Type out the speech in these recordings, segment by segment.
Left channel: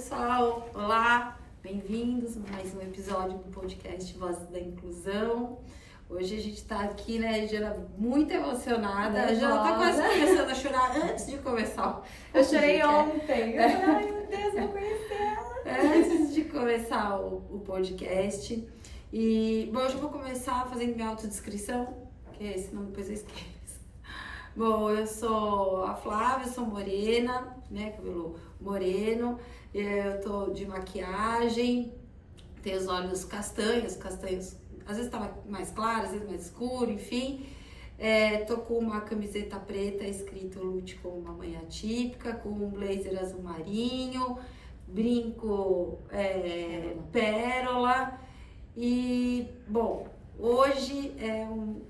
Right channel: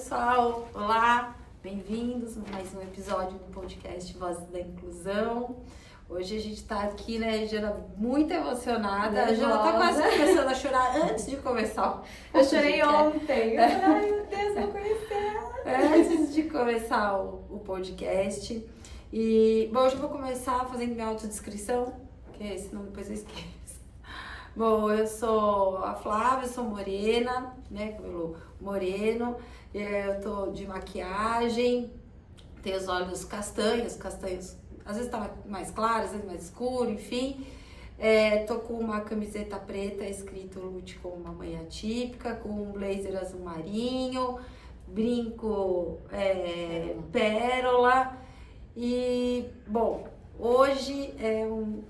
pessoal! Olá, bem-vindos a mais um episódio do podcast Vozes da Inclusão. Hoje a gente tá aqui, né, Jana, muito emocionada. A Jana tá quase começando a chorar antes de começar. Eu chorei ontem. Eu falei, ai meu Deus, eu vou conhecer ela. Antes de começar o podcast. E, bom, hoje eu vou começar fazendo minha autodescrição, que senão depois eu esqueço. Bom, eu sou a Flávia, sou morena, né, cabelo moreno, eu tô de maquiagem, tenho os olhos castanhos, às vezes tá mais claro, às vezes mais escuro, enfim. Tô com uma camiseta preta escrito Lute como uma mãe atípica, com um blazer azul marinho, brinco pérola. E, bom, hoje é um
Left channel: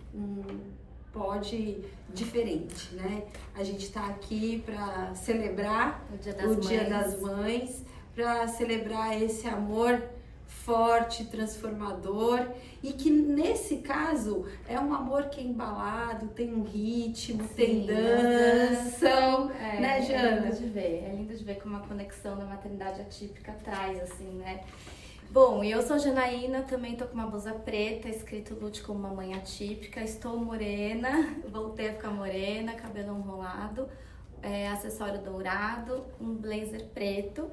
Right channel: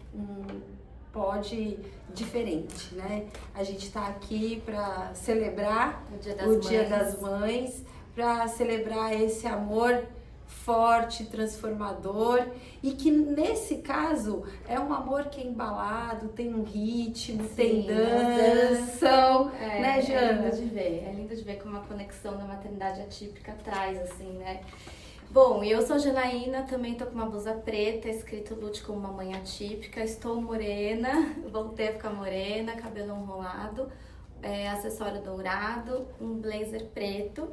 pod diferente, né? A gente tá aqui para celebrar o Dia das Mães, para celebrar esse amor forte, transformador, e que nesse caso é um amor que é embalado, tem um ritmo, sim, tem dança, né, Jana? É lindo de ver como a conexão da maternidade atípica traz, assim, né? Bom, eu sou Janaína, também tô com uma blusa preta, escrito Lute como uma mãe atípica, estou morena, voltei a ficar morena, cabelo enrolado, acessório dourado, um blazer preto.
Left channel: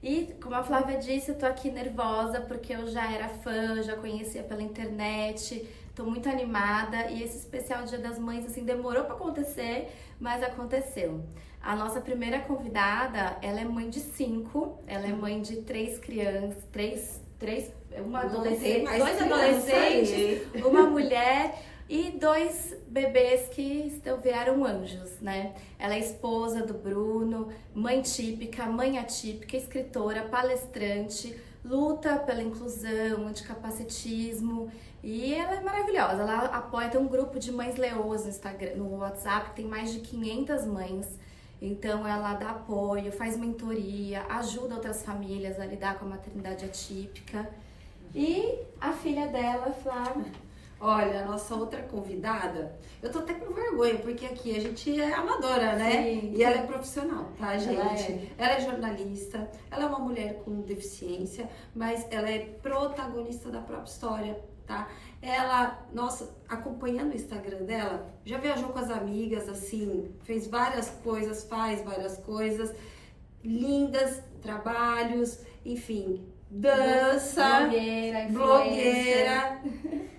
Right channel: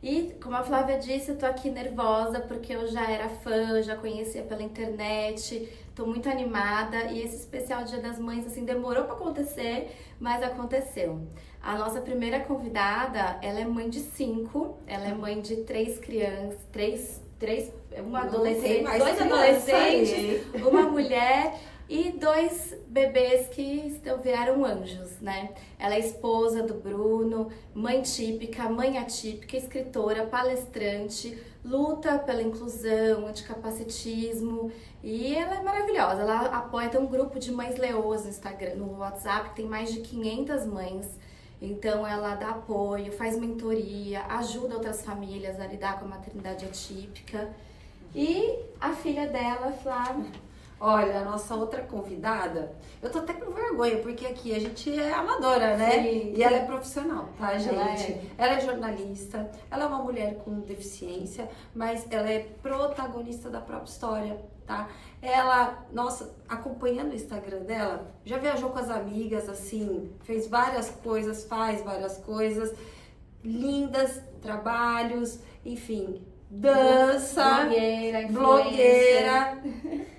E, como a Flávia disse, eu tô aqui nervosa porque eu já era fã, já conhecia pela internet, tô muito animada e esse especial Dia das Mães, assim, demorou pra acontecer, mas aconteceu. A nossa primeira convidada, ela é mãe de 5, ela é mãe de 3 crianças, dois adolescentes, uma mulher e 2 bebês que viraram anjos, né? Ela é esposa do Bruno, mãe típica, mãe atípica, escritora, palestrante, luta pela inclusão, anticapacitismo, e ela é maravilhosa. Ela apoia, tem um grupo de mães leoas no Instagram, no WhatsApp, que tem mais de 500 mães. Então ela dá apoio, faz mentoria, ajuda outras famílias a lidar com a maternidade atípica. E a filha dela, Flávia. Olha, a nossa outra convidada, eu tô até com vergonha, porque aqui a gente é amadora, né? Sim. E ela é profissional, tá, gente? Ela é jornalista, ela é uma mulher com deficiência, mas ela é protagonista da própria história, tá? Ela, nossa, acompanhando o Instagram dela, já viajou com as amigas, assim, fez várias coisas, faz várias coisas, lindas, trabalhos, enfim, dança, blogueira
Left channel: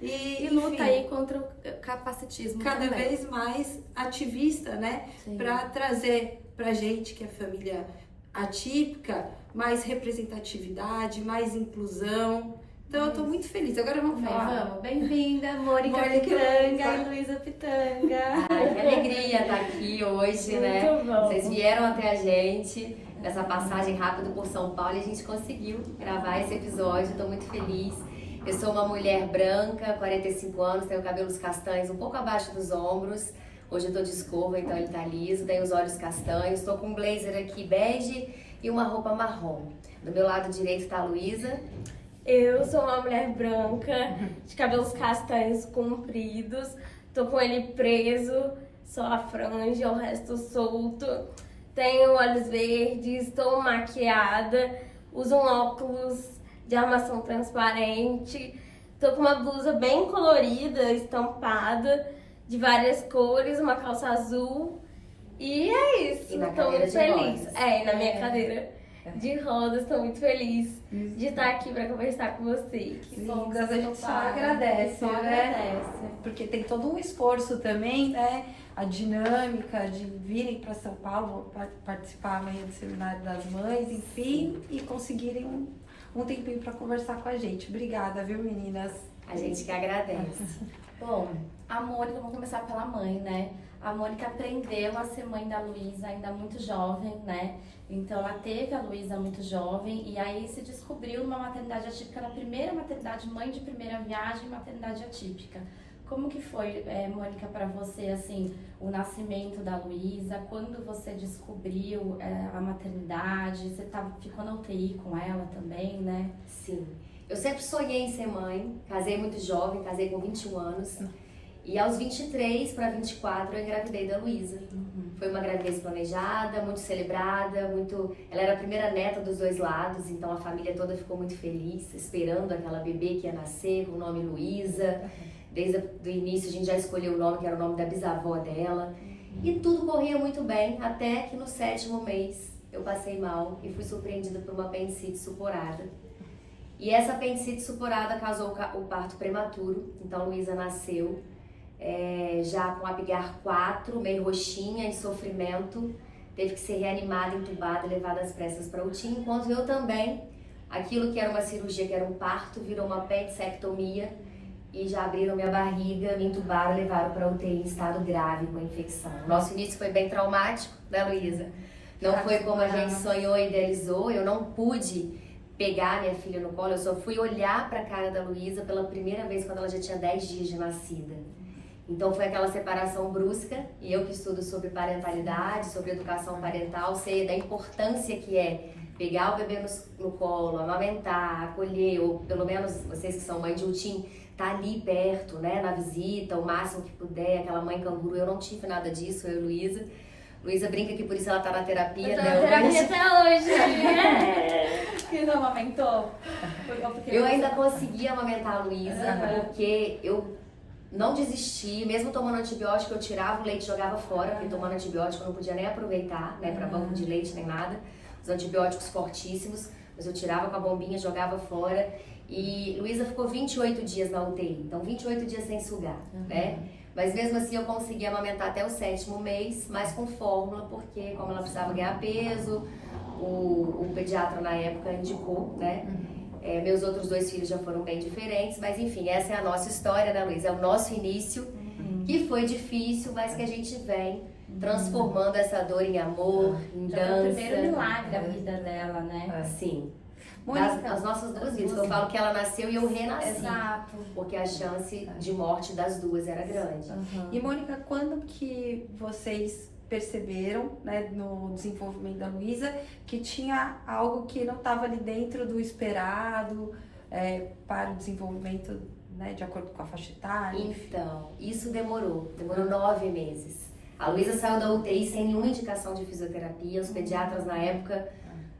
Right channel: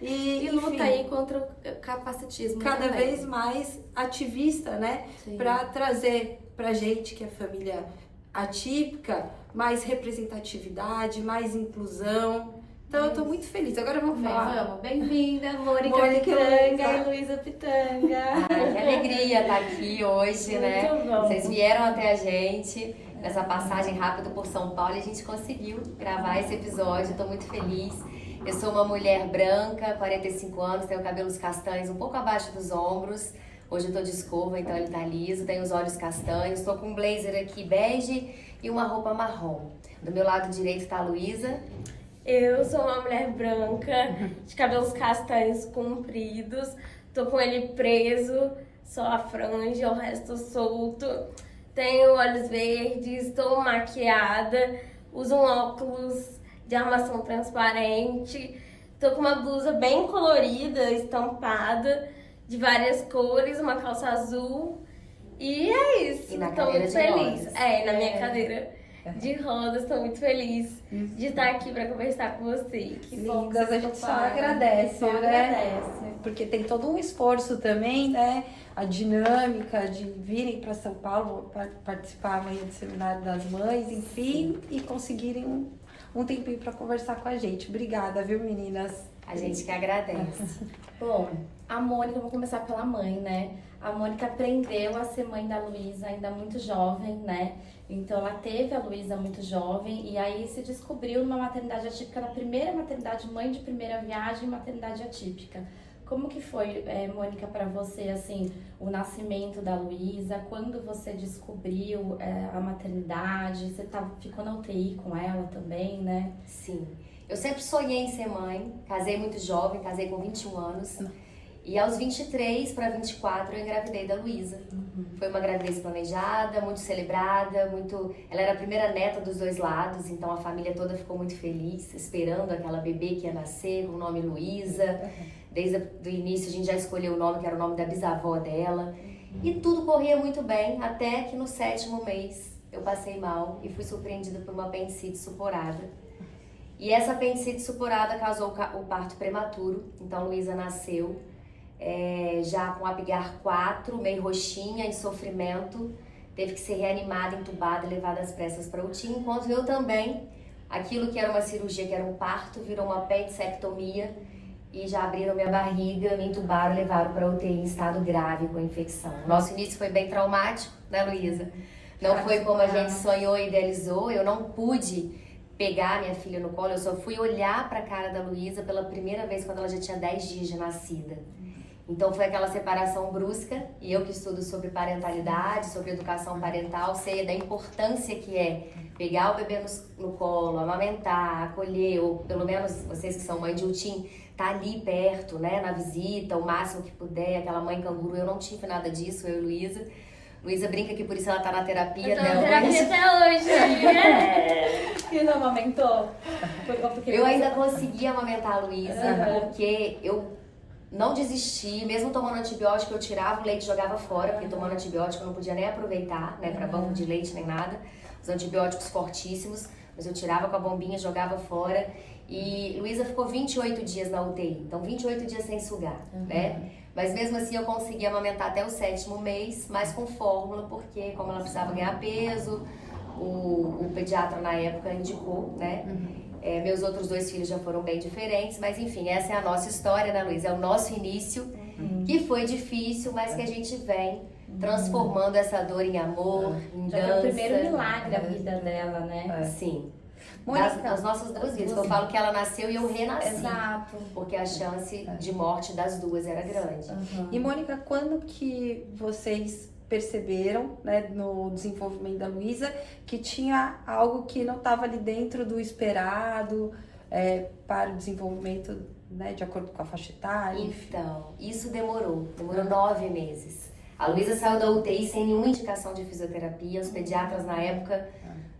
e luta aí contra o capacitismo cada também. vez mais ativista, né? Para trazer pra gente que é família atípica mais representatividade, mais inclusão. Então eu tô muito feliz. Agora vamos falar. Vamos, bem-vinda, Mônica Pitanga e Luísa Pitanga. Ai, que alegria estar aqui hoje, né? Muito bom. Vocês vieram até a gente nessa passagem rápida por São Paulo e a gente conseguiu gravar esse episódio. Estou muito feliz. Eu sou uma mulher branca, 45 anos, tenho cabelos castanhos um pouco abaixo dos ombros. Hoje eu tô de escova, então ele tá liso, tenho os olhos castanhos, estou com um blazer aqui bege e uma roupa marrom. Do meu lado direito tá a Luísa. Eu sou uma mulher branca, de cabelos castanhos compridos, tô com ele preso, só a franja, o resto solto. Tenho olhos verdes, estou maquiada, uso um óculos de armação transparente. Tô com uma blusa bem colorida, estampada, de várias cores, uma calça azul. E é isso, tô muito feliz. Na minha cadeira de rodas, tô muito feliz de estar aqui para conversar com vocês. Que bom, a gente só agradece, né? Porque tem todo um esforço também, né? A dinâmica de virem para São Paulo para participar amanhã do Seminário das Mães, enfim, e conseguirem um tempinho para conversar com a gente. Obrigada, viu, meninas? A gente que agradece. Bom, a Mônica, vou começar pela mãe, né? A Mônica aprendeu a ser mãe da Luísa ainda muito jovem, né? Então ela teve a Luísa muito jovem e aí se descobriu numa maternidade atípica, na primeira maternidade, mãe de primeira viagem, maternidade atípica. Como que foi, Mônica, para você, assim, o nascimento da Luísa? Quando você descobriu a maternidade? Você ficou na UTI com ela também, né? Sim. Eu sempre sonhei em ser mãe. Casei muito jovem, casei com 21 anos. E aos 23 para 24 eu engravidei da Luísa. Foi uma gravidez planejada, muito celebrada, ela era a primeira neta dos dois lados, então a família toda ficou muito feliz, esperando aquela bebê que ia nascer com o nome Luísa. Desde o início a gente já escolheu o nome, que era o nome da bisavó dela. E tudo corria muito bem, até que no 7º mês eu passei mal e fui surpreendida por uma apendicite supurada. E essa apendicite supurada causou o parto prematuro, então Luísa nasceu já com Apgar 4, meio roxinha, em sofrimento, teve que ser reanimada, entubada e levada às pressas para UTI, enquanto eu também, aquilo que era uma cirurgia, que era um parto, virou uma apendicectomia e já abriram minha barriga, me entubaram e levaram para UTI em estado grave com infecção. Nosso início foi bem traumático, né, Luísa? Não foi como a gente sonhou e idealizou, eu não pude pegar minha filha no colo, eu só fui olhar para a cara da Luísa pela primeira vez quando ela já tinha 10 dias de nascida. Então foi aquela separação brusca, e eu que estudo sobre parentalidade, sobre educação parental, sei da importância que é pegar o bebê no colo, amamentar, acolher, ou pelo menos vocês que são mãe de UTIM, tá ali perto, né, na visita, o máximo que puder, aquela mãe canguru. Eu não tive nada disso, eu e Luísa. Luísa brinca que por isso ela tá na terapia. Eu tô na terapia até hoje. Que não amamentou? Eu ainda consegui amamentar a Luísa, porque eu não desisti, mesmo tomando antibiótico, eu tirava o leite e jogava fora, porque tomando antibiótico eu não podia nem aproveitar, né, para banco de leite nem nada, os antibióticos fortíssimos, mas eu tirava com a bombinha, jogava fora. E Luísa ficou 28 dias na UTI, então 28 dias sem sugar, né? Mas mesmo assim eu consegui amamentar até o 7º mês, mas com fórmula, porque como ela precisava ganhar peso, o pediatra na época indicou, né? Meus outros 2 filhos já foram bem diferentes, mas enfim, essa é a nossa história, né, Luísa? É o nosso início, que foi difícil, mas que a gente vem transformando essa dor em amor, em dança. Foi o primeiro milagre da vida dela, né? Sim. Mônica, As nossas 2 vidas, eu falo que ela nasceu e eu renasci. Exato. Porque a chance de morte das 2 era grande. E Mônica, quando que vocês perceberam, né, no desenvolvimento da Luísa, que tinha algo que não estava ali dentro do esperado para o desenvolvimento, né, de acordo com a faixa etária? Então, isso demorou 9 meses. A Luísa saiu da UTI sem nenhuma indicação de fisioterapia, os pediatras na época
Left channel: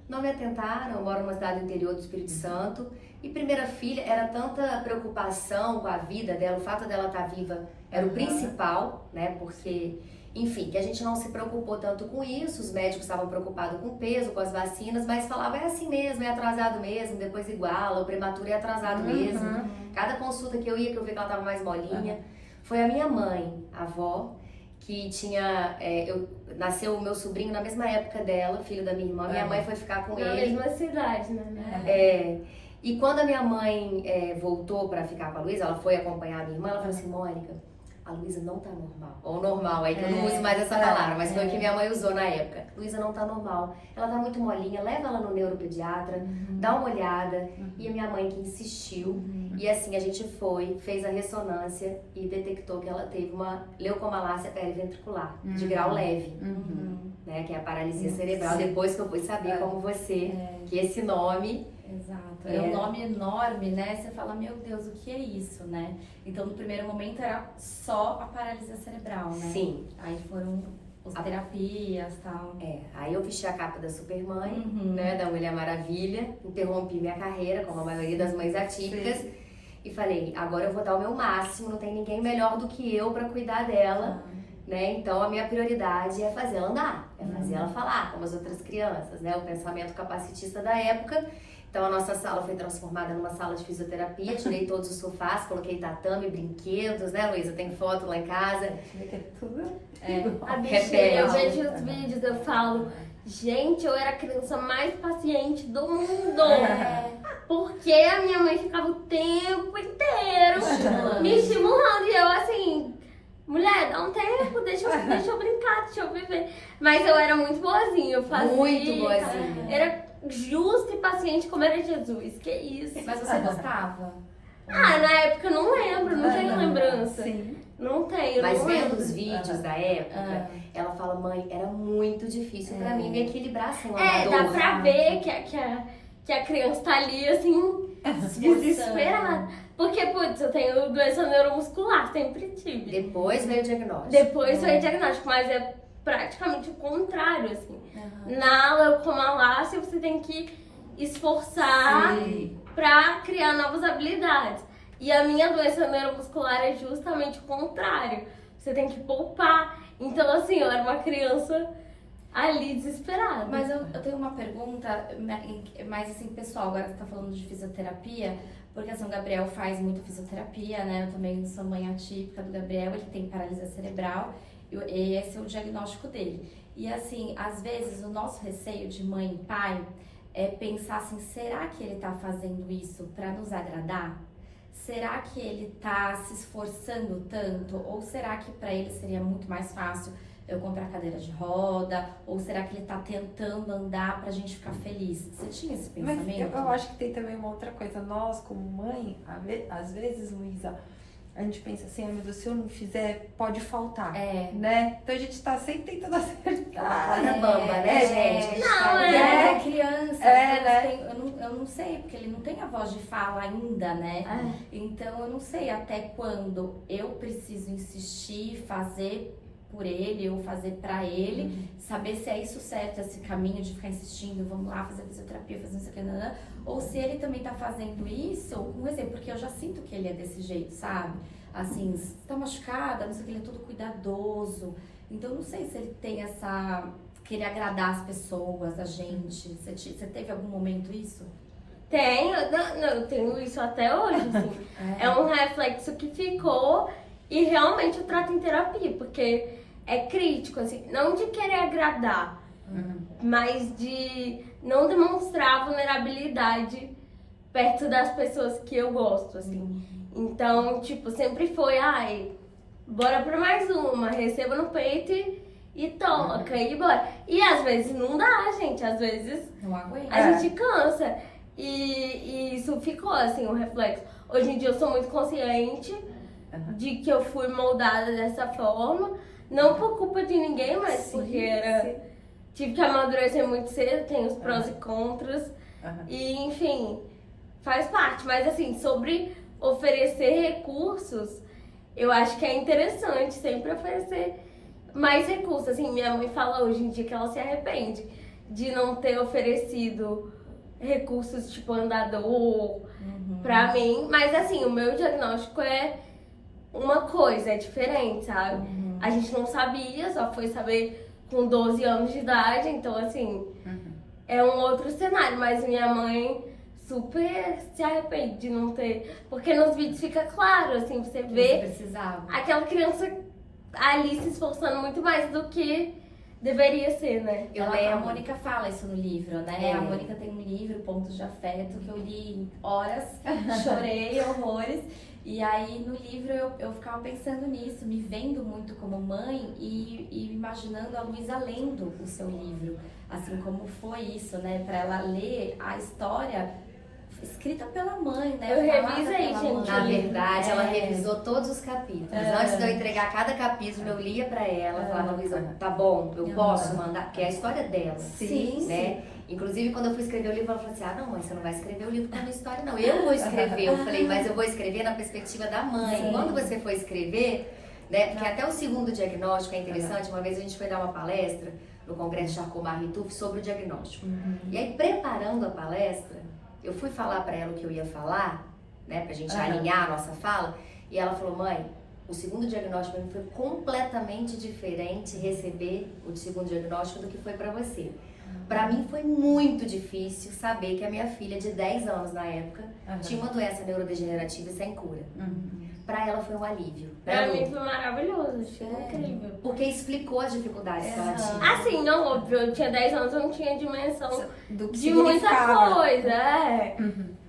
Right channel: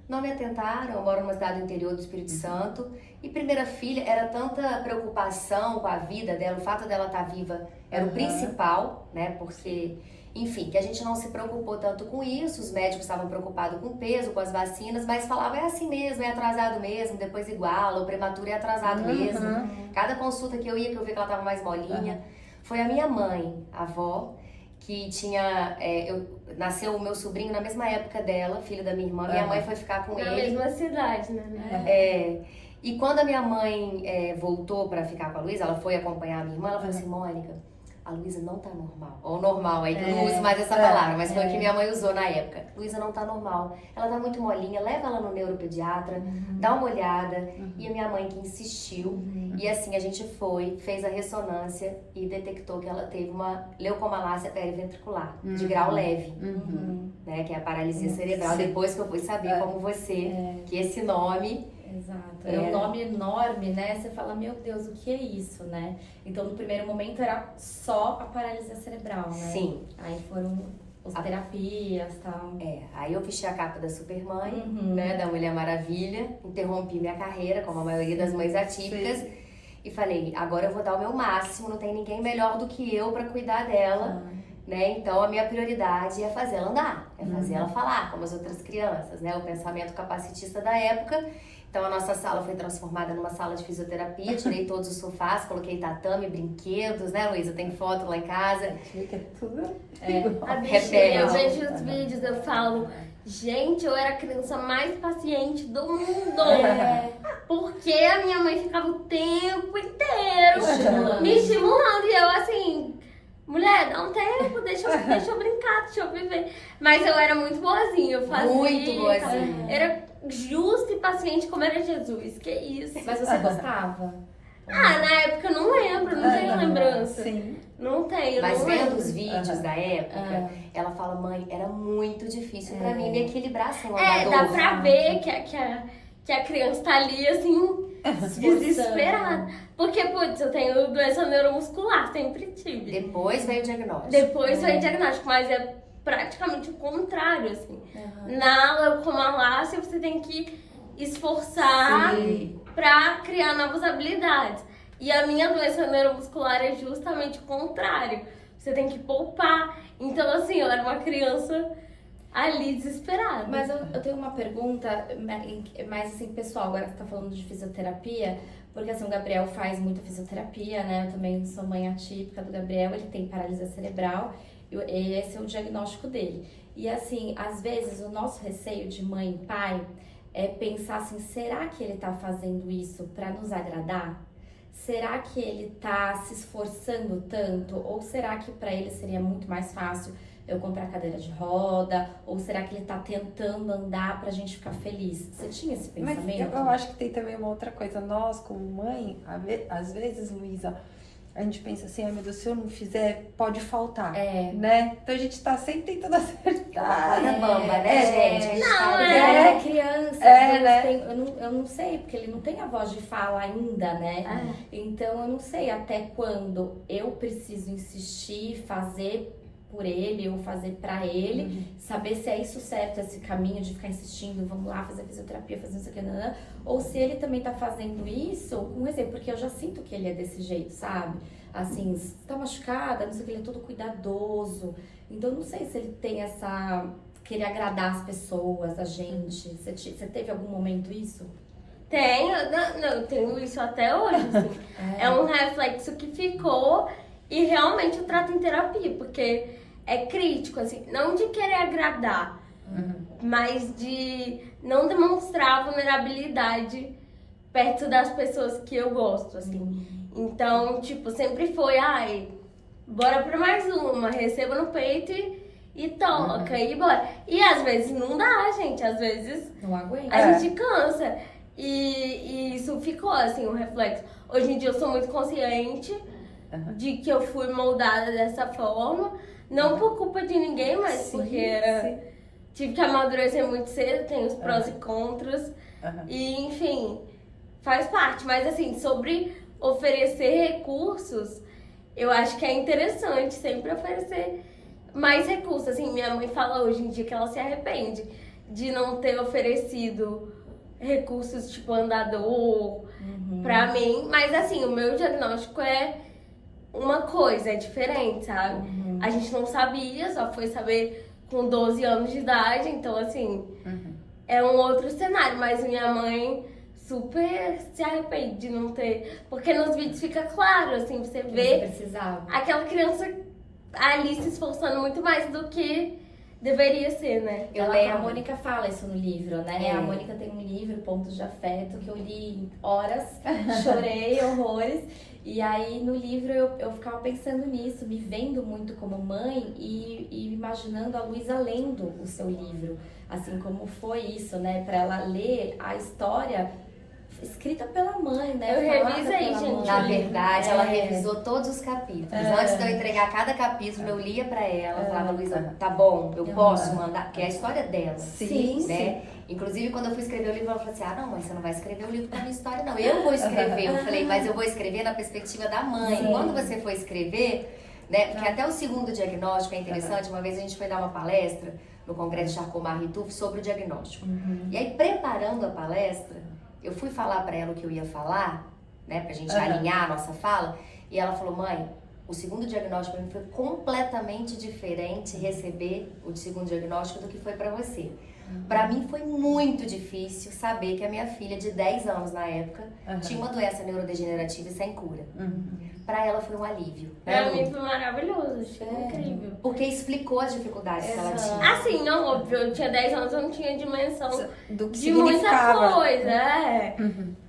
não me atentaram. Eu moro numa cidade do interior do Espírito Santo, e primeira filha, era tanta preocupação com a vida dela, o fato dela estar viva era o principal, né, porque... Enfim, que a gente não se preocupou tanto com isso, os médicos estavam preocupados com o peso, com as vacinas, mas falavam, é assim mesmo, é atrasado mesmo, depois iguala, o prematuro é atrasado mesmo. Cada consulta que eu ia, que eu vi que ela estava mais molinha. Foi a minha mãe, a avó, que tinha... nasceu o meu sobrinho na mesma época dela, filho da minha irmã, minha mãe foi ficar com Na ele. mesma cidade, né? E quando a minha mãe voltou para ficar com a Luísa, ela foi acompanhar a minha irmã, ela falou assim, Mônica, a Luísa não tá normal. Ou normal, aí que eu não uso mais essa palavra, mas foi o que minha mãe usou na época. Luísa não tá normal, ela tá muito molinha, leva ela no neuropediatra, dá uma olhada. E a minha mãe que insistiu, e assim a gente fez a ressonância e detectou que ela teve uma leucomalácia periventricular, de grau leve, né, que é a paralisia cerebral. Depois que eu fui saber como você, que esse nome... Exato, é um nome enorme, né? Você fala, meu Deus, o que é isso, né? Então, no primeiro momento era só a paralisia cerebral, né? Sim. Aí foram as terapias e tal. Aí eu vesti a capa da Supermãe, né, da Mulher Maravilha, interrompi minha carreira, como a maioria das mães atípicas, e falei, agora eu vou dar o meu máximo, não tem ninguém melhor do que eu para cuidar dela, né? Então a minha prioridade é fazer ela andar, é fazer ela falar, como as outras crianças, né? O pensamento capacitista da época. Então a nossa sala foi transformada numa sala de fisioterapia, tirei todos os sofás, coloquei tatame, brinquedos, né, Luísa? Tem foto lá em casa. A bichinha, eu vejo os vídeos, eu falo, gente, eu era a criança mais paciente do mundo. Porque a minha mãe ficava o tempo inteiro me estimulando. E eu assim, mulher, dá um tempo, deixa eu brincar, deixa eu viver. Mas eu era muito boazinha, eu fazia. Muito boazinha. Era justa e paciente como era Jesus, que isso. Mas você gostava? Na época eu não lembro, não tenho lembrança. Sim. Não tenho, mas não vendo lembro. os vídeos da época, ela fala, mãe, era muito difícil pra mim me equilibrar sem uma dor. Dá pra ver que a criança tá ali, assim, desesperada. Porque, putz, eu tenho doença neuromuscular, sempre tive. Depois veio o diagnóstico. Depois veio o diagnóstico, mas é praticamente o contrário, assim. Na leucomalácia, você tem que esforçar pra criar novas habilidades. E a minha doença neuromuscular é justamente o contrário. Você tem que poupar. Então, assim, eu era uma criança ali desesperada. Mas eu tenho uma pergunta, mais assim, pessoal, agora você tá falando de fisioterapia, porque assim, o Gabriel faz muita fisioterapia, né? Eu também sou mãe atípica do Gabriel, ele tem paralisia cerebral, e esse é o diagnóstico dele. E assim, às vezes o nosso receio de mãe e pai é pensar assim, será que ele tá fazendo isso pra nos agradar? Será que ele tá se esforçando tanto? Ou será que pra ele seria muito mais fácil eu comprar cadeira de roda? Ou será que ele tá tentando andar pra gente ficar feliz? Você tinha esse pensamento? Mas eu acho que tem também uma outra coisa. Nós, como mãe, às vezes, Luísa, a gente pensa assim, ai meu Deus, se eu não fizer, pode faltar, né? Então a gente tá sempre tentando acertar. É uma coisa bamba, né, gente? Não, É criança, né? eu não sei, porque ele não tem a voz de fala ainda, né? Então eu não sei até quando eu preciso insistir, fazer por ele ou fazer pra ele, saber se é isso certo, esse caminho de ficar insistindo, vamos lá fazer fisioterapia, fazer não sei o que, não, ou se ele também tá fazendo isso com exemplo, porque eu já sinto que ele é desse jeito, sabe? Assim, se tá machucada, não sei o que, ele é todo cuidadoso. Então, não sei se ele tem essa... querer agradar as pessoas, a gente. Você teve algum momento isso? Tenho, eu tenho isso até hoje, assim. É um reflexo que ficou e realmente eu trato em terapia, porque é crítico, assim, não de querer agradar, mas de não demonstrar vulnerabilidade perto das pessoas que eu gosto, assim. Então, tipo, sempre foi, ai, bora pra mais uma, receba no peito e toca, e bora. E às vezes não dá, gente, às vezes Não aguento. a gente cansa. E isso ficou, assim, um reflexo. Hoje em dia eu sou muito consciente de que eu fui moldada dessa forma. Não por culpa de ninguém, mas porque tive que amadurecer muito cedo, tem os prós e contras. E, enfim, faz parte. Mas, assim, sobre oferecer recursos, eu acho que é interessante sempre oferecer mais recursos. Assim, minha mãe fala hoje em dia que ela se arrepende de não ter oferecido recursos tipo andador pra mim. Mas, assim, o meu diagnóstico é uma coisa, é diferente, sabe? A gente não sabia, só foi saber com 12 anos de idade, então assim, é um outro cenário, mas minha mãe super se arrepende de não ter, porque nos vídeos fica claro, assim, você vê aquela criança ali se esforçando muito mais do que deveria ser, né? A Mônica fala isso no livro, né? A Mônica tem um livro, Pontos de Afeto, que eu li horas, chorei horrores. E aí no livro eu ficava pensando nisso, me vendo muito como mãe e imaginando a Luísa lendo o seu livro. Assim, como foi isso, né? Pra ela ler a história escrita pela mãe, né? Eu revisei, gente. Na verdade, ela revisou todos os capítulos. Antes de eu entregar cada capítulo, eu lia pra ela, falava, Luísa, tá bom, eu posso mandar, porque é a história dela. Sim, né? Inclusive, quando eu fui escrever o livro, ela falou assim, não, mãe, você não vai escrever o livro com a minha história, não. Eu vou escrever. Eu falei, mas eu vou escrever na perspectiva da mãe. Quando você for escrever, né? Porque até o segundo diagnóstico é interessante. Uma vez a gente foi dar uma palestra no Congresso Charcot-Marie-Tooth sobre o diagnóstico. E aí, preparando a palestra, eu fui falar pra ela o que eu ia falar, né? Pra gente alinhar a nossa fala. E ela falou, mãe, o segundo diagnóstico pra mim foi completamente diferente receber o segundo diagnóstico do que foi pra você. Pra mim foi muito difícil saber que a minha filha de 10 anos na época tinha uma doença neurodegenerativa sem cura. Pra ela foi um alívio. Pra mim foi maravilhoso, achei incrível. Porque explicou as dificuldades que ela tinha. Assim, não, óbvio, eu tinha 10 anos, eu não tinha dimensão do que de muita significava. coisa,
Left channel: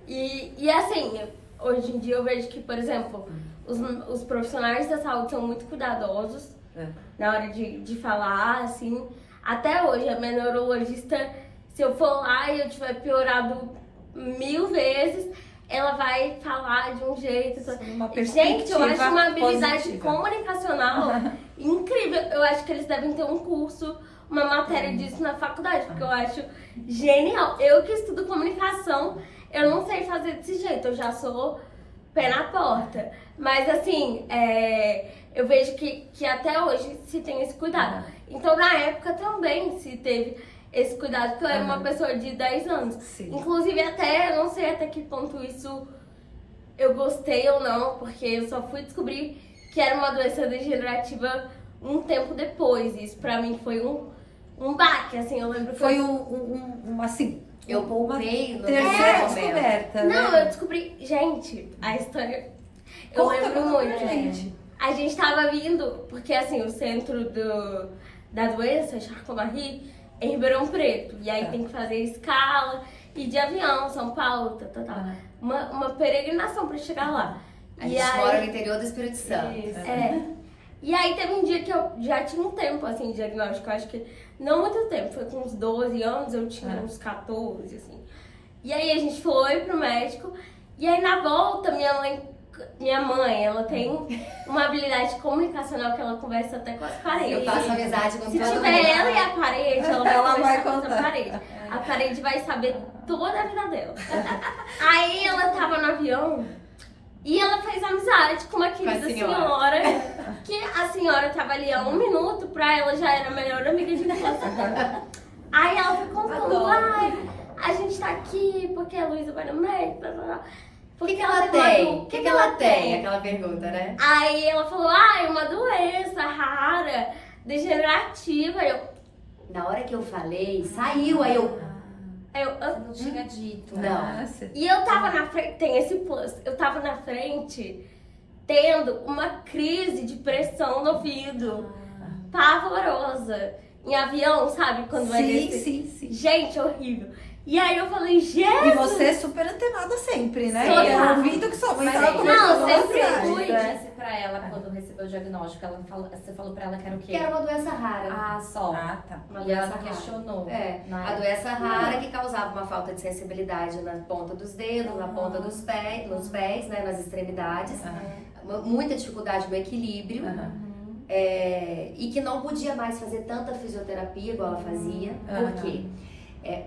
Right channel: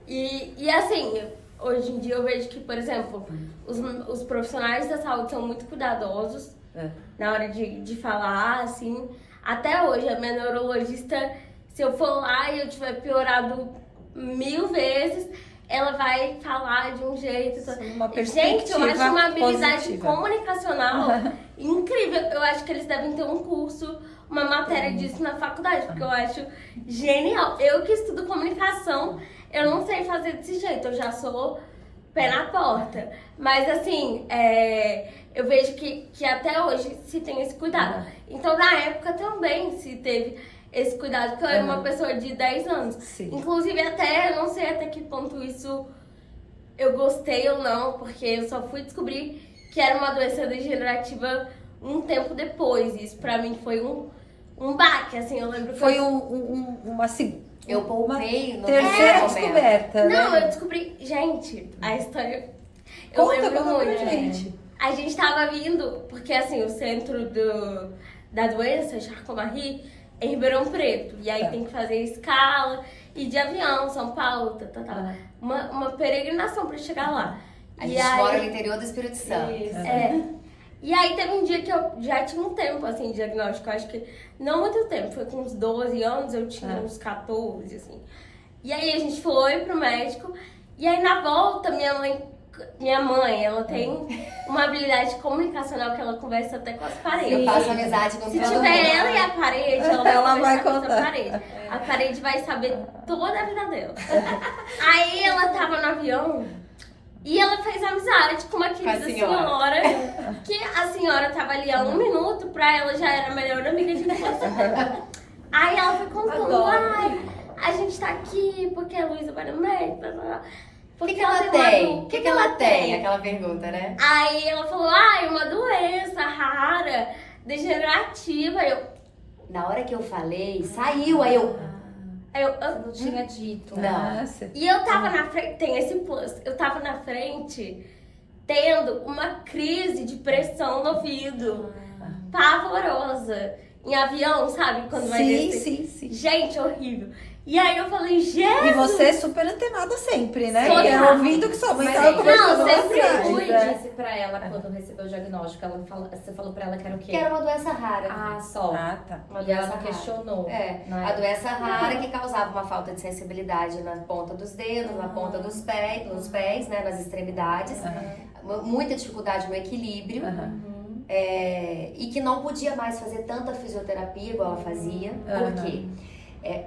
E assim, hoje em dia eu vejo que, por exemplo, os profissionais da saúde são muito cuidadosos na hora de falar, assim. Até hoje, a minha neurologista, se eu for lá e eu tiver piorado 1000 vezes, ela vai falar de um jeito. Gente, eu acho uma habilidade comunicacional incrível. Eu acho que eles devem ter um curso uma matéria disso na faculdade, porque eu acho genial. Eu que estudo comunicação, eu não sei fazer desse jeito, eu já sou pé na porta. Mas assim, eu vejo que até hoje se tem esse cuidado. Então na época também se teve esse cuidado, porque eu era uma pessoa de 10 anos. Sim. Inclusive até, eu não sei até que ponto isso eu gostei ou não, porque eu só fui descobrir que era uma doença degenerativa um tempo depois. Isso pra mim foi um baque, assim, eu lembro que Foi assim... Eu poupei no terceira descoberta, Não, né? eu descobri... Gente, a história... Eu Conta lembro pra muito. gente. A gente tava vindo, porque assim, o centro da doença, Charcot-Marie, é em Ribeirão Preto. E aí tem que fazer escala, e de avião, São Paulo, uma peregrinação pra chegar lá. A gente mora no interior do Espírito Santo. E aí teve um dia que eu já tinha um tempo, assim, de diagnóstico. Eu acho que não muito tempo, foi com uns 12 anos, eu tinha uns 14, assim. E aí a gente foi pro médico, e aí na volta minha mãe, ela tem uma habilidade comunicacional que ela conversa até com as paredes. Eu faço amizade com Se todo tiver mundo. ela e a parede, ela vai conversar com contar. essa parede. A parede vai saber toda a vida dela. Aí ela tava no avião e ela fez amizade com uma querida senhora. Que a senhora tava ali há 1 minuto, pra ela já era a melhor amiga de infância dela. Aí ela foi contando, a gente tá aqui porque a Luísa vai no médico, blá, blá, blá. O que ela tem? O que ela tem? Aquela pergunta, né? Aí ela falou, uma doença rara, degenerativa. Na hora que eu falei, saiu, aí eu... Não tinha dito. Não. E eu tava na frente, tem esse plus, eu tava na frente tendo uma crise de pressão no ouvido, pavorosa. Em avião, sabe? Quando vai descer. Sim. Gente, horrível. E aí eu falei, Jesus! E você é super antenada sempre, né? Total. E eu ouvindo que sua mãe tava Não, conversando sempre com você. fui. Você disse pra ela quando recebeu o diagnóstico, você falou pra ela que era o quê? Que era uma doença rara. Ah, só. Ah, tá. Uma E ela doença rara. questionou. A doença rara que causava uma falta de sensibilidade na ponta dos dedos, na ponta dos pés, nos pés, né, nas extremidades. Muita dificuldade no equilíbrio. E que não podia mais fazer tanta fisioterapia igual ela fazia. Por quê?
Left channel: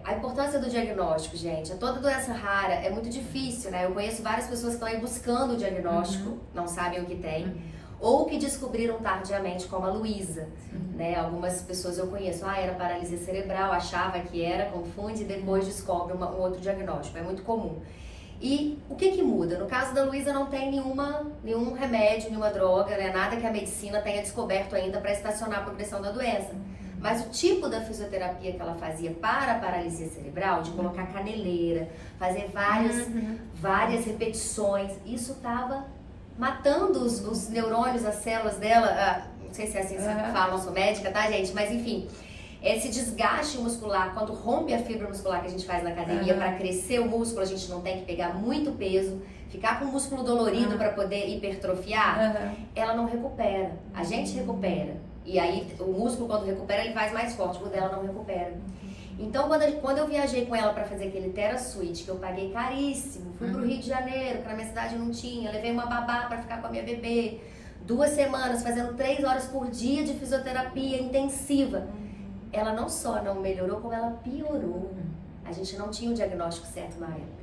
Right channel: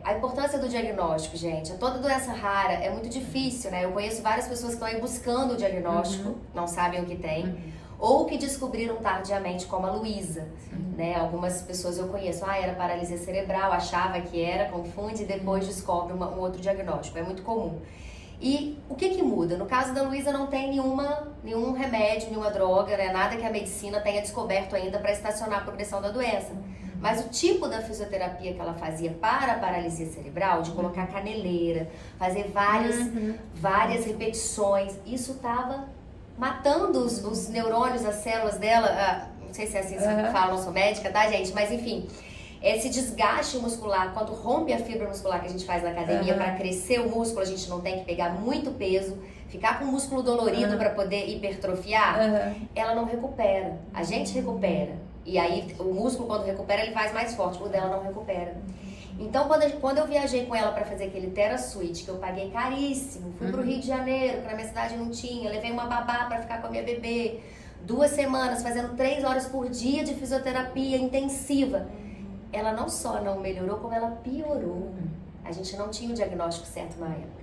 A importância do diagnóstico, gente. Toda doença rara é muito difícil, né? Eu conheço várias pessoas que estão aí buscando o diagnóstico, não sabem o que tem, ou que descobriram tardiamente, como a Luísa, né? Algumas pessoas eu conheço, era paralisia cerebral, achava que era, confunde e depois descobre um outro diagnóstico. É muito comum. E o que muda? No caso da Luísa não tem nenhum remédio, nenhuma droga, né? Nada que a medicina tenha descoberto ainda para estacionar a progressão da doença. Mas o tipo da fisioterapia que ela fazia para a paralisia cerebral, de colocar caneleira, fazer várias repetições, isso estava matando os neurônios, as células dela. Não sei se é assim que fala, não sou médica, tá, gente? Mas enfim, esse desgaste muscular, quando rompe a fibra muscular que a gente faz na academia, para crescer o músculo, a gente não tem que pegar muito peso, ficar com o músculo dolorido para poder hipertrofiar, ela não recupera. A gente recupera. E aí, o músculo, quando recupera, ele faz mais forte. O dela não recupera. Então, quando eu viajei com ela pra fazer aquele TheraSuite, que eu paguei caríssimo, fui pro Rio de Janeiro, que na minha cidade não tinha, levei uma babá pra ficar com a minha bebê, 2 semanas, fazendo 3 horas por dia de fisioterapia intensiva. Ela não só não melhorou, como ela piorou. A gente não tinha o diagnóstico certo na época.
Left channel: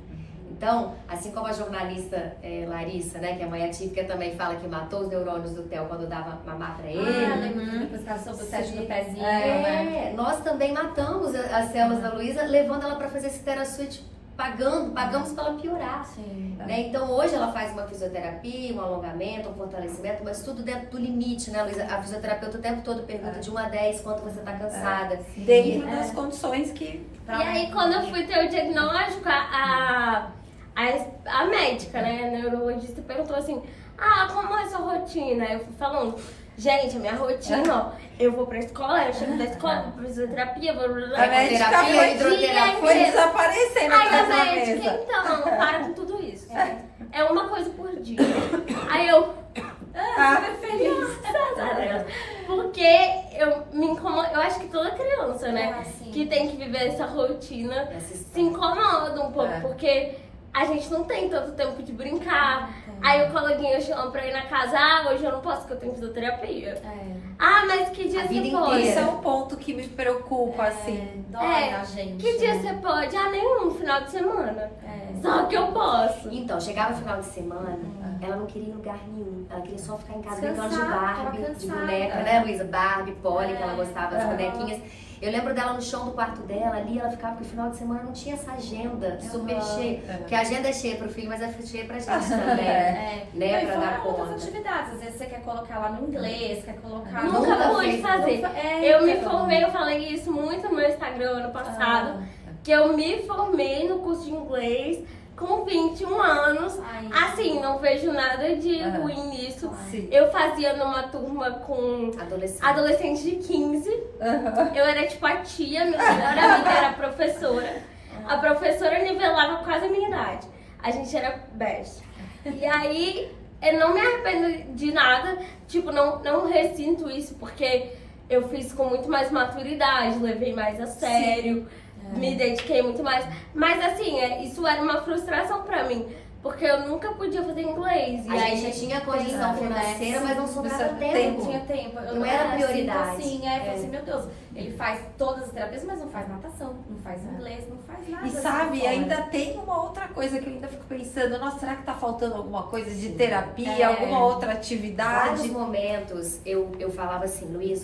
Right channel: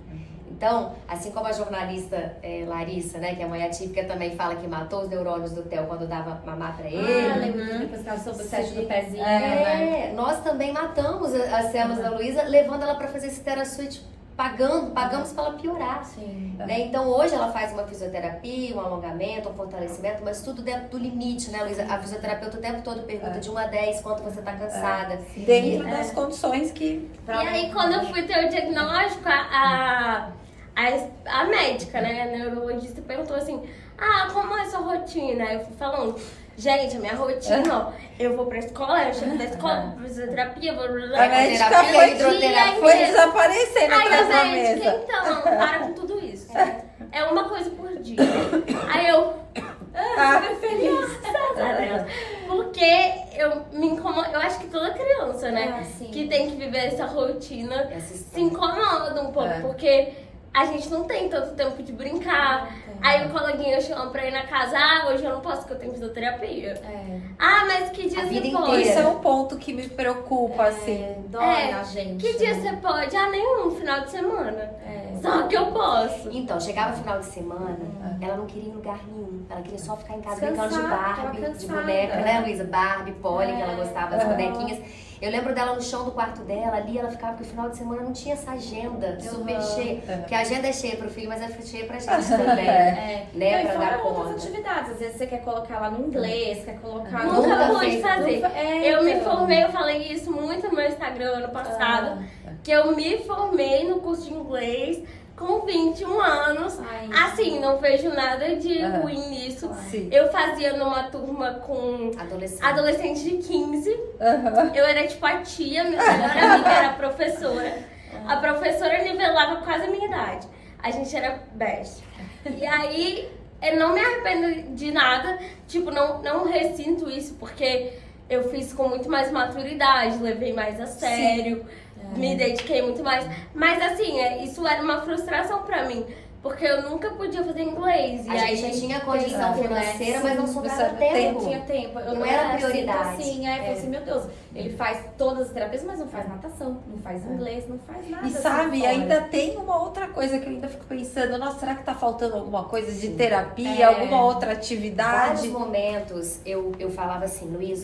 Então, assim como a jornalista Larissa, né, que é mãe atípica, também fala que matou os neurônios do Theo quando dava mamar pra ele. Lembro que você sobre o set do pezinho, né? Nós também matamos as células da Luísa, levando ela pra fazer esse TheraSuite, pagamos pra ela piorar. Né? Então, hoje ela faz uma fisioterapia, um alongamento, um fortalecimento, mas tudo dentro do limite, né, Luísa? A fisioterapeuta o tempo todo pergunta de 1 a 10 quanto você tá cansada. Dentro das condições que... E aí, quando eu fui ter o diagnóstico, a médica, né, a neurologista, perguntou assim, como é a sua rotina? Aí eu fui falando, gente, a minha rotina, ó, eu vou pra escola, eu chego da escola, vou pra fisioterapia, vou... A médica foi desaparecendo. Aí a médica, então, para com tudo isso. É uma coisa por dia. Aí eu... super feliz. Graças a Deus. Porque eu me incomodo, eu acho que toda criança, né, que tem que viver essa rotina, se incomoda um pouco, porque a gente não tem tanto tempo de brincar. Aí o coleguinha chama pra ir na casa, hoje eu não posso porque eu tenho fisioterapia. Mas que dia A você vida pode? Isso é um ponto que me preocupa, assim. Dói a gente. Que dia você pode? Nenhum, final de semana. Só que eu posso. Então, chegava final de semana, ela não queria ir em lugar nenhum. Ela queria só ficar em casa brincando de Descansar, Barbie, tava de cansada. boneca, né, Luísa? Barbie, Polly, que ela gostava das bonequinhas. Eu lembro dela no chão do quarto dela, ali ela ficava, porque final de semana não tinha essa agenda super cheia. Porque a agenda é cheia pro filho, mas é cheia pra gente também. Né, Não, e pra fora dar outras conta. atividades. Às vezes você quer colocar ela no inglês, quer colocar Nunca Nunca pude fez, fazer. É, Eu me então. formei, eu falei isso muito no meu Instagram ano passado, que eu me formei no curso de inglês com 21 anos. Ai. Assim, não vejo nada de ruim nisso. Sim. Eu fazia numa turma com Adolescente. adolescente de 15. Eu era tipo a tia, minha melhor amiga era a professora. A professora nivelava quase a minha idade. A gente era best. E aí, eu não me arrependo de nada. Tipo, não ressinto isso, porque eu fiz com muito mais maturidade, levei mais a sério, me dediquei muito mais. Mas assim, isso era uma frustração pra mim. Porque eu nunca podia fazer inglês. E A aí, gente tinha condição financeira, mas não sobrava Não tempo. tinha tempo. Eu Não era prioridade. Assim, eu falei assim, meu Deus, ele faz todas as terapias, mas não faz natação, não faz inglês, não faz nada. E sabe, assim, ainda fora. tem uma outra coisa que eu ainda fico pensando, nossa, será que tá faltando alguma coisa de terapia, É. alguma outra Vários atividade? momentos eu falava assim, Luiz,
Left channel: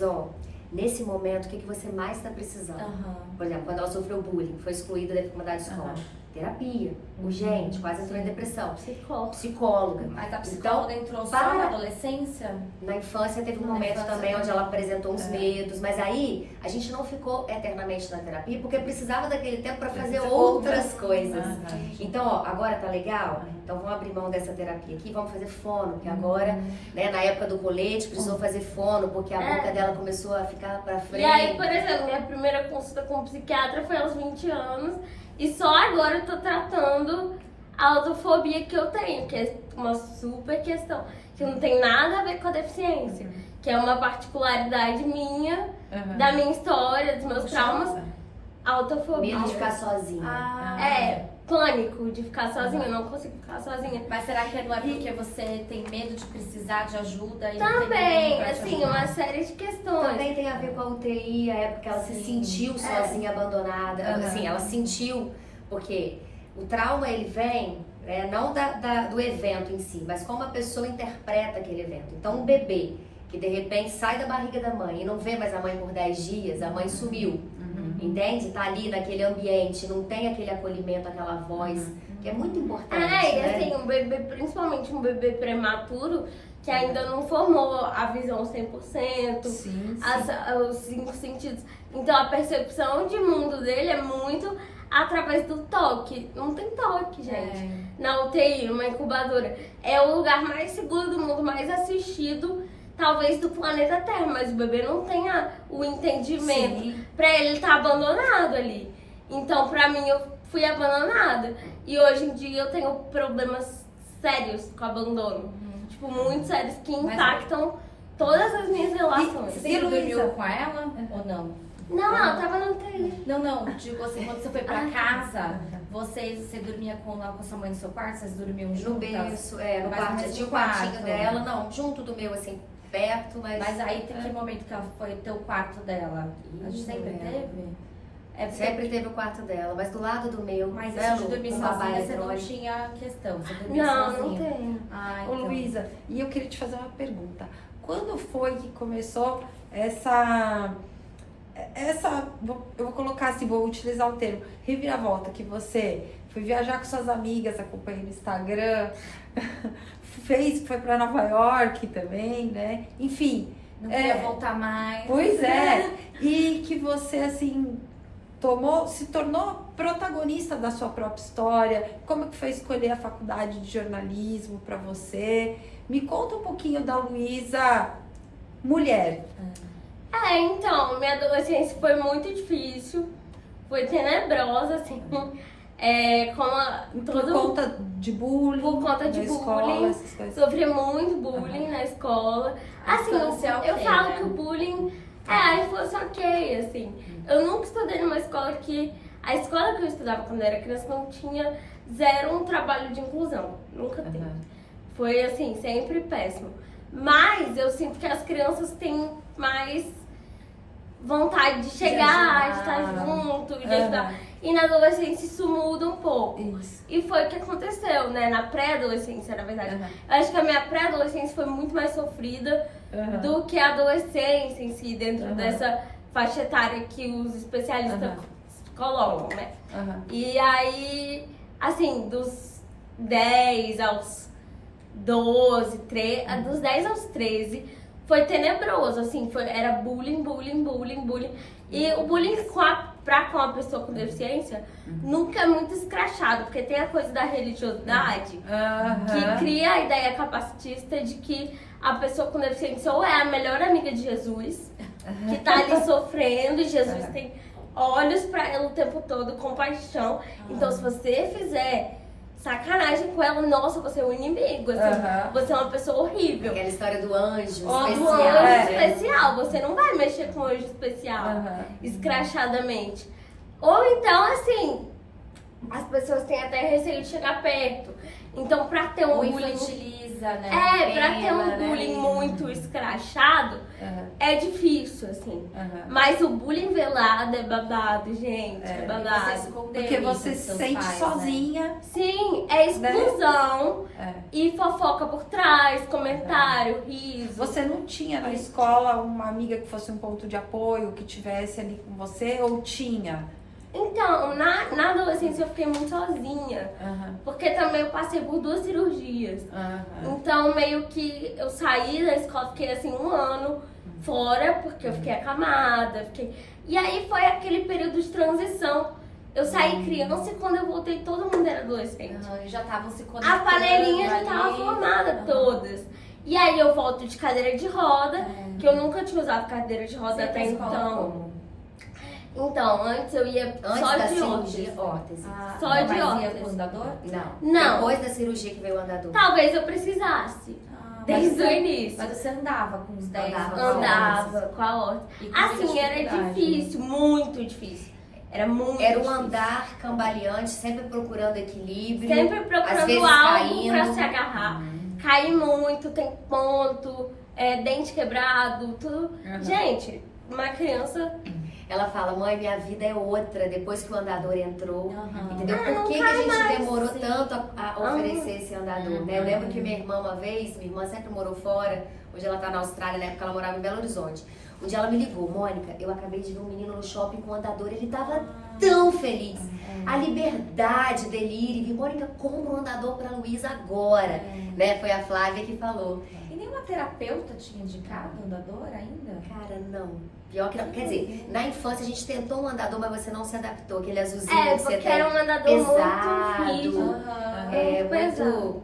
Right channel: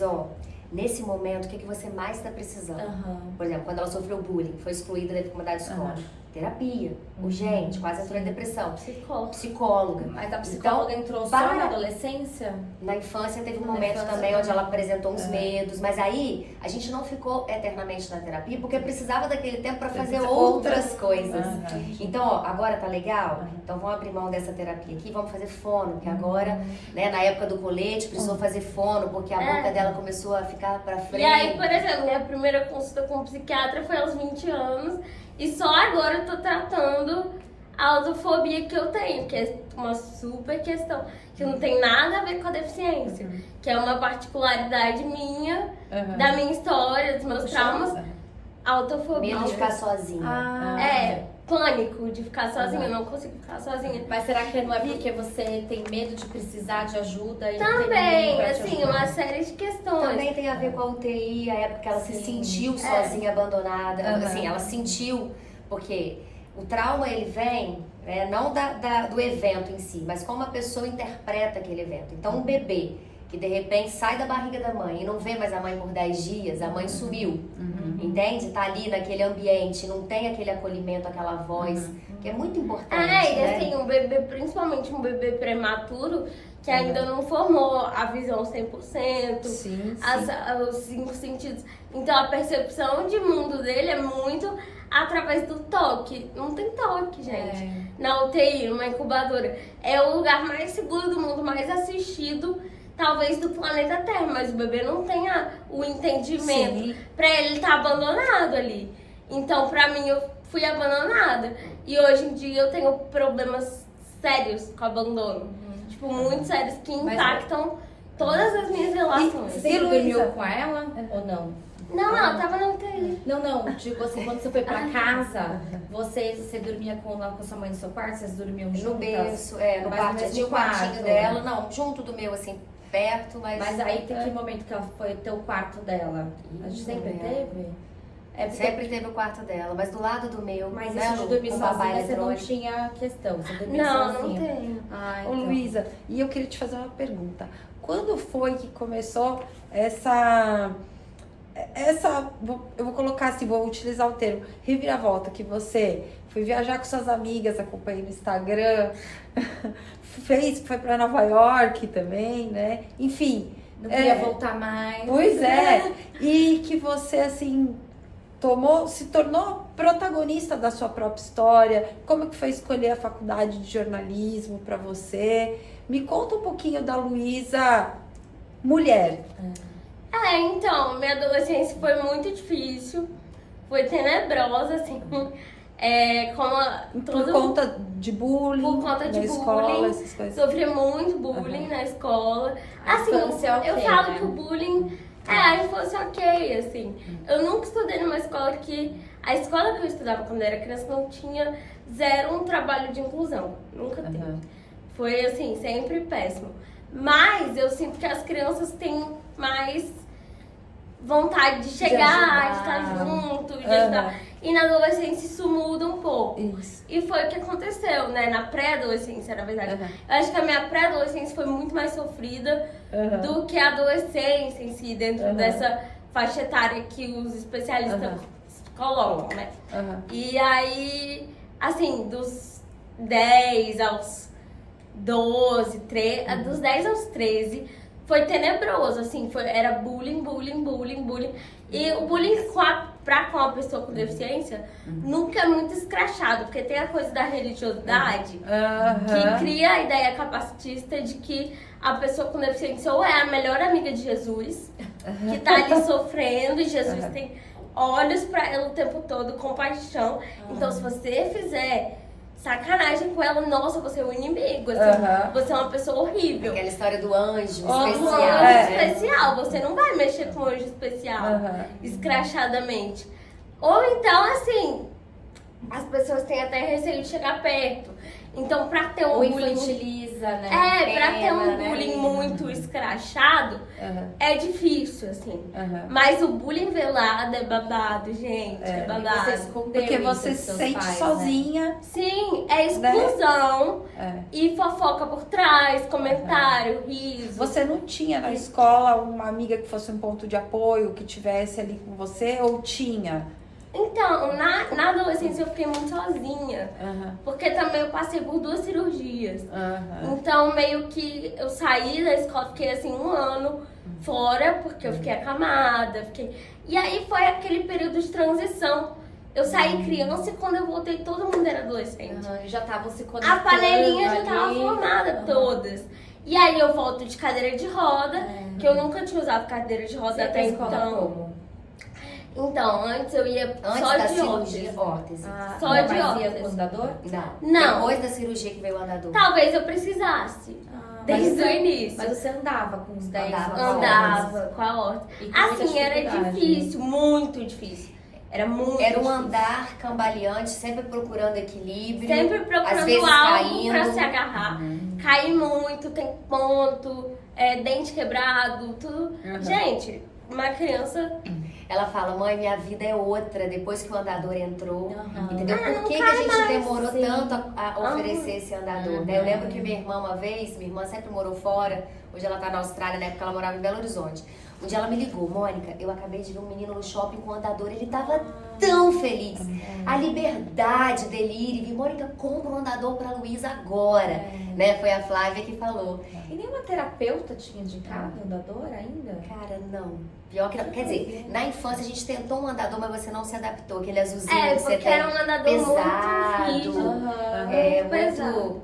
nesse momento, o que você mais está precisando? Aham. Por exemplo, quando ela sofreu bullying, foi excluída da mudar de escola. Terapia, urgente, quase entrou em depressão. Psicóloga. Mas a psicóloga entrou só para- na adolescência? Na infância teve um Na momento infância também onde também. ela apresentou uns medos, mas aí a gente não ficou eternamente na terapia porque precisava daquele tempo para fazer outras coisas. Então, agora tá legal? Então vamos abrir mão dessa terapia aqui, vamos fazer fono, que agora, né, na época do colete, precisou fazer fono porque a boca dela começou a ficar para frente. E aí, por exemplo, minha primeira consulta com um psiquiatra foi aos 20 anos. E só agora eu tô tratando a autofobia que eu tenho, que é uma super questão, que não tem nada a ver com a deficiência, que é uma particularidade minha, da minha história, dos meus traumas, autofobia. Medo de ficar sozinha. Pânico de ficar sozinha, eu não consigo ficar sozinha. Mas será que não é porque você tem medo de precisar de ajuda? E Também, tem ninguém pra te assim, ajudar? uma série de questões. Também tem a ver com a UTI, a época que ela se sentiu sozinha, abandonada. Assim, ela sentiu, porque o trauma ele vem, não do evento em si, mas como a pessoa interpreta aquele evento. Então, um bebê que de repente sai da barriga da mãe e não vê mais a mãe por 10 dias, a mãe sumiu. Entende? Tá ali naquele ambiente, não tem aquele acolhimento, aquela voz, que é muito importante. E né? assim, um bebê, principalmente um bebê prematuro, que ainda não formou a visão 100%, Sim, os 5 sentidos. Então a percepção de mundo dele é muito através do toque. Não tem toque, gente. Na UTI, numa incubadora. É o lugar mais seguro do mundo, mais assistido, talvez, do planeta Terra. Mas o bebê não tem o entendimento. Sim. Pra ele tá abandonado ali. Então, pra mim, eu fui abandonada. E hoje em dia eu tenho problemas sérios com abandono. Tipo, muito sérios, que impactam todas as minhas relações. Você sempre dormiu com ela ou não? Não, ela tava na UTI. Não, digo assim, quando você foi pra casa, você dormia com sua mãe no seu quarto? Vocês dormiam No juntas? berço, no Mas no quarto, mesmo tinha o quartinho quarto. dela, não, junto do meu, assim, perto, Mas aí tem que momento que ela foi ter o quarto dela? A gente sempre teve? É porque- sempre teve o quarto dela, mas do lado do meu, Mas né, isso de dormir com papai sozinha, você não eletrônico. tinha questão, você dormia Não, sozinha. não tenho. Ah, Ô, então. Luísa, e eu queria te fazer uma pergunta. Quando foi que começou essa eu vou colocar assim, vou utilizar o termo, reviravolta, que você foi viajar com suas amigas, acompanhei no Instagram, foi pra Nova York também, né? Enfim. Não queria voltar mais. Pois é. E que você, assim, se tornou protagonista da sua própria história. Como que foi escolher a faculdade de jornalismo pra você? Me conta um pouquinho da Luísa mulher. Então, minha adolescência foi muito difícil. Foi tenebrosa, assim. Por conta de bullying. Por conta de na escola, bullying. essas coisas. Sofri muito bullying na escola. Assim, infância eu ok, falo né? que o bullying a infância ok, assim. Eu nunca estudei numa escola que A escola que eu estudava quando eu era criança não tinha zero um trabalho de inclusão. Nunca teve. Foi assim, sempre péssimo. Mas eu sinto que as crianças têm mais vontade de chegar, de estar junto, de ajudar. E na adolescência isso muda um pouco. Isso. E foi o que aconteceu, né? Na pré-adolescência, na verdade. Eu acho que a minha pré-adolescência foi muito mais sofrida do que a adolescência em si, dentro dessa faixa etária que os especialistas colocam, né? E aí, assim, dos 10 aos 12, dos 10 aos 13, foi tenebroso, assim, era bullying. E o bullying com a pessoa com deficiência nunca é muito escrachado, porque tem a coisa da religiosidade que cria a ideia capacitista de que a pessoa com deficiência ou é a melhor amiga de Jesus, que tá ali sofrendo, e Jesus tem olhos pra ela o tempo todo, compaixão. Então, se você fizer sacanagem com ela, nossa, você é um inimigo, assim, você é uma pessoa horrível. Aquela história do anjo especial. Do anjo especial, você não vai mexer com o anjo especial, escrachadamente. Ou então, assim, as pessoas têm até receio de chegar perto. Então, pra ter um bullying... infantiliza, né? Pra ter um bullying muito escrachado, é difícil, assim. Mas o bullying velado é babado, gente. É babado. Você escondeu Porque isso você dos se seus sente pais, sozinha. Né? Sim, é exclusão e fofoca por trás, comentário, riso. Você não tinha na escola uma amiga que fosse um ponto de apoio, que tivesse ali com você, ou tinha? Então, na adolescência eu fiquei muito sozinha, porque também eu passei por 2 cirurgias. Então, meio que eu saí da escola, fiquei assim 1 ano fora, porque eu fiquei acamada. E aí foi aquele período de transição. Eu saí criança e quando eu voltei todo mundo era adolescente. Já estavam se conectando. A panelinha já tava formada, todas. E aí eu volto de cadeira de roda, que eu nunca tinha usado cadeira de roda até então. Então, antes eu ia só de órtese. Só de órtese. Com andador? Não. Depois da cirurgia que veio o andador. Talvez eu precisasse. Desde o início. Mas você andava com os 10 anos? Andava com a órtese. Assim, era difícil, muito difícil. Era muito Era um difícil. andar cambaleante, sempre procurando equilíbrio. Sempre às procurando vezes algo pra caindo. se agarrar. Caí muito, tem ponto, dente quebrado, tudo. Gente, uma criança... Ela fala, mãe, minha vida é outra depois que o andador entrou. Entendeu? Ah, Por que, não que a cai gente mais, demorou sim. tanto a oferecer esse andador? Né? Eu lembro que minha irmã uma vez, minha irmã sempre morou fora, hoje ela tá na Austrália, na época ela morava em Belo Horizonte. Um dia ela me ligou, Mônica, eu acabei de ver um menino no shopping com o andador, ele tava tão feliz. A liberdade dele ir, Mônica, compra um andador pra Luísa agora. Né? Foi a Flávia que falou. E nenhuma terapeuta tinha indicado andador ainda? Cara, não. Pior que, quer dizer, na infância a gente tentou um andador, mas você não se adaptou. Aquele azulzinho que você porque tem era um andador pesado, muito rígido. muito pesado.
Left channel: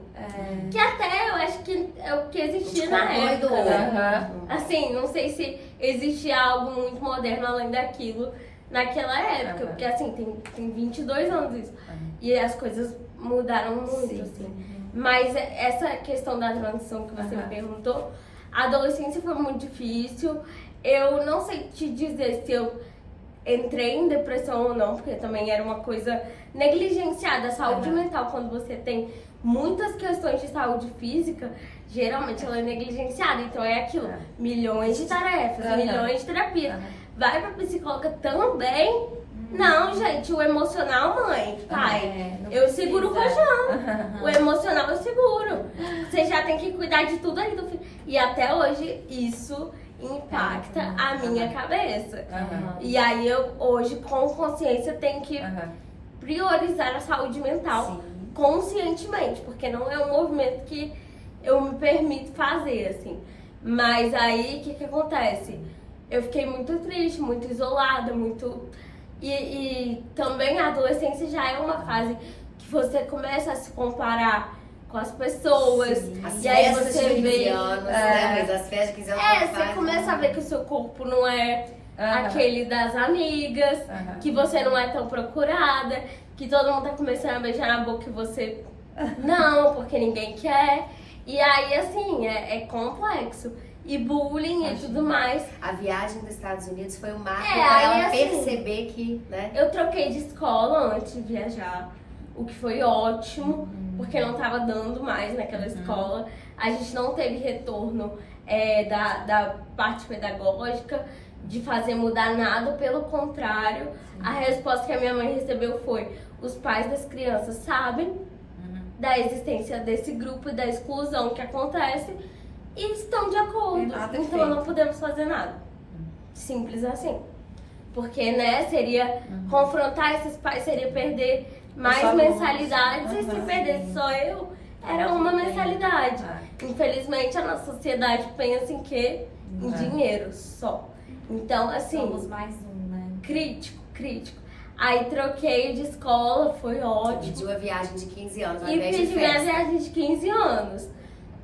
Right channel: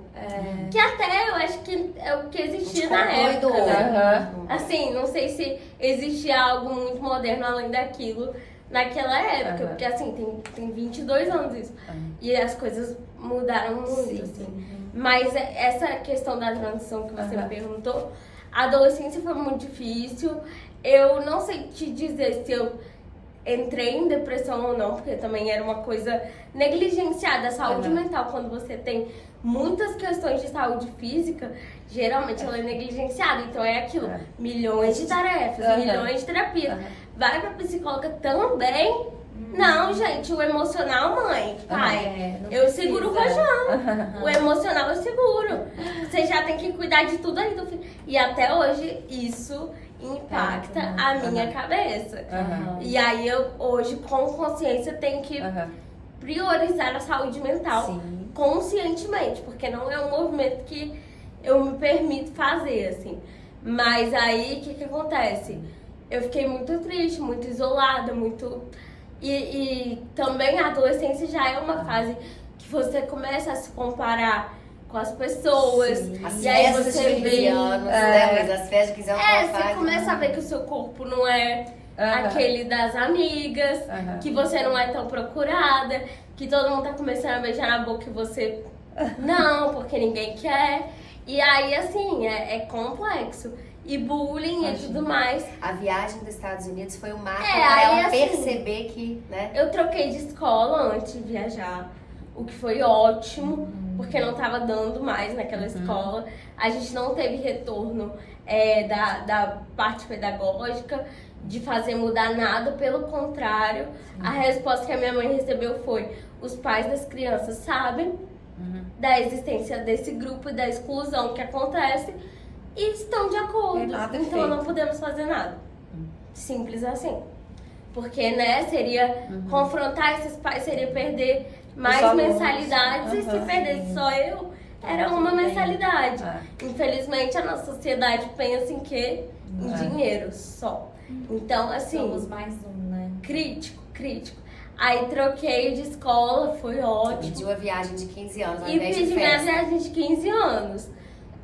Que até eu acho que é o que existia na época. descontrolador. Né? Assim, não sei se existia algo muito moderno além daquilo naquela época. Porque assim, tem 22 anos isso. E as coisas mudaram muito, assim. Mas essa questão da transição que você me perguntou, a adolescência foi muito difícil. Eu não sei te dizer se eu entrei em depressão ou não, porque também era uma coisa negligenciada. A saúde mental, quando você tem muitas questões de saúde física, geralmente ela é negligenciada. Então é aquilo, milhões de tarefas, milhões de terapias. Vai pra psicóloga também? Não, gente, o emocional, mãe, pai, eu seguro o rojão. O emocional eu seguro. Você já tem que cuidar de tudo aí do filho. E até hoje isso impacta a minha cabeça. E aí eu hoje, com consciência, tenho que priorizar a saúde mental conscientemente, porque não é um movimento que eu me permito fazer, assim. Mas aí, o que acontece? Eu fiquei muito triste, muito isolada, muito... E também a adolescência já é uma fase que você começa a se comparar com as pessoas. As e aí festas você de 15 vê... anos, né? Mas as festas de 15 anos você começa a ver que o seu corpo não é aquele das amigas, que você não é tão procurada, que todo mundo tá começando a beijar na boca e você não, porque ninguém quer. E aí, assim, é complexo. e bullying e tudo mais. A viagem dos Estados Unidos foi um marco É, pra aí, ela assim, perceber que, né? Eu troquei de escola antes de viajar, o que foi ótimo, porque não tava dando mais naquela escola. A gente não teve retorno da parte pedagógica, de fazer mudar nada, pelo contrário. A resposta que a minha mãe recebeu foi: os pais das crianças sabem da existência desse grupo e da exclusão que acontece e estão de acordo. Nada Então não feito. podemos fazer nada. Simples assim. Porque, né, seria confrontar esses pais, seria perder mais alunos. mensalidades, e se perdesse só eu, era uma mensalidade. Infelizmente, a nossa sociedade pensa em quê? Em dinheiro só. Então, assim, Somos mais um, né? crítico. Aí troquei de escola, foi ótimo. Pediu a viagem de 15 anos, ao E invés fiz de minha festa. viagem de 15 anos.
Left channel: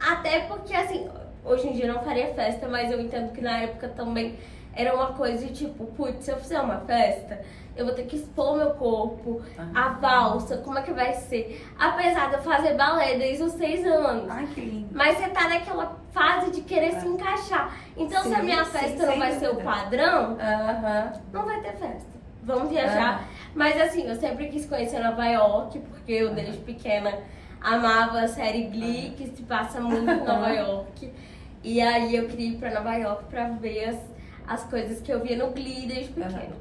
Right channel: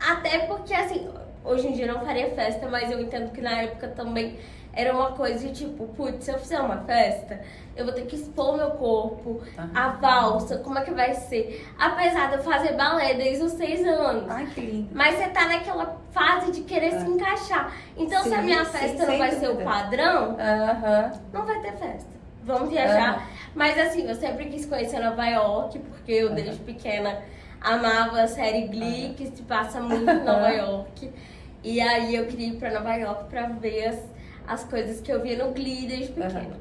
Até porque, assim, hoje em dia eu não faria festa, mas eu entendo que na época também era uma coisa de tipo, putz, se eu fizer uma festa, eu vou ter que expor meu corpo, a valsa, como é que vai ser? Apesar de eu fazer balé desde os 6 anos. Ai, que lindo. Mas você tá naquela fase de querer se encaixar. Então, se a Sim, minha sim, festa não sem vai ser o dúvida. padrão, Aham. não vai ter festa. Vamos viajar. Mas assim, eu sempre quis conhecer Nova York, porque eu desde pequena amava a série Glee, que se passa muito em Nova York. E aí eu queria ir pra Nova York pra ver as coisas que eu via no Glee desde pequena.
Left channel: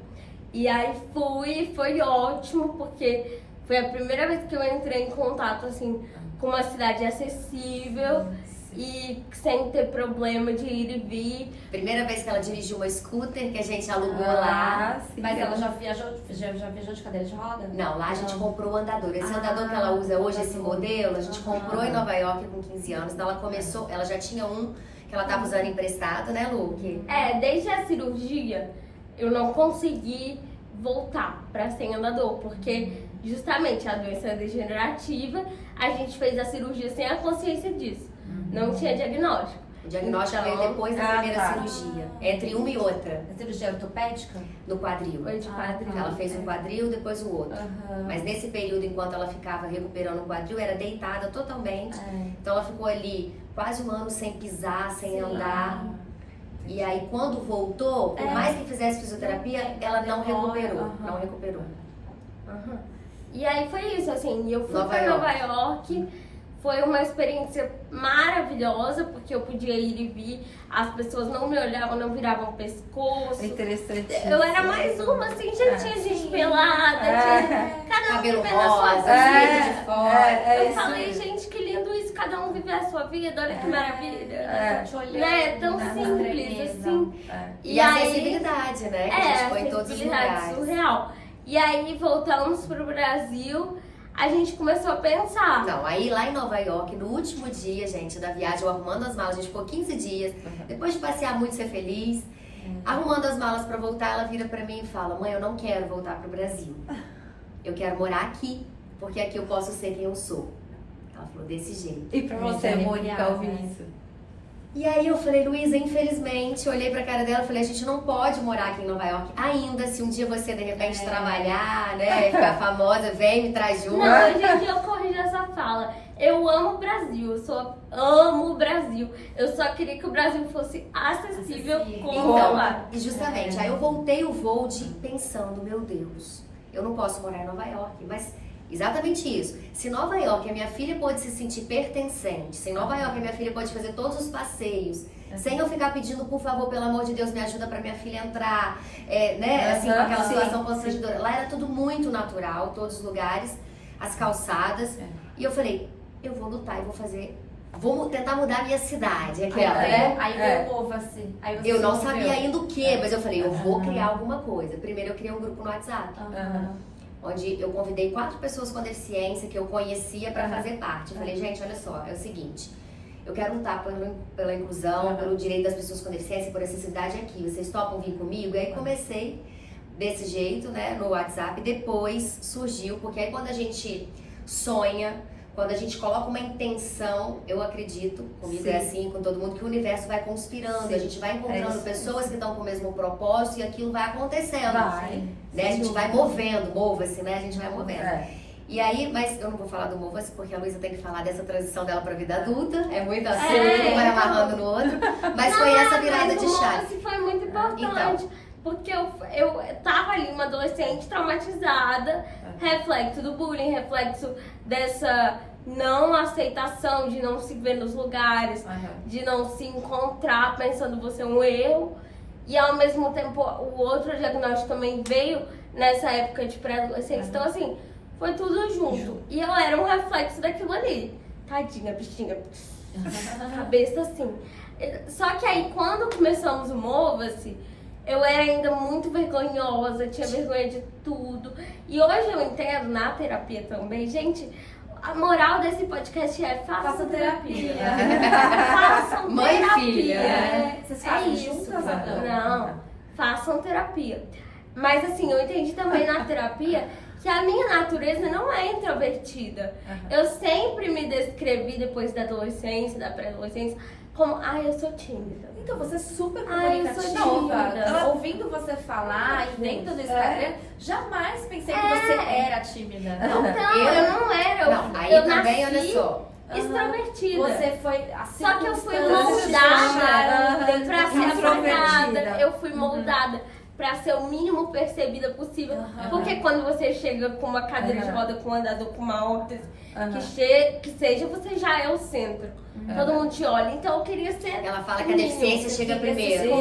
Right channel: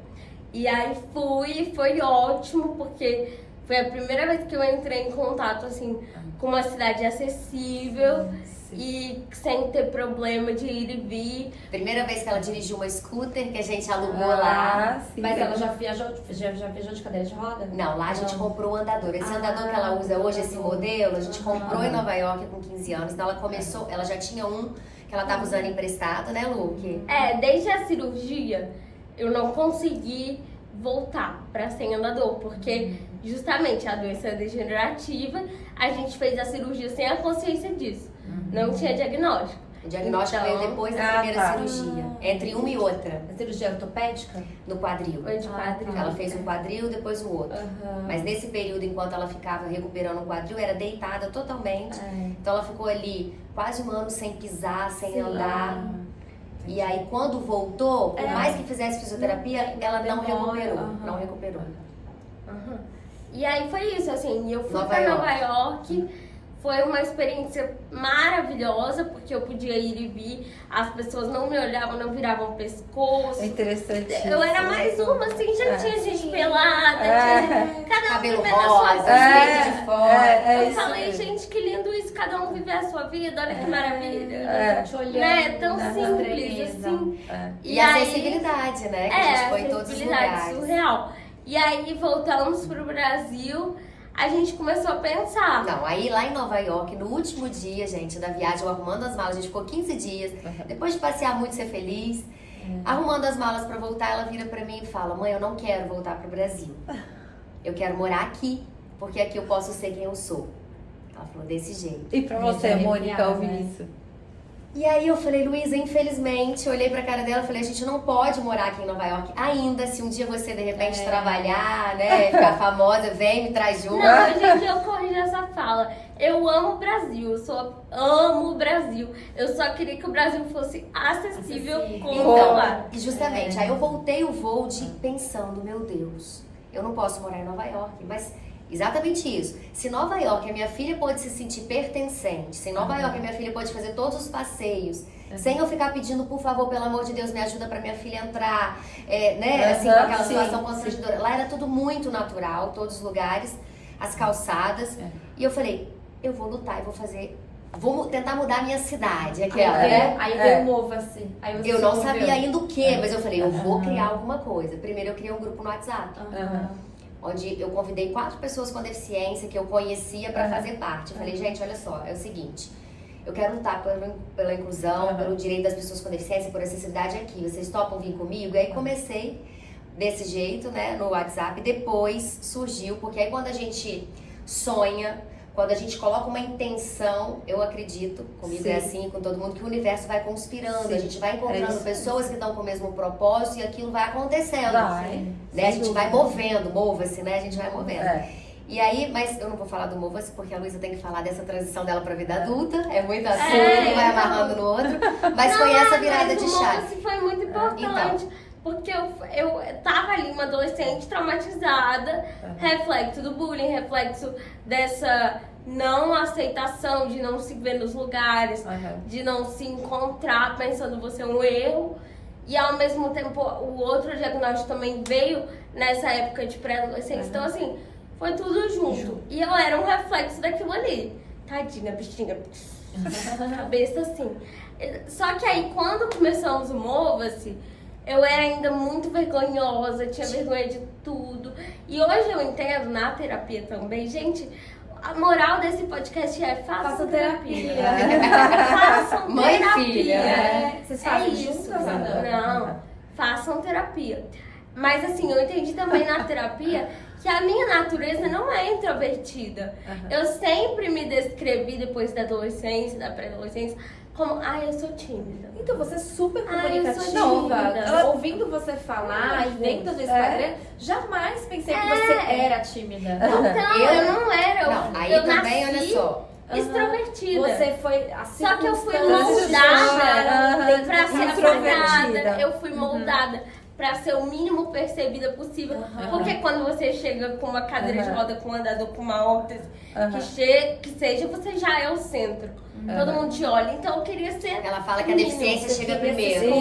E aí fui, foi ótimo, porque foi a primeira vez que eu entrei em contato, assim, com uma cidade acessível e sem ter problema de ir e vir. Primeira vez que ela dirigiu uma scooter que a gente alugou lá. Sim. Mas ela já viajou de cadeira de roda? Não, lá a gente comprou o andador. Esse andador que ela usa hoje, esse modelo, a gente comprou em Nova York com 15 anos. Então ela começou, ela já tinha um que ela tava usando emprestado, né, Luke? Desde a cirurgia, eu não consegui voltar pra ser andador, porque justamente a doença degenerativa, a gente fez a cirurgia sem a consciência disso. Não tinha diagnóstico. O diagnóstico Então, veio depois da primeira cirurgia. Entre uma e outra, A cirurgia ortopédica? no quadril. Foi de quadril. Ela fez um quadril, depois o outro. Mas nesse período, enquanto ela ficava recuperando o quadril, era deitada totalmente. Então ela ficou ali quase um ano sem pisar, sem andar. E aí quando voltou, por mais que fizesse fisioterapia, ela não recuperou. Não recuperou. E aí foi isso, assim, eu fui Nova pra York. Nova York, foi uma experiência maravilhosa, porque eu podia ir e vir, as pessoas não me olhavam, não viravam o pescoço. É interessante. Eu era mais uma, assim, já tinha gente pelada, tinha cada um Cabelo vivendo a sua rosa, vida. jeito de fora. Eu falei, gente, que lindo isso, cada um viver a sua vida, olha que maravilha. Te olhando, Né? Tão né? simples, Estranheza. assim. E a acessibilidade, né? Que a gente foi em todos os acessibilidade lugares. surreal. E aí voltamos pro Brasil, a gente começou a pensar. Não, aí lá em Nova York, no último dia, gente, da viagem, eu arrumando as malas, a gente ficou 15 dias, depois de passear muito, ser feliz, arrumando as malas pra voltar, ela vira pra mim e fala: mãe, eu não quero voltar pro Brasil. Eu quero morar aqui, porque aqui eu posso ser quem eu sou. Ela falou desse jeito. E pra você, Mônica, ouvir isso? E aí eu falei: Luísa, infelizmente, eu olhei pra cara dela e falei: a gente não pode morar aqui em Nova York ainda. Se um dia você, de repente, trabalhar, né, ficar famosa, vem, me traz junto. Não, hoje em dia eu corrijo essa fala. Eu amo o Brasil, amo o Brasil. Eu só queria que o Brasil fosse acessível como lá. E justamente, aí eu voltei o voo pensando: meu Deus, eu não posso morar em Nova York. Mas exatamente isso. Se Nova York a minha filha pode se sentir pertencente, se em Nova York a minha filha pode fazer todos os passeios, sem eu ficar pedindo, por favor, pelo amor de Deus, me ajuda pra minha filha entrar, né, assim, com aquela situação constrangedora. Lá era tudo muito natural, todos os lugares, as calçadas. E eu falei: eu vou lutar e vou tentar mudar a minha cidade, aquela, né? Aí veio o Mova-se. Aí você Eu não se moveu. sabia ainda o que, mas eu falei: eu vou criar alguma coisa. Primeiro eu criei um grupo no WhatsApp, onde eu convidei 4 pessoas com deficiência que eu conhecia para fazer parte. Eu falei: gente, olha só, é o seguinte, eu quero lutar pela inclusão, pelo direito das pessoas com deficiência, por acessibilidade aqui. Vocês topam vir comigo? E aí comecei desse jeito, né, no WhatsApp. Depois surgiu, porque aí quando a gente sonha, quando a gente coloca uma intenção, eu acredito, comigo é assim, com todo mundo, que o universo vai conspirando, a gente vai encontrando pessoas que estão com o mesmo propósito e aquilo vai acontecendo. Vai. Né? A gente vai movendo, mova-se, né? A gente vai movendo. E aí, mas eu não vou falar do Mova-se porque a Luísa tem que falar dessa transição dela pra vida adulta. É muito assunto, um vai amarrando no outro. Mas foi essa virada de chave. Isso foi muito importante, porque eu tava ali, uma adolescente traumatizada, reflexo do bullying, reflexo dessa não aceitação, de não se ver nos lugares, de não se encontrar pensando você é um erro. E ao mesmo tempo, o outro diagnóstico também veio nessa época de pré-adolescência. Então, assim, foi tudo junto. E eu era um reflexo daquilo ali. Tadinha, bichinha. Cabeça assim. Só que aí, quando começamos o Mova-se, eu era ainda muito vergonhosa, tinha vergonha de tudo. E hoje eu entendo, na terapia também, gente, a moral desse podcast é façam terapia. Façam Mãe e terapia. filha, né? Vocês É fazem isso. juntas, Ana? Não, façam terapia. Mas assim, eu entendi também na terapia que a minha natureza não é introvertida. Eu sempre me descrevi depois da adolescência, da pré-adolescência, como, eu sou tímida. Então, você é super Eu sou comunicativa. tímida. Ouvindo você falar e vendo no Instagram, jamais pensei que É. você era tímida. Então, eu não era. Não, aí eu também, nasci olha só. extrovertida. Você foi assim. Só que eu fui moldada pra ser apagada. Eu fui moldada pra ser o mínimo percebida possível. Porque quando você chega com uma cadeira de roda, com um andador, com uma órtese, que seja, você já é o centro. Todo mundo te olha. Então eu queria ser. Ela fala que a deficiência chega primeiro.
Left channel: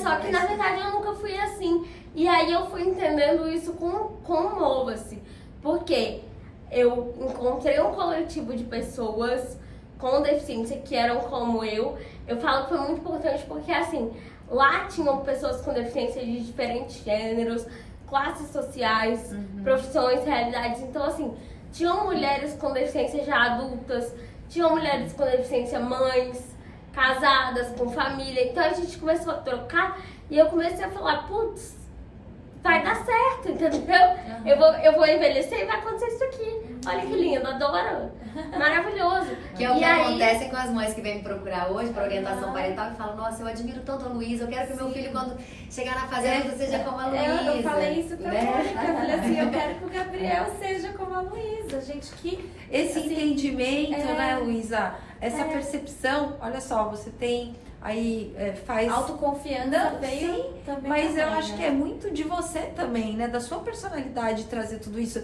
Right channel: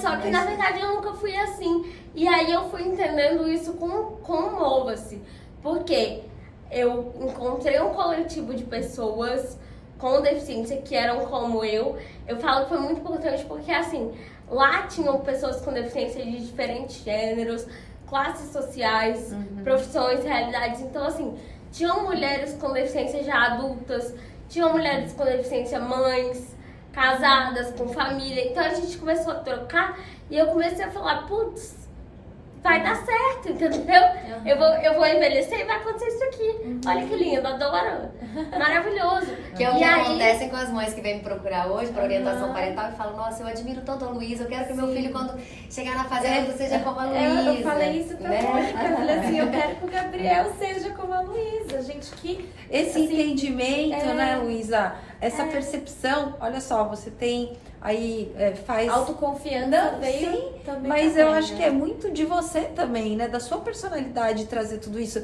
Só que na verdade eu nunca fui assim. E aí eu fui entendendo isso com o Mova-se. Porque eu encontrei um coletivo de pessoas com deficiência que eram como eu. Eu falo que foi muito importante porque, assim, lá tinham pessoas com deficiência de diferentes gêneros, classes sociais, profissões, realidades. Então, assim, tinham mulheres com deficiência já adultas, tinham mulheres com deficiência mães, casadas, com família. Então, a gente começou a trocar e eu comecei a falar, putz, vai dar certo, entendeu? Eu vou envelhecer e vai acontecer isso aqui. Olha que lindo, adoro. Maravilhoso. Que é o E que aí- acontece com as mães que vêm me procurar hoje para orientação parental e falam, nossa, eu admiro tanto a Luísa, eu quero que meu filho, quando chegar na fazenda, seja como a Luísa. Eu falei isso pra né? Mônica. Eu falei assim, eu quero que o Gabriel seja como a Luísa. Gente, que... Esse assim, entendimento, né, Luísa? Essa percepção, olha só, você tem aí, faz... autoconfiança Não, veio sim, também. mas eu também, acho né? que é muito de você também, né? Da sua personalidade trazer tudo isso.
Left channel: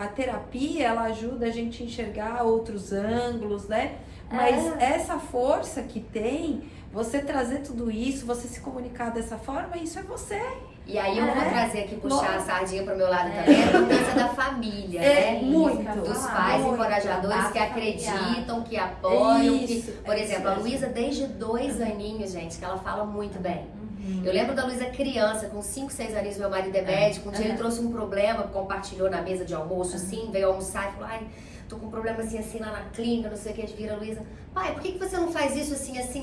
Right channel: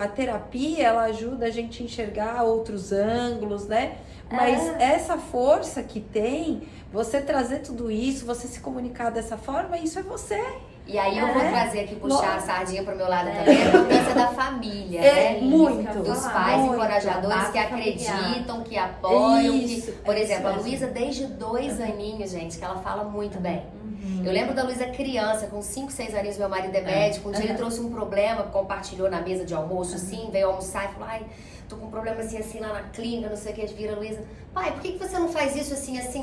A terapia, ela ajuda a gente a enxergar outros ângulos, né? Mas essa força que tem, você trazer tudo isso, você se comunicar dessa forma, isso é você. E aí eu vou trazer aqui, puxar a sardinha pro meu lado também, a importância da família, né? Muito. Dos pais muito. encorajadores que acreditam, que apoiam. Isso, Por exemplo, a isso. Luísa, desde 2 aninhos, gente, que ela fala muito bem. Eu lembro da Luísa criança, com 5, 6 aninhos, meu marido é médico. Um dia ele trouxe um problema, compartilhou na mesa de almoço, assim, veio almoçar e falou, ai, tô com um problema assim, lá na clínica, não sei o que, vira a Luísa. Pai, por que você não faz isso assim, né? Sim.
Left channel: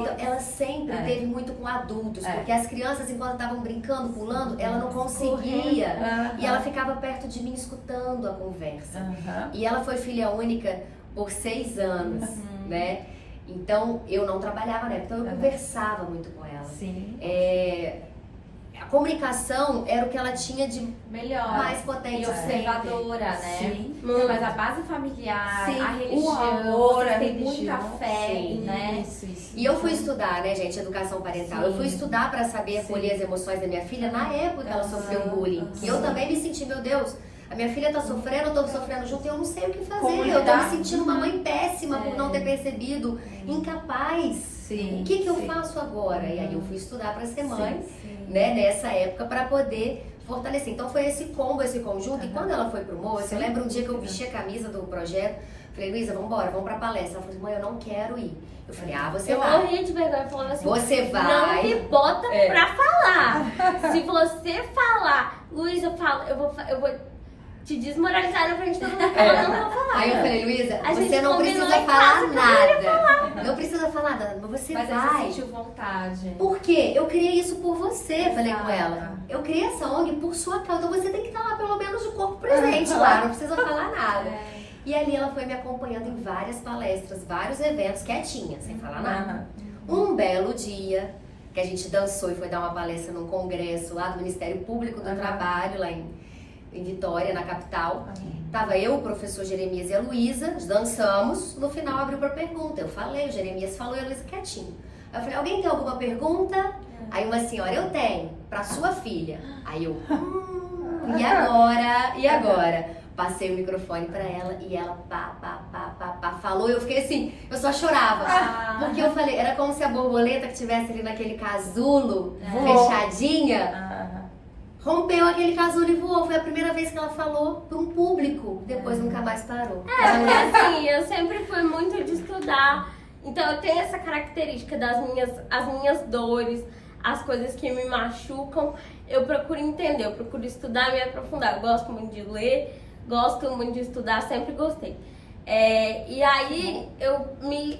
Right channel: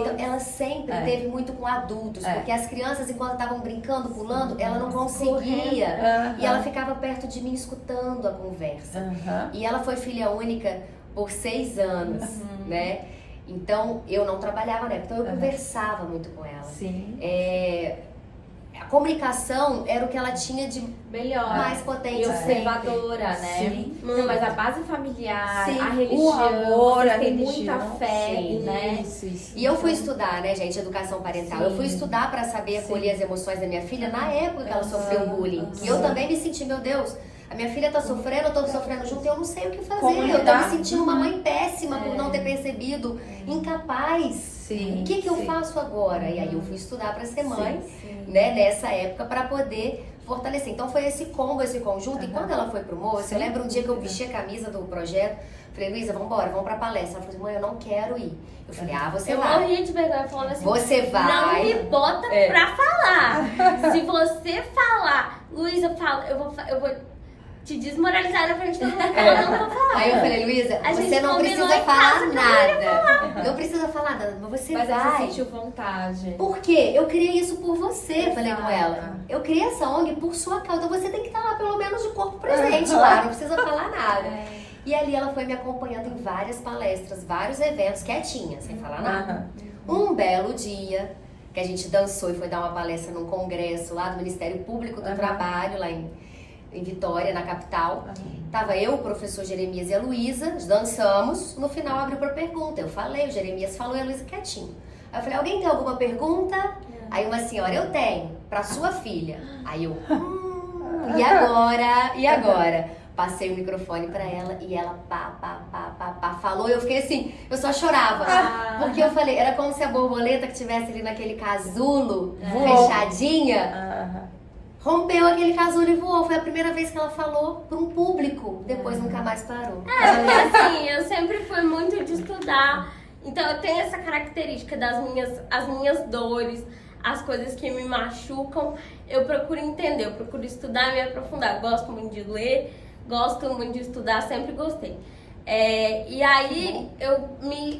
Então, ela sempre teve muito com adultos, porque as crianças, enquanto estavam brincando, pulando, ela não conseguia. E ela ficava perto de mim, escutando a conversa. E ela foi filha única por 6 anos, né? Então, eu não trabalhava, né? Então, eu conversava muito com ela. Sim. A comunicação era o que ela tinha de Melhor. mais potente. E observadora, né? Sim. Mas a base familiar, Sim, a o religião, amor, vocês a têm religião, muita fé, sim. né? Isso. E eu fui estudar, né, gente, educação parental. Eu fui estudar para saber Sim. acolher as emoções da minha filha na época que ela sofreu bullying. E eu também me senti, meu Deus, a minha filha tá sofrendo, eu tô sofrendo junto e eu não sei o que fazer. Como Eu tô me lidar? sentindo uma mãe péssima por não ter percebido, incapaz. Sim. O que eu sim. faço agora? E aí eu fui estudar para ser mãe, né, nessa época, para poder fortalecer. Então foi esse combo, esse conjunto. E quando ela foi pro Moço, eu lembro um dia que eu vesti a camisa do projeto, falei, Luísa, vamos embora, vamos pra palestra. Ela falou, mãe, eu não quero ir. Eu falei, você Eu vai. morri de vergonha falando assim. Você Não vai. me bota pra falar. Se você falar, Luísa, eu vou te desmoralizar na frente de todo mundo. Ela não vai falar. Aí eu falei, Luísa, A gente você não combinou precisa em falar casa que eu não ia nada. Não precisa falar nada, mas você Mas aí vai. você sentiu vontade. Por quê? Eu criei isso por você, falei com Exato. ela. Eu criei essa ONG por sua causa, então você tem que estar lá pelo menos de corpo presente lá, não precisa falar nada. E ali ela foi me acompanhando em várias palestras, vários eventos, quietinha, sem falar nada. Um belo dia, que a gente dançou e foi dar uma palestra num congresso lá do Ministério Público do Trabalho, lá em Vitória, na capital. Tava eu, o professor Jeremias e a Luísa, dançamos, no final abriu pra pergunta. Eu falei, o Jeremias falou e a Luísa quietinho. Aí eu falei, alguém tem alguma pergunta? Aí uma senhora, eu tenho, pra sua filha. Aí eu, e agora? E agora? Passei o microfone pra ela e ela falou. Eu fiquei assim, eu só chorava. Porque eu falei, era como se a borboleta que estivesse ali naquele casulo, fechadinha, rompeu aquele casulo e voou. Foi a primeira vez que ela falou para um público. Depois nunca mais parou. Porque assim, eu sempre fui muito de estudar. Então eu tenho essa característica as minhas dores, as coisas que me machucam. Eu procuro entender, eu procuro estudar e me aprofundar. Eu gosto muito de ler, gosto muito de estudar, sempre gostei. E aí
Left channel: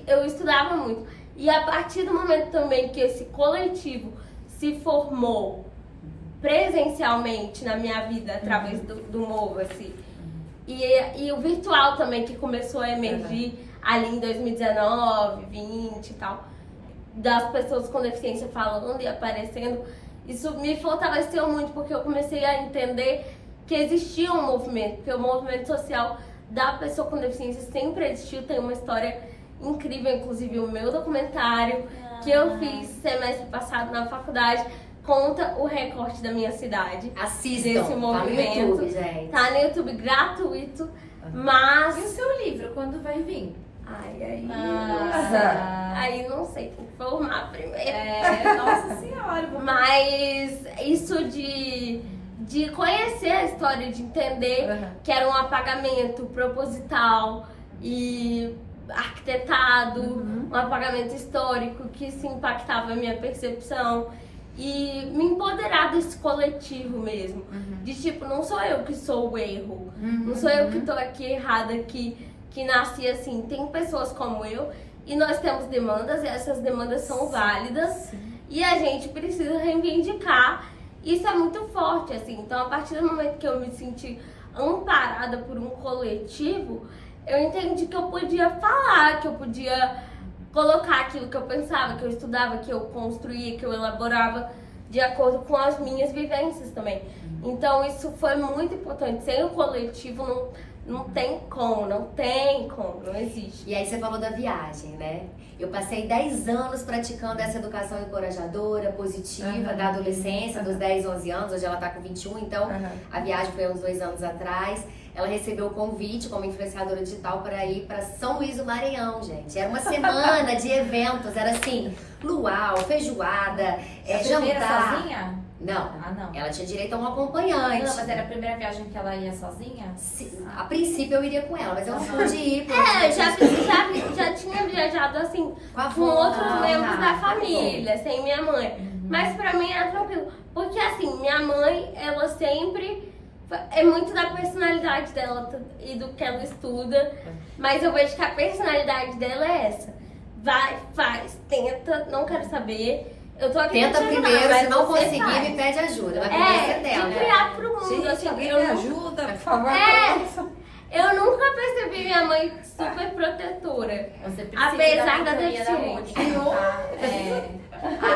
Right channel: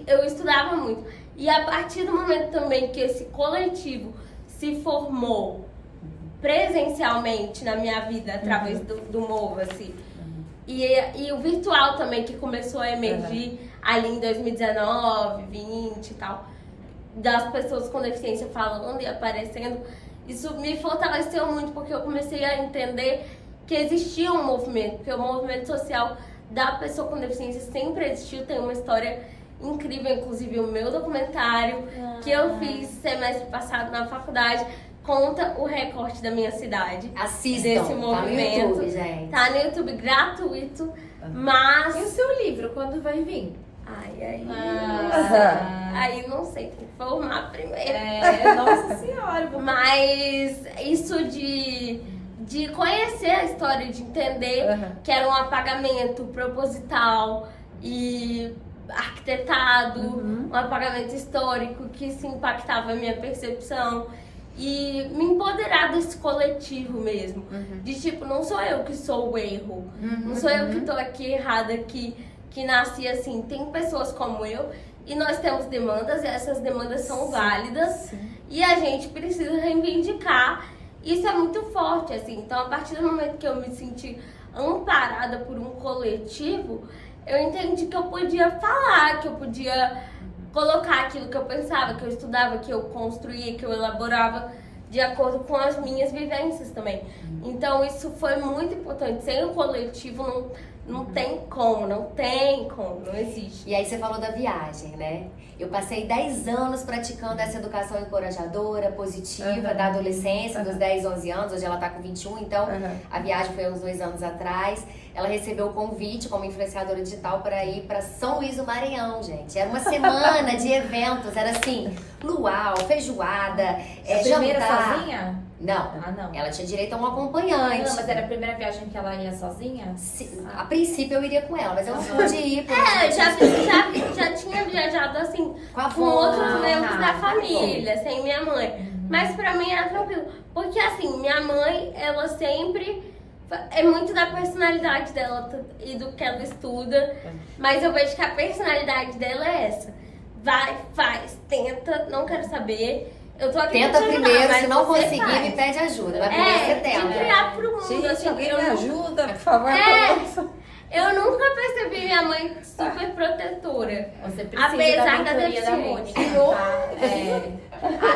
eu estudava muito. E a partir do momento também que esse coletivo se formou presencialmente na minha vida, através do Mova, assim, e o virtual também, que começou a emergir ali em 2019, 20 e tal, das pessoas com deficiência falando e aparecendo, isso me fortaleceu muito, porque eu comecei a entender que existia um movimento, porque o movimento social da pessoa com deficiência sempre existiu, tem uma história incrível, inclusive o meu documentário que eu fiz semestre passado na faculdade, conta o recorte da minha cidade. Assistam, desse movimento. Tá no YouTube, gente. Tá no YouTube gratuito, mas... E o seu livro, quando vai vir? Aí não sei, tem que formar primeiro. Nossa Senhora. Mas isso de conhecer a história, de entender que era um apagamento proposital e arquitetado, um apagamento histórico que se impactava a minha percepção. E me empoderar desse coletivo mesmo. De tipo, não sou eu que sou o erro. Não sou eu que tô aqui errada, que nasci assim. Tem pessoas como eu e nós temos demandas e essas demandas são válidas. E a gente precisa reivindicar. Isso é muito forte, assim. Então, a partir do momento que eu me senti amparada por um coletivo, eu entendi que eu podia falar, que eu podia colocar aquilo que eu pensava, que eu estudava, que eu construía, que eu elaborava de acordo com as minhas vivências também. Então isso foi muito importante. Sem o coletivo não tem como, não existe. E aí você falou da viagem, né? Eu passei 10 anos praticando essa educação encorajadora, positiva, da adolescência, dos 10, 11 anos. Hoje ela tá com 21, então a viagem foi há uns 2 anos atrás. Ela recebeu o convite como influenciadora digital para ir para São Luís do Maranhão, gente. Era uma semana de eventos, era assim, luau, feijoada, Primeira jantar. sozinha? Não, não. Ela tinha direito a um acompanhante. Não, mas era a primeira viagem que ela ia sozinha? A princípio eu iria com ela, mas eu não pude ir. Já tinha viajado assim com outros membros da família, sem minha mãe. Mas pra mim era tranquilo. Porque assim, minha mãe, ela sempre... É muito da personalidade dela e do que ela estuda. Mas eu vejo que a personalidade dela é essa. Vai, faz, tenta, não quero saber. Eu tô aqui Tenta pra te ajudar, primeiro, mas se não você conseguir, faz. me pede ajuda. Vai primeiro você tenta. De criar pro mundo, Gente, assim, alguém eu me não... ajuda, por favor. Eu nunca percebi minha mãe super protetora. Você precisa Apesar da mentoria da deficiência. Mônica, tá?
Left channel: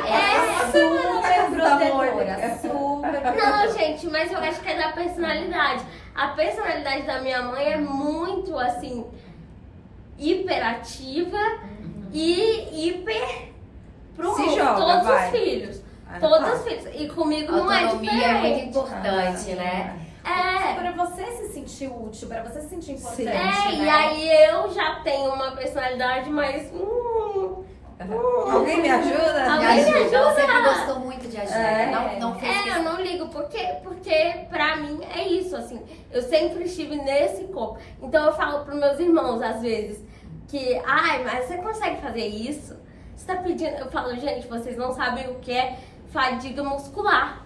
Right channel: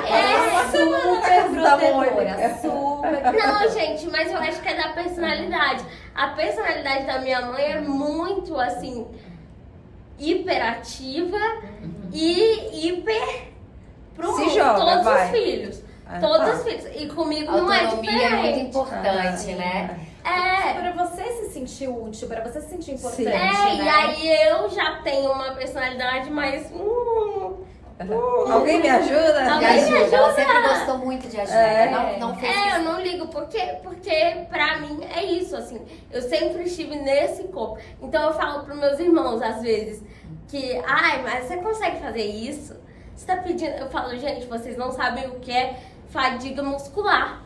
Ela é super protetora, super. Não, gente, mas eu acho que é da personalidade. A personalidade da minha mãe é muito, assim, hiperativa e hiper pro Se mundo. joga, Todos vai. os filhos. Todos os filhos. E comigo não é Autonomia diferente. é muito importante, né? Para você se sentir útil, para você se sentir importante, E né? aí eu já tenho uma personalidade mais... Alguém me ajuda? Alguém me ajuda? Ela sempre gostou muito de ajuda. Não fez eu não ligo, porque pra mim é isso, assim. Eu sempre estive nesse corpo. Então eu falo pros meus irmãos, às vezes, que... Ai, mas você consegue fazer isso? Você tá pedindo... Eu falo, gente, vocês não sabem o que é fadiga muscular.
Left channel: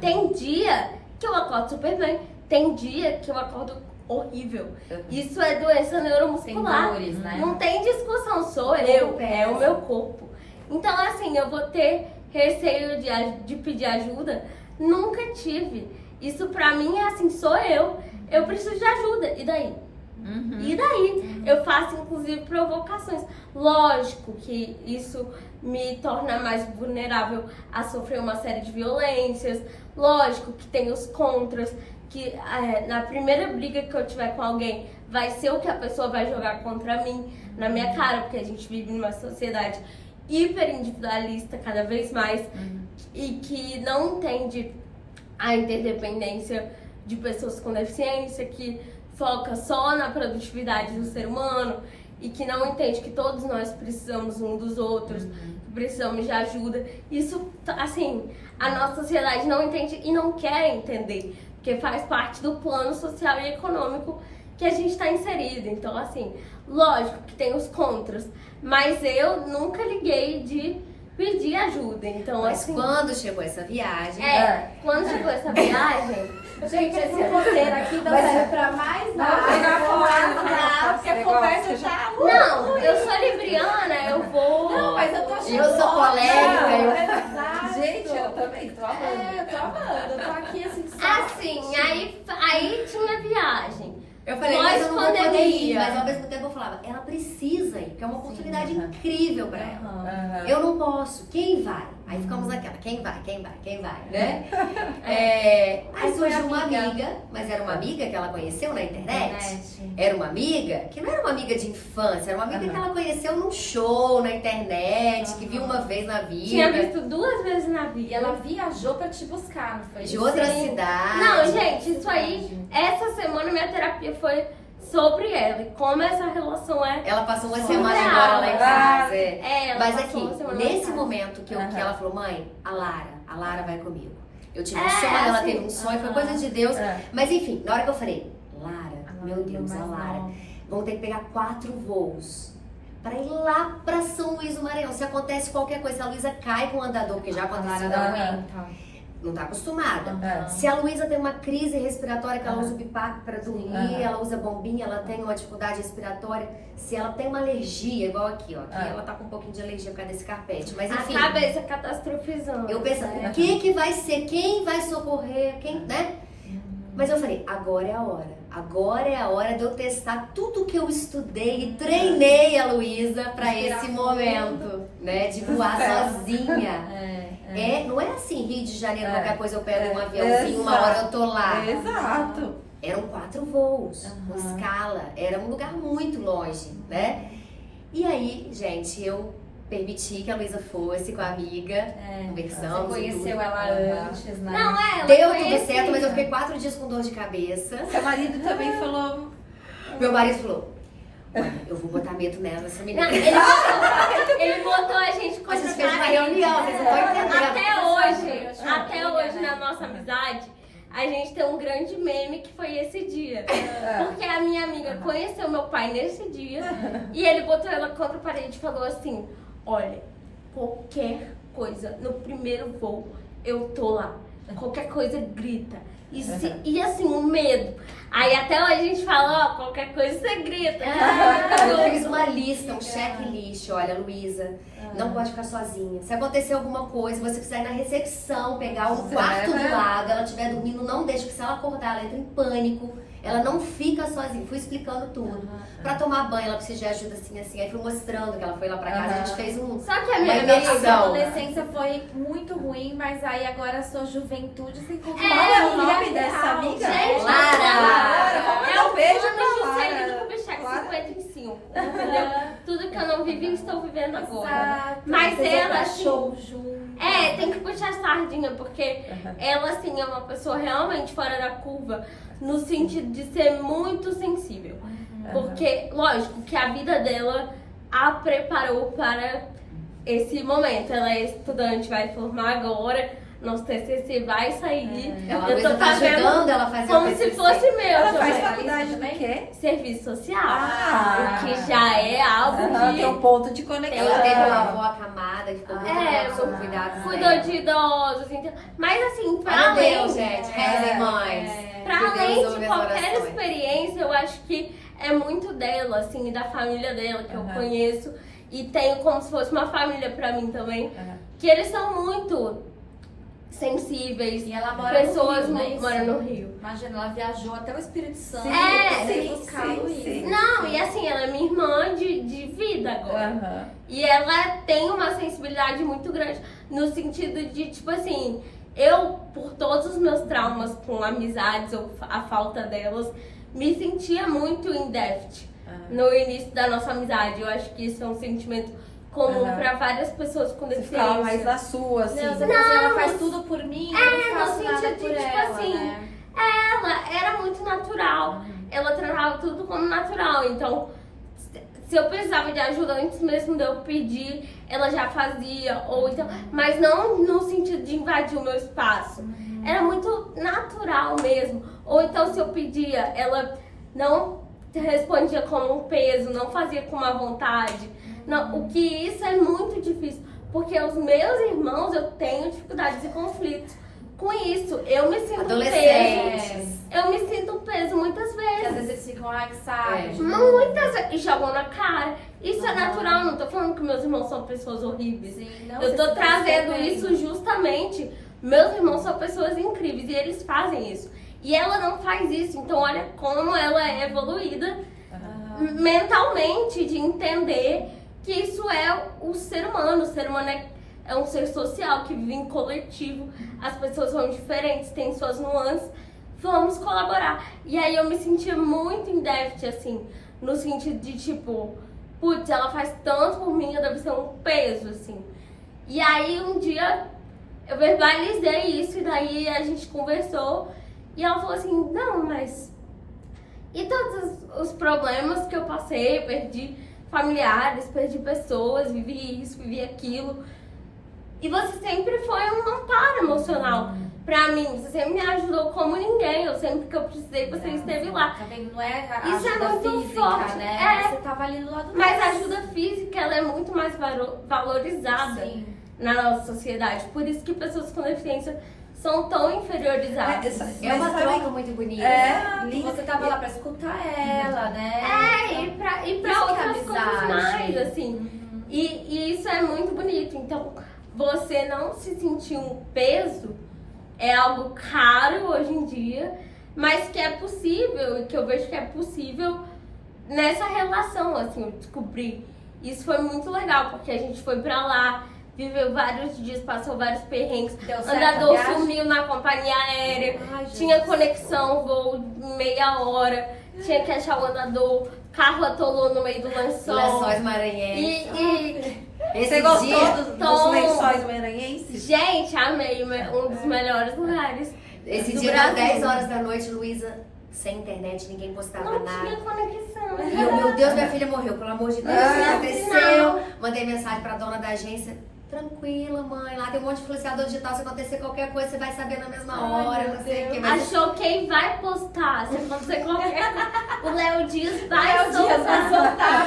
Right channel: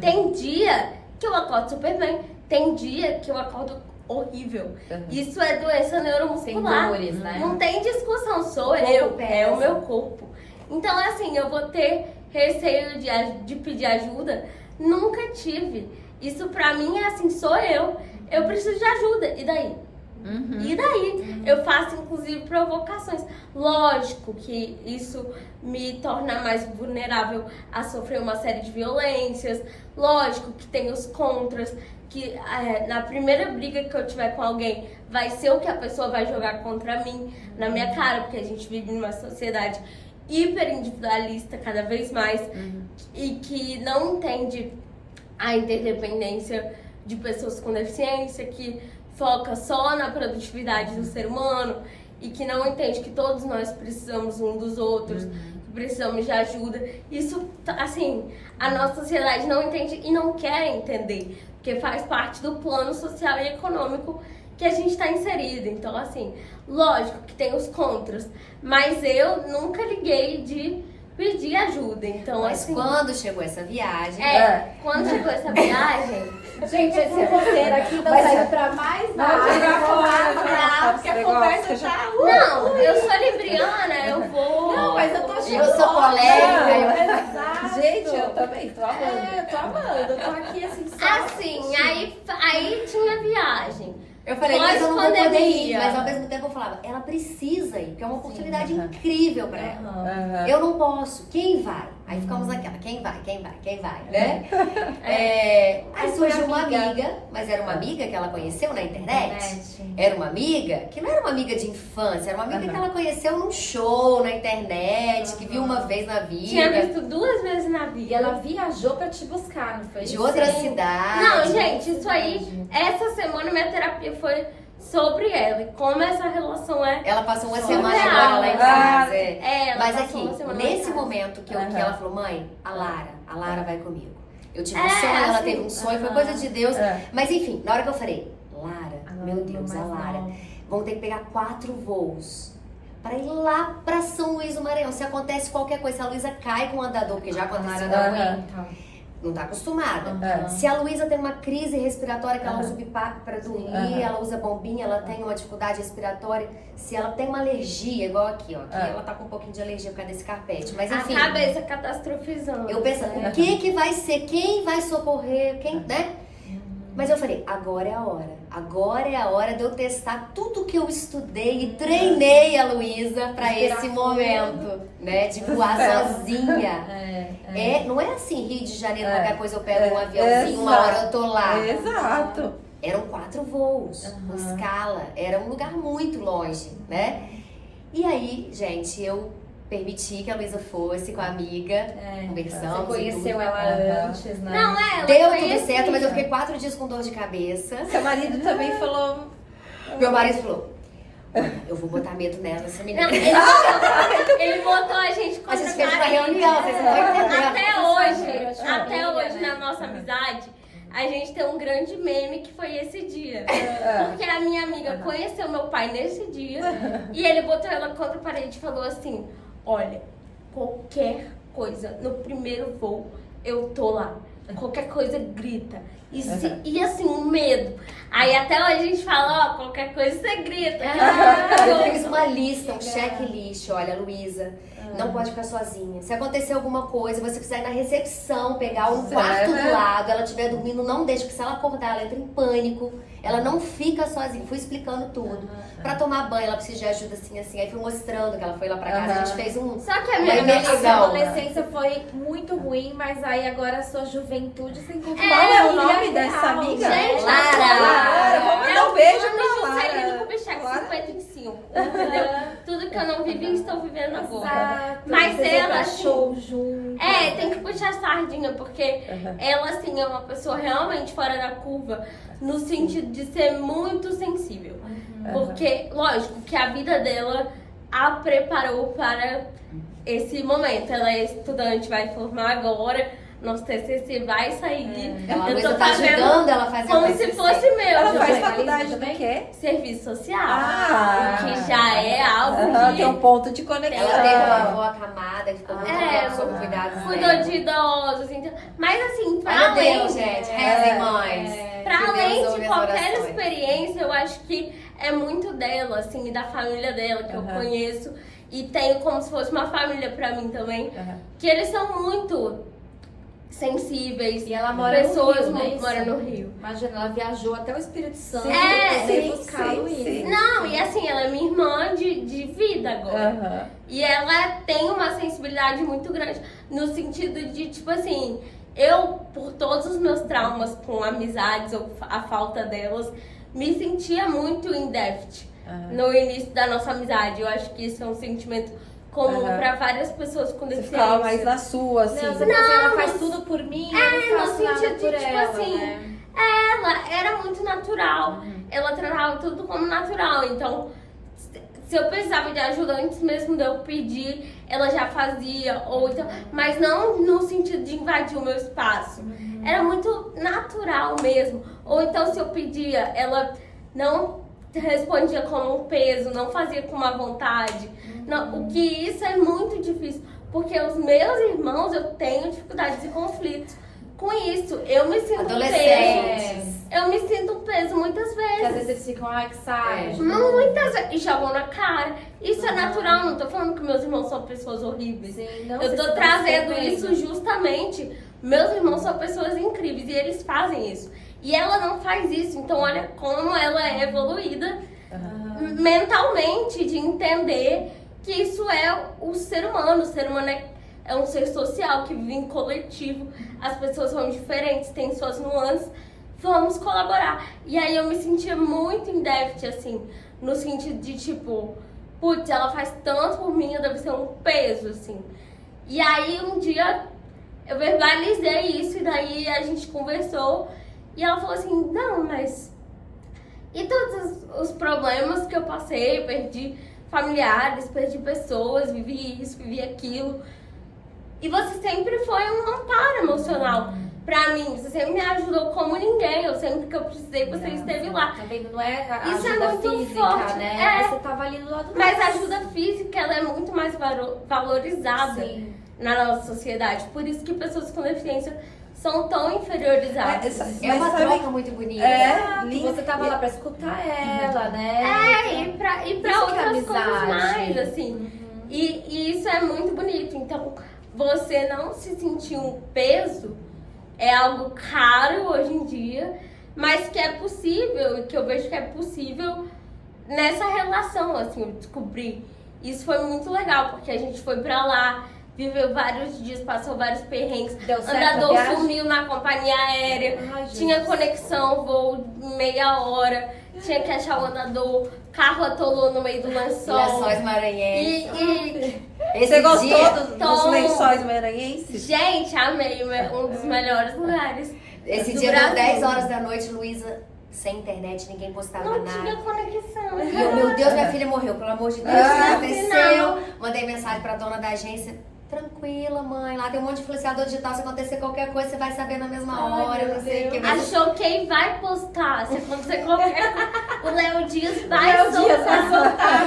Tem dia que eu acordo super bem. Tem dia que eu acordo horrível. Isso é doença neuromuscular. Sem dores, né? Não tem discussão, sou eu, é o meu corpo. Então, assim, eu vou ter receio de pedir ajuda? Nunca tive. Isso pra mim é assim, sou eu. Eu preciso de ajuda. E daí? E daí, eu faço inclusive provocações. Lógico que isso me torna mais vulnerável a sofrer uma série de violências. Lógico que tem os contras, que na primeira briga que eu tiver com alguém, vai ser o que a pessoa vai jogar contra mim, na minha cara, porque a gente vive numa sociedade hiper individualista cada vez mais e que não entende a interdependência de pessoas com deficiência, que foca só na produtividade do ser humano e que não entende que todos nós precisamos um dos outros, que precisamos de ajuda. Isso, assim, a nossa sociedade não entende e não quer entender, porque faz parte do plano social e econômico que a gente está inserido. Então, assim, lógico que tem os contras, mas eu nunca liguei de pedir ajuda. Então, Mas assim, quando chegou essa viagem... quando chegou essa viagem... Gente, esse roteiro aqui não serve pra mais nada. Porque a conversa tá... Não, eu sou libriana, eu vou... Não, mas eu tô achando... Eu sou polêmica, Exato. Gente, eu também tô amando. Eu tô amando, eu tô aqui assim... Assim, aí tinha a viagem. Eu falei, mas eu não vou poder ir. Pós-pandemia. Mas ao mesmo tempo eu falava, ela precisa ir, porque é uma oportunidade incrível pra ela. Aham. Eu não posso. Quem vai? Aí ficamos naquela, quem vai, né? Aí surgiu uma amiga, mas era uma amiga que ela conheceu na internet. Era uma amiga que não era uma amiga de infância, era uma amiga que ela conheceu num show na internet, que viu uma vez na vida. Tinha visto 2 vezes na E vida. ela viajou pra te buscar, não foi? De outra Sim. cidade. Não, gente, isso aí, essa semana minha terapia foi sobre ela e como essa relação é. Ela passou uma Surreal, semana agora lá em né? casa. Ela Mas passou uma aqui, semana nesse em casa. momento que ela falou, mãe, a Lara vai comigo. Eu tive um É, sonho, ela assim, teve um sonho, foi coisa de Deus. É. Mas enfim, na hora que eu falei, Lara, meu Deus, a Lara, vamos ter que pegar 4 voos pra ir lá pra São Luís do Maranhão. Se acontece qualquer coisa, se a Luísa cai com o andador, porque já aconteceu, não tá acostumada. É. Se a Luísa tem uma crise respiratória, que ela usa o bipac pra dormir, ela usa bombinha, ela tem uma dificuldade respiratória. Se ela tem uma alergia, igual aqui, ó. Aqui ela tá com um pouquinho de alergia por causa desse carpete. Mas enfim, A cabeça catastrofizando. eu penso, o que vai ser? Quem vai socorrer? Quem, né? Mas eu falei, agora é a hora. Agora é a hora de eu testar tudo que eu estudei e treinei a Luísa pra esse momento, né? De voar sozinha. Não é assim, Rio de Janeiro, qualquer coisa eu pego um aviãozinho, uma hora eu tô lá. Exato. Eram 4 voos, com escala. Era um lugar muito longe, né? E aí, gente, eu permiti que a Luísa fosse com a amiga, conversamos. Você e tudo. conheceu ela antes, né? Não, ela Deu conhecia. tudo certo, mas eu fiquei 4 dias com dor de cabeça. Seu marido também falou. Meu marido falou, olha, eu vou botar medo nela, essa menina. Não, ele botou a gente A contra gente a fez uma parede. reunião, vocês não estão entendendo. Até hoje, na nossa amizade, a gente tem um grande meme que foi esse dia. Porque a minha amiga conheceu meu pai nesse dia e ele botou ela contra a parede e falou assim, olha, qualquer coisa, no primeiro voo, eu tô lá. Qualquer coisa grita. E assim, o medo. Aí até hoje a gente fala, ó, qualquer coisa você grita. Eu fiz uma lista, um checklist. Olha, Luísa, não pode ficar sozinha. Se acontecer alguma coisa, você precisa ir na recepção, pegar um quarto do lado, ela estiver dormindo, não deixa, porque se ela acordar, ela entra em pânico. Ela não fica sozinha. Fui explicando tudo. Pra tomar banho, ela precisa de ajuda assim, assim. Aí fui mostrando que ela foi lá pra casa, a gente fez um... Só que a Uma minha imersão. A adolescência foi muito ruim, mas aí agora a sua juventude se encontrou. Qual é o nome dessa amiga? Gente, Lara. é o beijo plano pra Lara. Juscelino Kubitschek 55, entendeu? Tudo que eu não vivi, estou vivendo agora. Exato. Mas Fazer ela, assim, show junto. tem que puxar a sardinha, porque ela, assim, é uma pessoa realmente fora da curva, no sentido de ser muito sensível. Porque, lógico, que a vida dela a preparou para esse momento. Ela é estudante, vai formar agora, nosso TCC vai sair. Ela Eu tô tá fazendo ajudando ela a fazer como o se TCC. fosse meu Ela faz também. faculdade do quê? Serviço social. Ah. O que já é algo Tem um que ponto de conexão. Ela teve uma avó acamada, que ficou muito tempo sob cuidados cuidou dela. de idosos. Então, mas assim, pra Olha além, Deus, gente. Rezem, mães. pra Que Deus além ouve de as qualquer orações. experiência, eu acho que é muito dela, assim, e da família dela, que eu conheço. E tenho como se fosse uma família pra mim também. Que eles são muito sensíveis, E ela mora pessoas no Rio, não é isso? moram no Rio. Imagina, ela viajou até o Espírito Santo É, pra você sim, buscar sim, a Luísa. sim. Não, e assim, ela é minha irmã de vida agora. Aham. E ela tem uma sensibilidade muito grande, no sentido de, tipo assim, eu, por todos os meus traumas com amizades ou a falta delas, me sentia muito in déficit no início da nossa amizade. Eu acho que isso é um sentimento comum Aham. pra várias pessoas com Você ficava mais deficiência. na sua, assim. Não, você fala assim, ela faz tudo por mim, eu no não faço nada sentido de, por tipo ela, assim, né? Ela era muito natural. Ela tratava tudo como natural. Então, se eu precisava de ajuda antes mesmo de eu pedir, ela já fazia. Ou então, mas não no sentido de invadir o meu espaço. Era muito natural mesmo. Ou então, se eu pedia, ela não respondia como um peso, não fazia com má vontade. Não, o que isso é muito difícil. Porque os meus irmãos, eu tenho dificuldades e conflitos com isso. Eu me sinto um peso. Adolescentes. Eu me sinto um peso muitas Que às vezes. vezes eles ficam, ai, que saco. É. Muitas vezes. E jogam na cara. Isso é natural. Não tô falando que meus irmãos são pessoas horríveis. Sim, não, Eu tô você trazendo tá isso percebendo. justamente. Meus irmãos são pessoas incríveis e eles fazem isso. E ela não faz isso. Então, olha como ela é evoluída mentalmente, de entender que isso é o ser humano. O ser humano é um ser social que vive em coletivo. As pessoas são diferentes, têm suas nuances. Vamos colaborar. E aí eu me sentia muito em déficit, assim, no sentido de tipo, putz, ela faz tanto por mim, eu devo ser um peso, assim. E aí um dia eu verbalizei isso e daí a gente conversou e ela falou assim, não, mas e todos os problemas que eu passei, perdi familiares, perdi pessoas, vivi isso, vivi aquilo. E você sempre foi um amparo emocional pra mim. Você sempre me ajudou como ninguém. Eu sempre que eu precisei, você esteve lá. Tá vendo? Não é a Isso é ajuda muito física, forte, né? é. Você tava ali do lado Mas a delas. ajuda física, ela é muito mais valorizada Sim. na nossa sociedade. Por isso que pessoas com deficiência são tão inferiorizadas. É uma troca muito bonita. E você tava lá pra escutar ela, né? E pra Isso que é outras amizade. coisas mais, assim. E isso é muito bonito. Então, você não se sentir um peso é algo caro hoje em dia, mas que é possível, e que eu vejo que é possível nessa relação, assim, eu descobri. Isso foi muito legal, porque a gente foi pra lá, viveu vários dias, passou vários perrengues. Deu certo Andador a viagem? sumiu na companhia aérea, Ai, Jesus. tinha conexão, voo meia hora, tinha que achar o andador, carro atolou no meio do lençol. Lençóis maranhenses. E Esse Você gostou dia, dos Tom. lençóis maranhenses? gente, amei, um dos melhores lugares esse do dia Brasil. das 10 horas da noite, Luísa, sem internet, ninguém postava Não nada. tinha conexão. Meu Deus, minha filha morreu, pelo amor de Deus, o que aconteceu? Mandei mensagem pra dona da agência. Tranquila, mãe. Lá tem um monte de influenciador digital. Se acontecer qualquer coisa, você vai saber na mesma hora. Não sei o que. Mas Achou quem vai postar, se acontecer qualquer coisa, o Léo Dias vai soltar.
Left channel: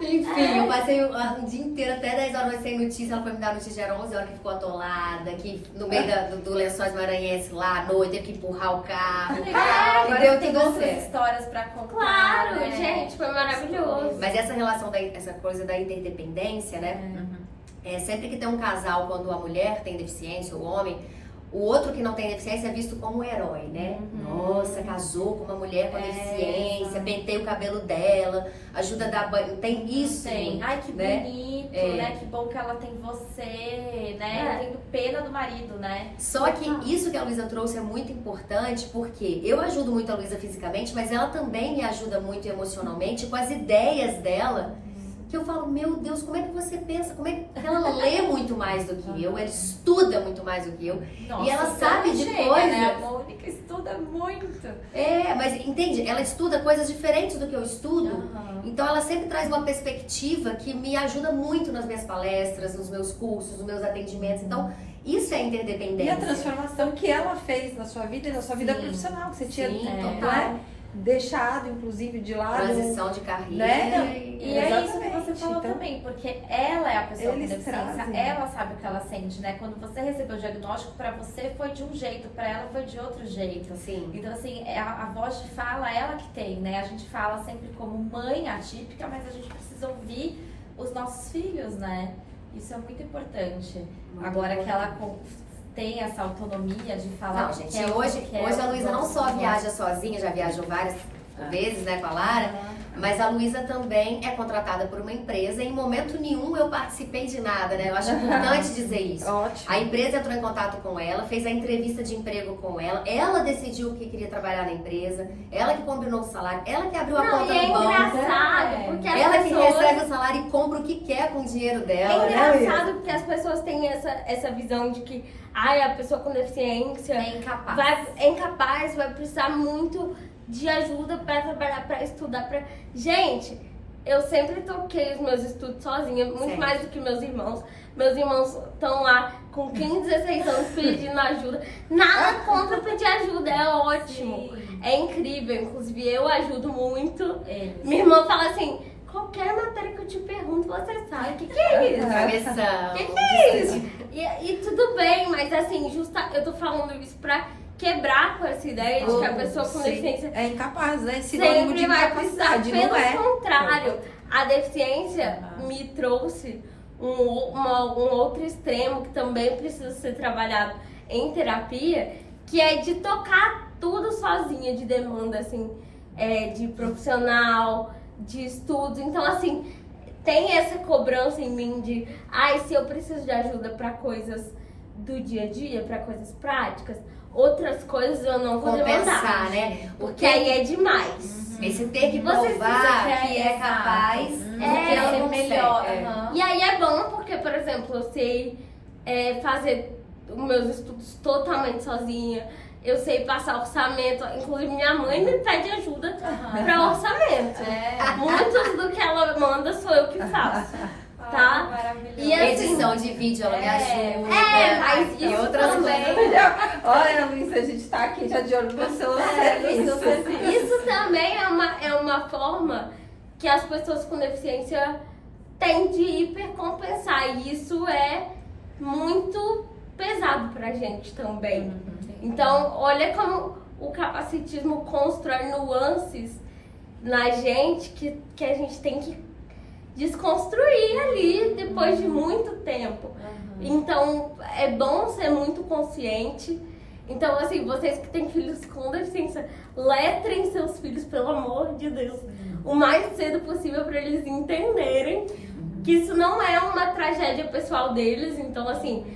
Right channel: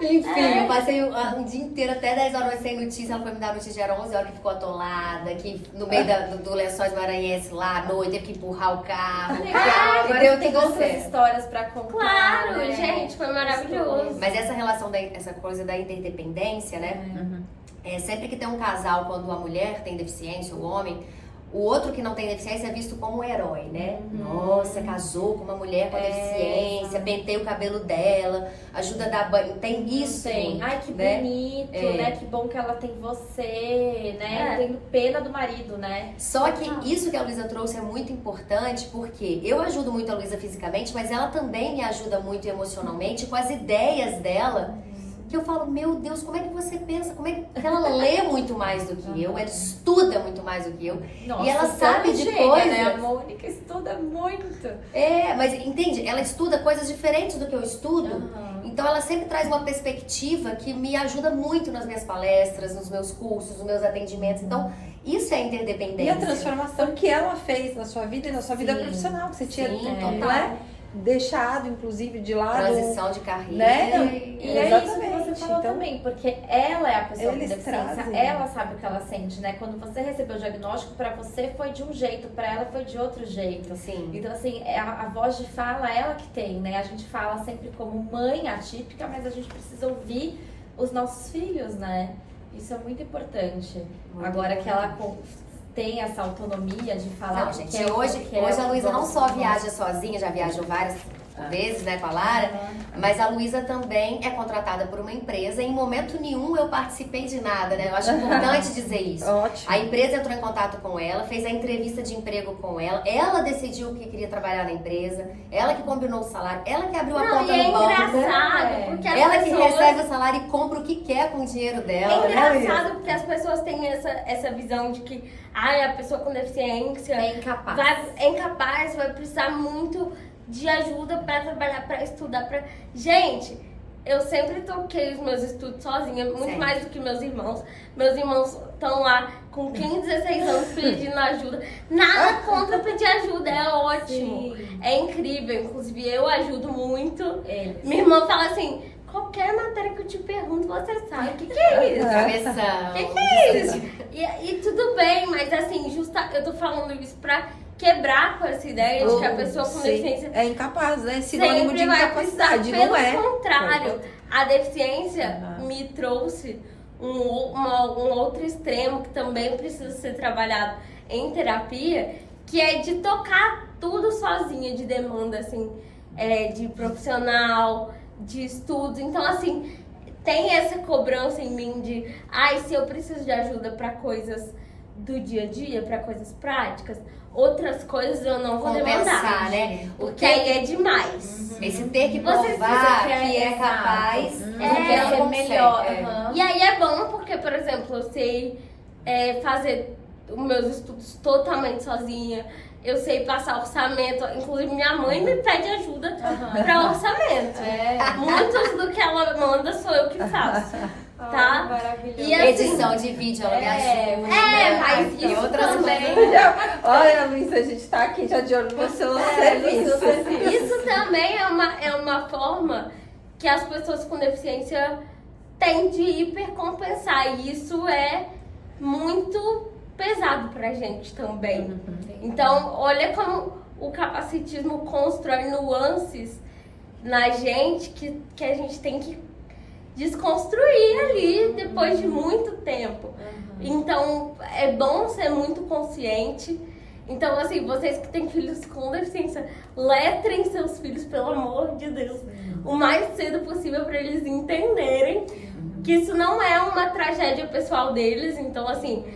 enfim, eu passei um dia inteiro, até 10 horas sem notícia. Ela foi me dar notícia, era 11 horas que ficou atolada. Que no meio do Lençóis Maranhenses lá à noite, teve que empurrar o carro. Agora E deu tem tudo outras certo. histórias pra contar. Claro, né? gente, foi maravilhoso. Mas essa relação, essa coisa da interdependência, né? Sempre que tem um casal, quando a mulher tem deficiência, o homem, o outro que não tem deficiência é visto como um herói, né? Nossa, casou com uma mulher com deficiência, penteia o cabelo dela, ajuda a dar banho. Tem isso. Tem. Ai, que né? bonito, né? Que bom que ela tem você, né? Eu tenho pena do marido, né? Só que isso que a Luísa trouxe é muito importante, porque eu ajudo muito a Luísa fisicamente, mas ela também me ajuda muito emocionalmente com as ideias dela. Que eu falo, meu Deus, como é que você pensa? Como é que ela lê muito mais do que eu? Ela estuda muito mais do que eu. Nossa, E ela você sabe é de gênia, coisas. né? A Mônica estuda muito. Mas entende? Ela estuda coisas diferentes do que eu estudo. Então ela sempre traz uma perspectiva que me ajuda muito nas minhas palestras, nos meus cursos, nos meus atendimentos. Então, isso é E a interdependência. transformação que ela fez na sua vida e na sua vida Sim. profissional, que você tinha total. deixado, inclusive, de lado. Transição de carreira. Né? E é isso que Exatamente. você falou Então, também, porque ela é a pessoa com eles deficiência, trazem. ela sabe o que ela sente, né? Quando você recebeu o diagnóstico, pra você foi de um jeito, pra ela foi de outro jeito. Sim. Então, assim, a voz de fala, ela que tem, né? A gente fala sempre como mãe atípica, mas a gente precisa ouvir os nossos filhos, né? Isso é muito importante. Muito Agora que ela importante. tem essa autonomia de falar? Não, o que gente, quer, o que hoje quer, a o Luísa que não só gosta. viaja sozinha, já viajou várias vezes, né, com a Lara, mas a Luísa também é contratada por uma empresa e em momento nenhum eu participei de nada, né? Eu acho importante dizer isso. Ótimo. A empresa entrou em contato com ela, fez a entrevista de emprego com ela decidiu que queria trabalhar na empresa, ela que combinou o salário, ela que abriu a Não, conta e é no banco, engraçado, porque as ela que pessoas... recebe o salário e compra o que quer com o dinheiro dela. É né, engraçado Luísa? porque as pessoas têm essa visão de que a pessoa com deficiência É incapaz. é incapaz, vai precisar muito de ajuda para trabalhar, para estudar. Gente, eu sempre toquei os meus estudos sozinha, muito Certo. mais do que meus irmãos. Meus irmãos estão lá com 15, 16 anos pedindo ajuda. Nada contra pedir ajuda, é ótimo. Sim. É incrível, inclusive eu ajudo muito. Eles. Minha irmã fala assim, qualquer matéria que eu te pergunto, você sabe. O que é isso? Começamos. Que é isso? E tudo bem, mas assim, eu tô falando isso pra quebrar com essa ideia de que a pessoa com Sim. deficiência É incapaz, né? Sinônimo de sempre vai precisar. incapacidade, Pelo não é? contrário, a deficiência me trouxe um outro extremo que também precisa ser trabalhado em terapia, que é de tocar tudo sozinha, de demanda, assim, de profissional, de estudos. Então, assim, tem essa cobrança em mim de, se eu preciso de ajuda para coisas do dia a dia, para coisas práticas, outras coisas eu não vou Compensar, demandar, né? porque aí é demais. Esse ter que Vocês provar precisam que é capaz, porque ela ser consegue. melhor. É. aham. E aí é bom porque, por exemplo, eu sei fazer os meus estudos totalmente sozinha. Eu sei passar orçamento. Inclusive, minha mãe me pede ajuda para orçamento. Muitos do que ela manda sou eu que faço. Tá? Maravilhoso. E assim, Edição de vídeo, ela me ajuda. mas e isso outras também. coisas. Olha, Luísa, a gente tá aqui já de olho no seu serviço. Isso também é uma forma que as pessoas com deficiência têm de hipercompensar. E isso é muito pesado pra gente também. Então, olha como o capacitismo constrói nuances na gente que a gente tem que desconstruir ali depois de muito tempo. Então, é bom ser muito consciente. Então, assim, vocês que têm filhos com deficiência, letrem seus filhos, pelo amor de Deus, o mais cedo possível para eles entenderem que isso não é uma tragédia pessoal deles. Então, assim,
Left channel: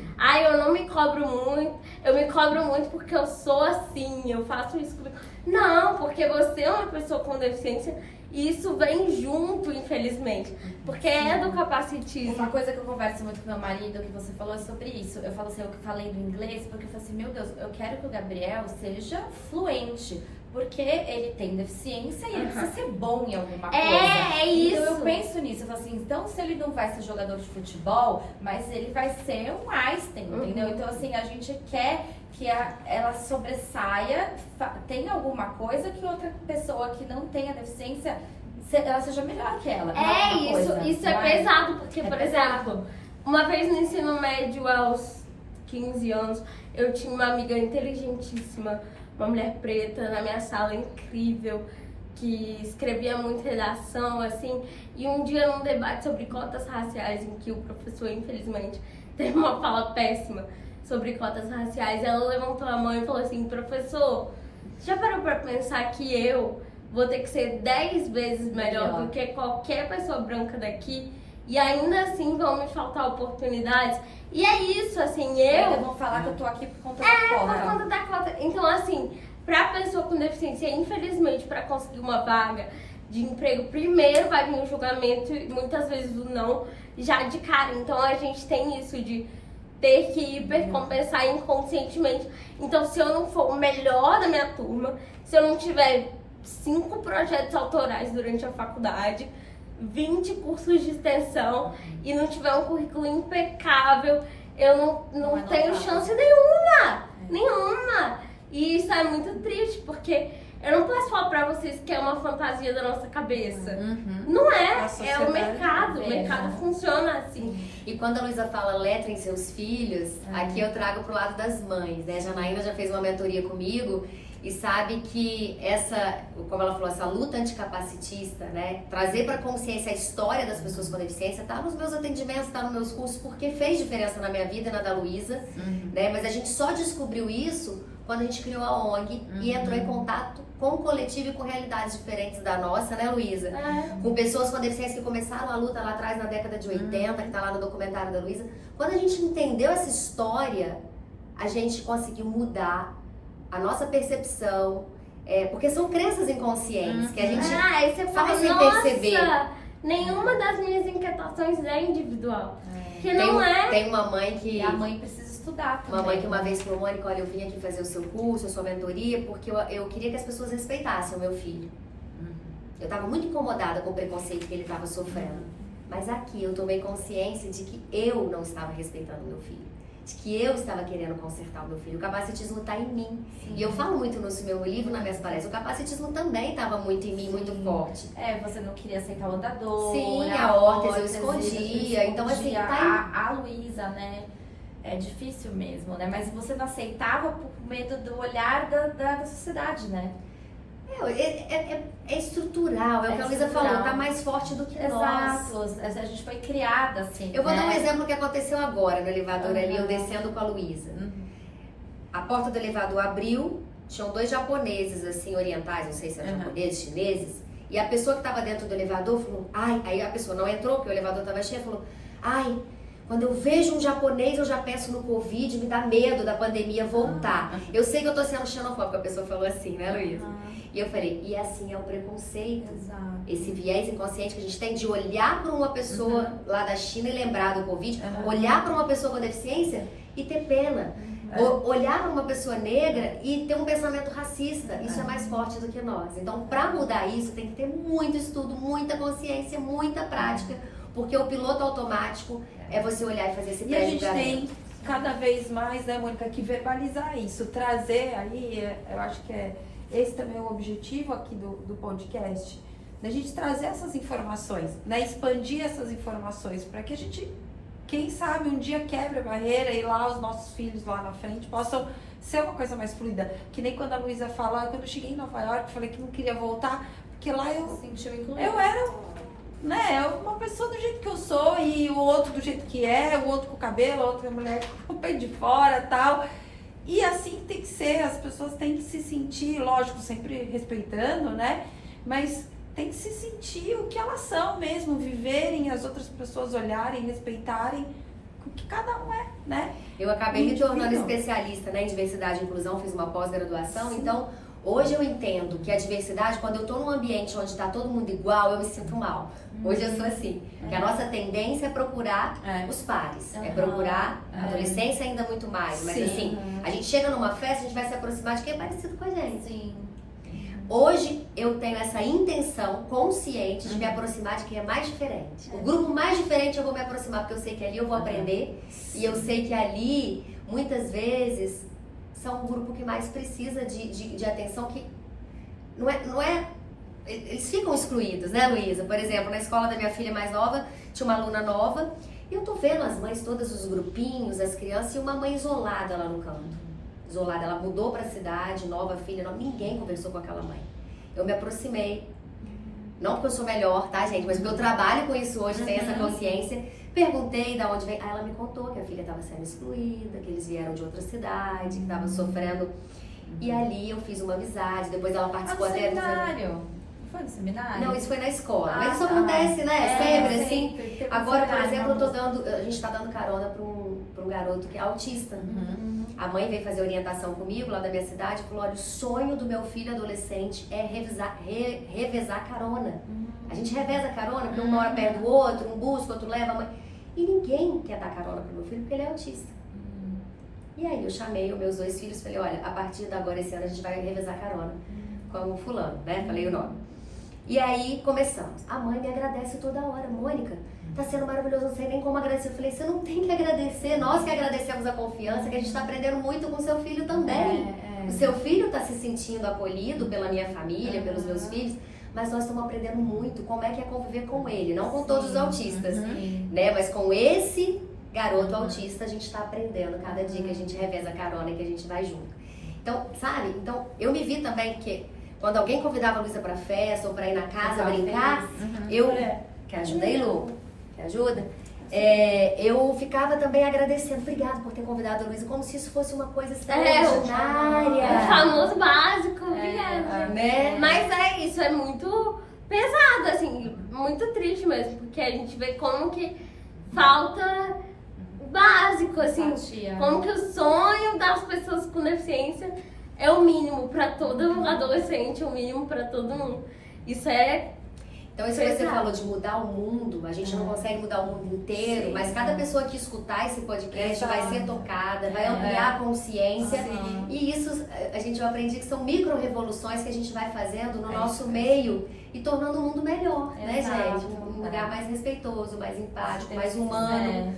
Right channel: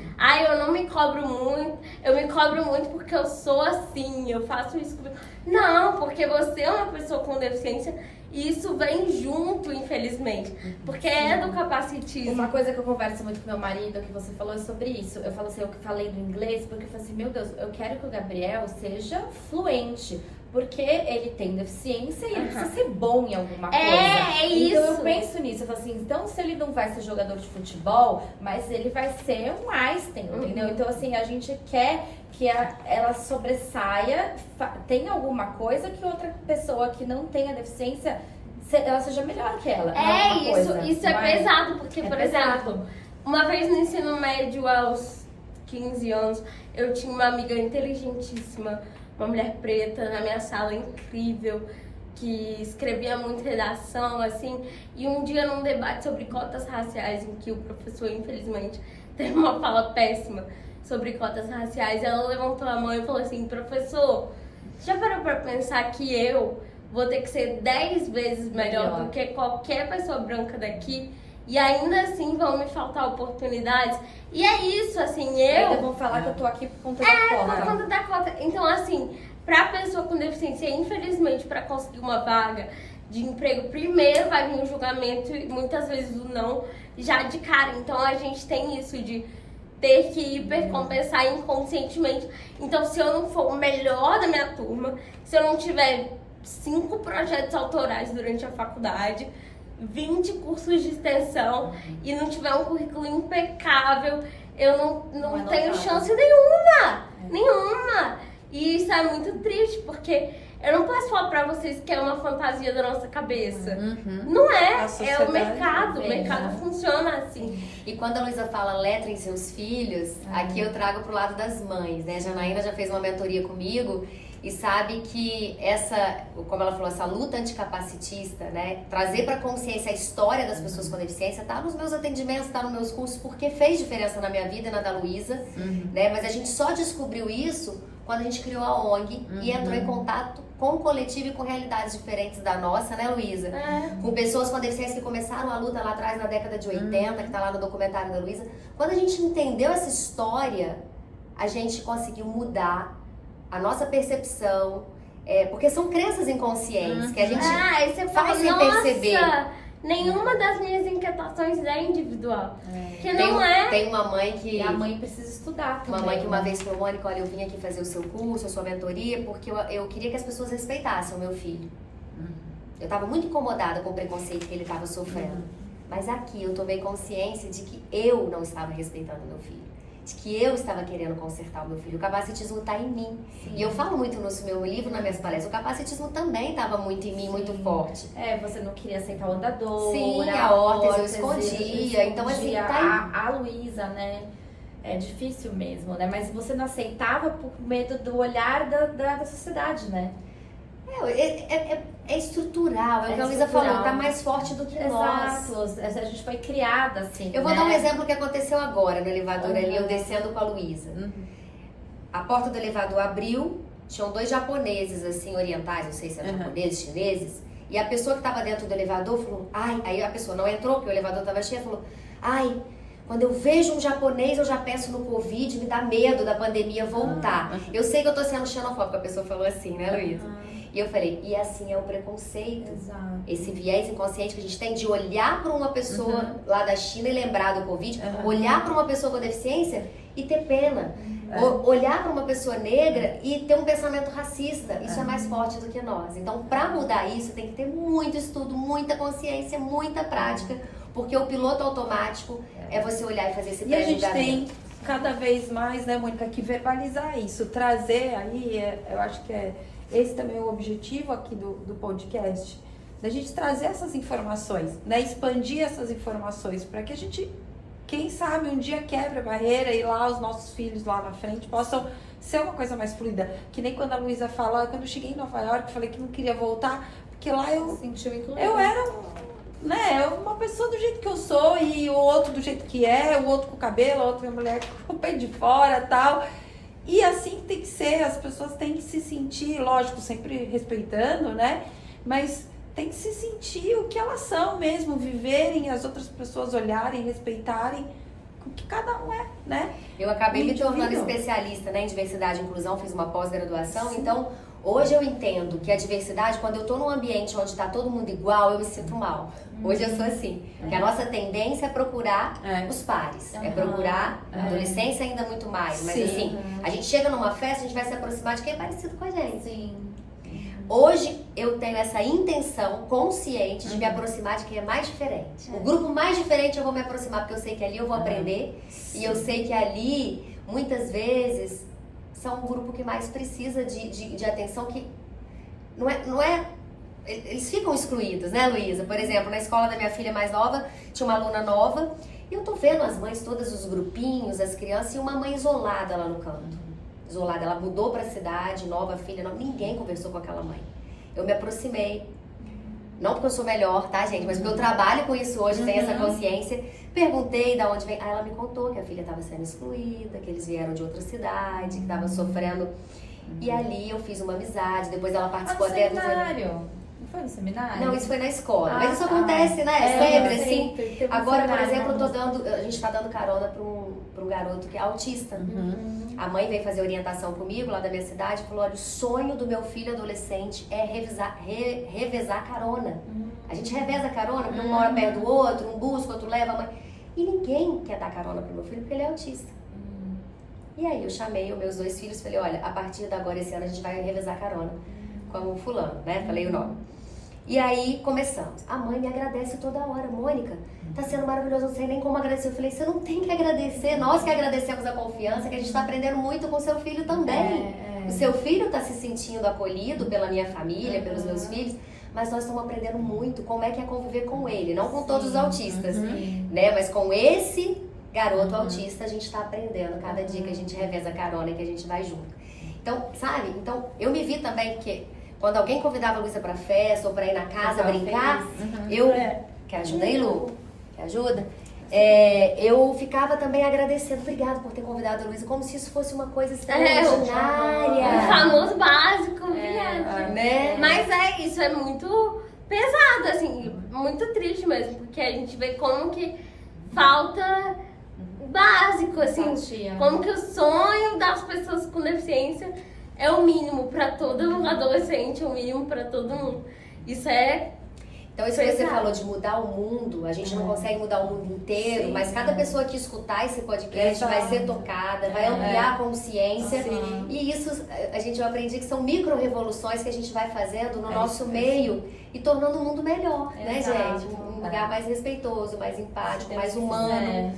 eu não me cobro muito, eu me cobro muito porque eu sou assim, eu faço isso comigo. Não, porque você é uma pessoa com deficiência e isso vem junto, infelizmente, porque é do capacitismo. Uma coisa que eu converso muito com meu marido, que você falou, é sobre isso. Eu falo assim, eu falei do inglês, porque eu falei assim, meu Deus, eu quero que o Gabriel seja fluente. Porque ele tem deficiência e ele precisa ser bom em alguma coisa. É isso. Então eu penso nisso, eu falo assim, então se ele não vai ser jogador de futebol, mas ele vai ser o Einstein, entendeu? Então assim, a gente quer que ela sobressaia, tenha alguma coisa que outra pessoa que não tenha deficiência, ela seja melhor que ela. Isso é pesado, porque, por exemplo, uma vez no ensino médio, aos 15 anos, eu tinha uma amiga inteligentíssima, uma mulher preta na minha sala, incrível, que escrevia muito redação, assim, e um dia num debate sobre cotas raciais, em que o professor, infelizmente, teve uma fala péssima sobre cotas raciais, ela levantou a mão e falou assim, professor, já parou pra pensar que eu vou ter que ser 10 vezes melhor do que qualquer pessoa branca daqui e ainda assim vão me faltar oportunidades? E é isso, assim, Eu vou falar que eu tô aqui por conta da cota. por conta da cota. Então, assim, pra pessoa com deficiência, infelizmente, pra conseguir uma vaga de emprego, primeiro vai vir o julgamento e muitas vezes o não já de cara. Então, a gente tem isso de ter que hipercompensar inconscientemente. Então, se eu não for o melhor da minha turma, se eu não tiver 5 projetos autorais durante a faculdade, 20 cursos de extensão e não tiver um currículo impecável, eu não tenho chance nenhuma. E isso é muito triste, porque eu não posso falar pra vocês que é uma fantasia da nossa cabeça. Não é, é o mercado funciona assim. E quando a Luísa fala letrem seus filhos, aqui eu trago pro lado das mães, né? A Janaína já fez uma mentoria comigo e sabe que essa, como ela falou, essa luta anticapacitista, né, trazer para consciência a história das pessoas com deficiência, tá nos meus atendimentos, tá nos meus cursos, porque fez diferença na minha vida e na da Luísa, né, mas a gente só descobriu isso quando a gente criou a ONG e entrou em contato com o coletivo e com realidades diferentes da nossa, né, Luísa? Com pessoas com deficiência que começaram a luta lá atrás na década de 80, que tá lá no documentário da Luísa. Quando a gente entendeu essa história, a gente conseguiu mudar a nossa percepção, porque são crenças inconscientes que a gente Aí você fala, faz sem nossa, perceber. nenhuma das minhas inquietações é individual. Que não é. Tem uma mãe que... E a mãe precisa estudar também. Uma mãe que uma vez falou, Mônica, olha, eu vim aqui fazer o seu curso, a sua mentoria, porque eu queria que as pessoas respeitassem o meu filho. Eu estava muito incomodada com o preconceito que ele estava sofrendo. Mas aqui eu tomei consciência de que eu não estava respeitando o meu filho. De que eu estava querendo consertar o meu filho. O capacitismo está em mim. E eu falo muito no meu livro, nas minhas palestras, o capacitismo também estava muito em mim, muito forte. Você não queria aceitar o andador. Sim, a órtese eu escondia. Então, assim, tá em... A Luísa, né? É difícil mesmo, né? Mas você não aceitava por medo do olhar da sociedade, né? É estrutural, é o que a Luísa falou, tá mais forte do que nós. Exato, a gente foi criada assim. Eu vou né? dar um exemplo que aconteceu agora no elevador ali, eu descendo com a Luísa. A porta do elevador abriu, tinham 2 japoneses assim, orientais, não sei se eram japoneses, chineses, e a pessoa que tava dentro do elevador falou, ai, aí a pessoa não entrou, porque o elevador tava cheio, falou, ai, quando eu vejo um japonês, eu já penso no Covid, me dá medo da pandemia voltar. Eu sei que eu tô sendo xenofóbica, a pessoa falou assim, né, Luísa? E eu falei, e assim é o preconceito. Exato. Esse viés inconsciente que a gente tem de olhar para uma pessoa lá da China e lembrar do Covid, olhar para uma pessoa com deficiência e ter pena. Olhar para uma pessoa negra e ter um pensamento racista. Isso é mais forte do que nós. Então, para mudar isso, tem que ter muito estudo, muita consciência, muita prática, porque o piloto automático é você olhar e fazer esse pré-julgamento. E a gente tem cada vez mais, né, Mônica, que verbalizar isso, trazer aí, eu acho que esse também é o objetivo aqui do podcast, da gente trazer essas informações, né, expandir essas informações, para que a gente, quem sabe, um dia quebre a barreira e lá os nossos filhos lá na frente possam ser uma coisa mais fluida. Que nem quando a Luísa fala, quando eu cheguei em Nova York, eu falei que não queria voltar, porque lá eu era, né, uma pessoa do jeito que eu sou e o outro do jeito que é, o outro com o cabelo, a outra mulher com o pé de fora e tal. E assim tem que ser, as pessoas têm que se sentir, lógico, sempre respeitando, né? Mas tem que se sentir o que elas são mesmo, viverem, as outras pessoas olharem, respeitarem o que cada um é, né? Eu acabei me tornando especialista, né, em diversidade e inclusão, fiz uma pós-graduação, então hoje eu entendo que a diversidade, quando eu tô num ambiente onde tá todo mundo igual, eu me sinto mal. Hoje eu sou assim, que a nossa tendência é procurar os pares, é procurar, a adolescência ainda muito mais, mas assim, a gente chega numa festa, a gente vai se aproximar de quem é parecido com a gente. Sim. Hoje eu tenho essa intenção consciente de me aproximar de quem é mais diferente. O grupo mais diferente eu vou me aproximar, porque eu sei que ali eu vou aprender e eu sei que ali, muitas vezes, são um grupo que mais precisa de atenção, que não é eles ficam excluídos, né, Luísa? Por exemplo, na escola da minha filha mais nova, tinha uma aluna nova, e eu tô vendo as mães, todos os grupinhos, as crianças, e uma mãe isolada lá no canto. Isolada, ela mudou pra cidade, nova filha, ninguém conversou com aquela mãe. Eu me aproximei, não porque eu sou melhor, tá, gente? Mas porque eu trabalho com isso hoje, tenho essa consciência. Perguntei de onde vem. Aí ela me contou que a filha estava sendo excluída, que eles vieram de outra cidade, que estavam sofrendo. E ali eu fiz uma amizade, depois ela participou até do seminário. Foi no seminário? Não, isso foi na escola. Mas isso acontece, né? Sempre assim. Agora, por exemplo, a gente tá dando carona para um garoto que é autista. A mãe veio fazer orientação comigo lá da minha cidade e falou: olha, o sonho do meu filho adolescente é revezar carona. A gente reveza carona, porque um mora perto do outro, um busca, outro leva a mãe. E ninguém quer dar carona pro meu filho porque ele é autista. E aí eu chamei os meus 2 filhos e falei: olha, a partir de agora, esse ano, a gente vai revezar carona com o fulano, né? Falei o nome. E aí começamos. A mãe me agradece toda hora. Mônica, tá sendo maravilhoso, não sei nem como agradecer. Eu falei: você não tem que agradecer, nós que agradecemos a confiança, que a gente tá aprendendo muito com o seu filho também. O seu filho tá se sentindo acolhido pela minha família, pelos meus filhos, mas nós estamos aprendendo muito como é que é conviver com ele, não com todos os autistas, né? Mas com esse garoto autista a gente tá aprendendo cada dia que a gente reveza a carona e que a gente vai junto. Então, sabe? Então, eu me vi também, porque quando alguém convidava a Luísa pra festa ou pra ir na casa brincar, eu... Quer ajuda aí, Lu? Quer ajuda? Eu ficava também agradecendo. Obrigada por ter convidado a Luísa, como se isso fosse uma coisa extraordinária. O famoso básico, obrigada. Né? Mas isso é muito pesado, assim, muito triste mesmo, porque a gente vê como que falta o básico, assim, como que o sonho das pessoas com deficiência é o mínimo para todo adolescente, o mínimo para todo mundo. Isso é Então, isso que você falou de mudar o mundo, a gente não consegue mudar o mundo inteiro, mas cada pessoa que escutar esse podcast vai ser tocada, vai ampliar a consciência. E isso, a gente vai aprender que são micro-revoluções que a gente vai fazendo no nosso meio e tornando o mundo melhor, né, gente? Um lugar mais respeitoso, mais empático, mais humano.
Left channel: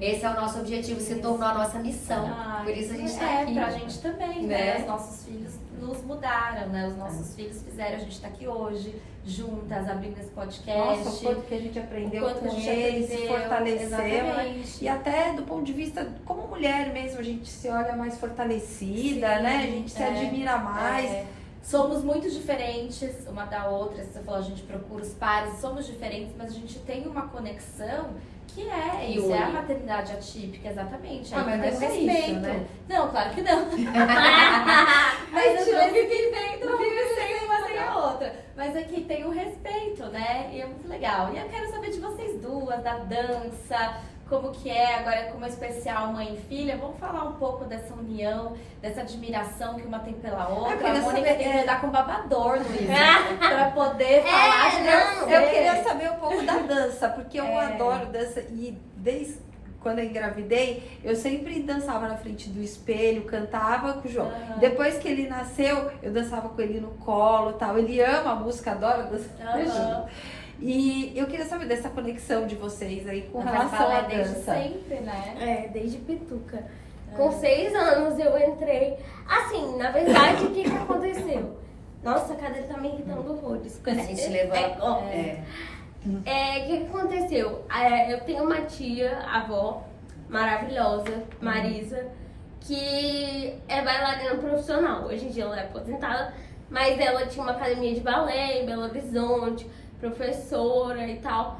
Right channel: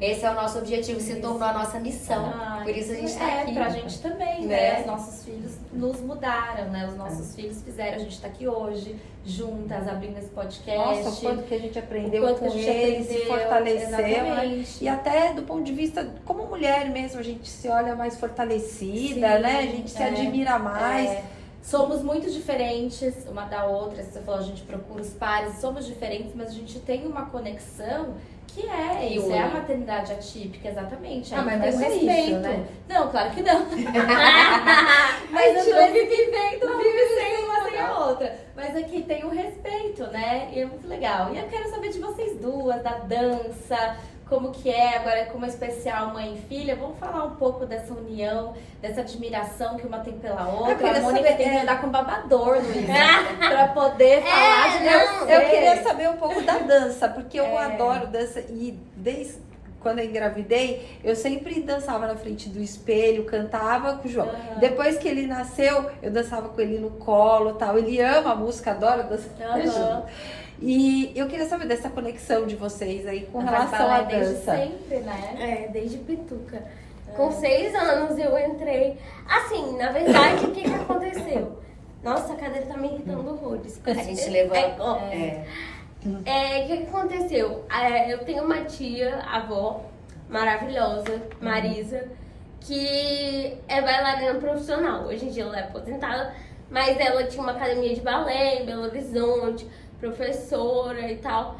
Esse é o nosso objetivo, se tornou a nossa missão. Por isso a gente está aqui. Pra gente também, né? Os nossos filhos nos mudaram, né? Os nossos filhos fizeram a gente tá aqui hoje, juntas, abrindo esse podcast. Nossa, o quanto que a gente aprendeu quanto com que a gente eles, se aprendeu, fortaleceu. exatamente. E até do ponto de vista, como mulher mesmo, a gente se olha mais fortalecida, né? A gente se admira mais. Somos muito diferentes uma da outra, se você falou, a gente procura os pares, somos diferentes, mas a gente tem uma conexão que isso, é a maternidade atípica, exatamente. Mas não é respeito. isso, né? Não, claro que não. Mas a gente vive vivendo, vive sem uma sem a outra. Mas aqui tem o respeito, né? E é muito legal. E eu quero saber de vocês duas, da dança, como que é agora como especial mãe e filha. Vamos falar um pouco dessa união, dessa admiração que uma tem pela outra. A Mônica tem que lidar com babador, Luísa, pra poder falar de você. Eu queria saber um pouco da dança, porque eu adoro dança e desde quando eu engravidei, eu sempre dançava na frente do espelho, cantava com o João. Depois que ele nasceu, eu dançava com ele no colo e tal. Ele ama a música, adora dançar junto. E eu queria saber dessa conexão de vocês aí com relação à dança. Desde sempre, né? Desde pituca. Com 6 anos eu entrei. Assim, na verdade, o que aconteceu? Nossa, a cadeira tá me irritando horrores. A gente levou... O que aconteceu? Eu tenho uma tia, avó, maravilhosa, Marisa, que é bailarina profissional. Hoje em dia ela é aposentada, mas ela tinha uma academia de balé em Belo Horizonte, professora e tal.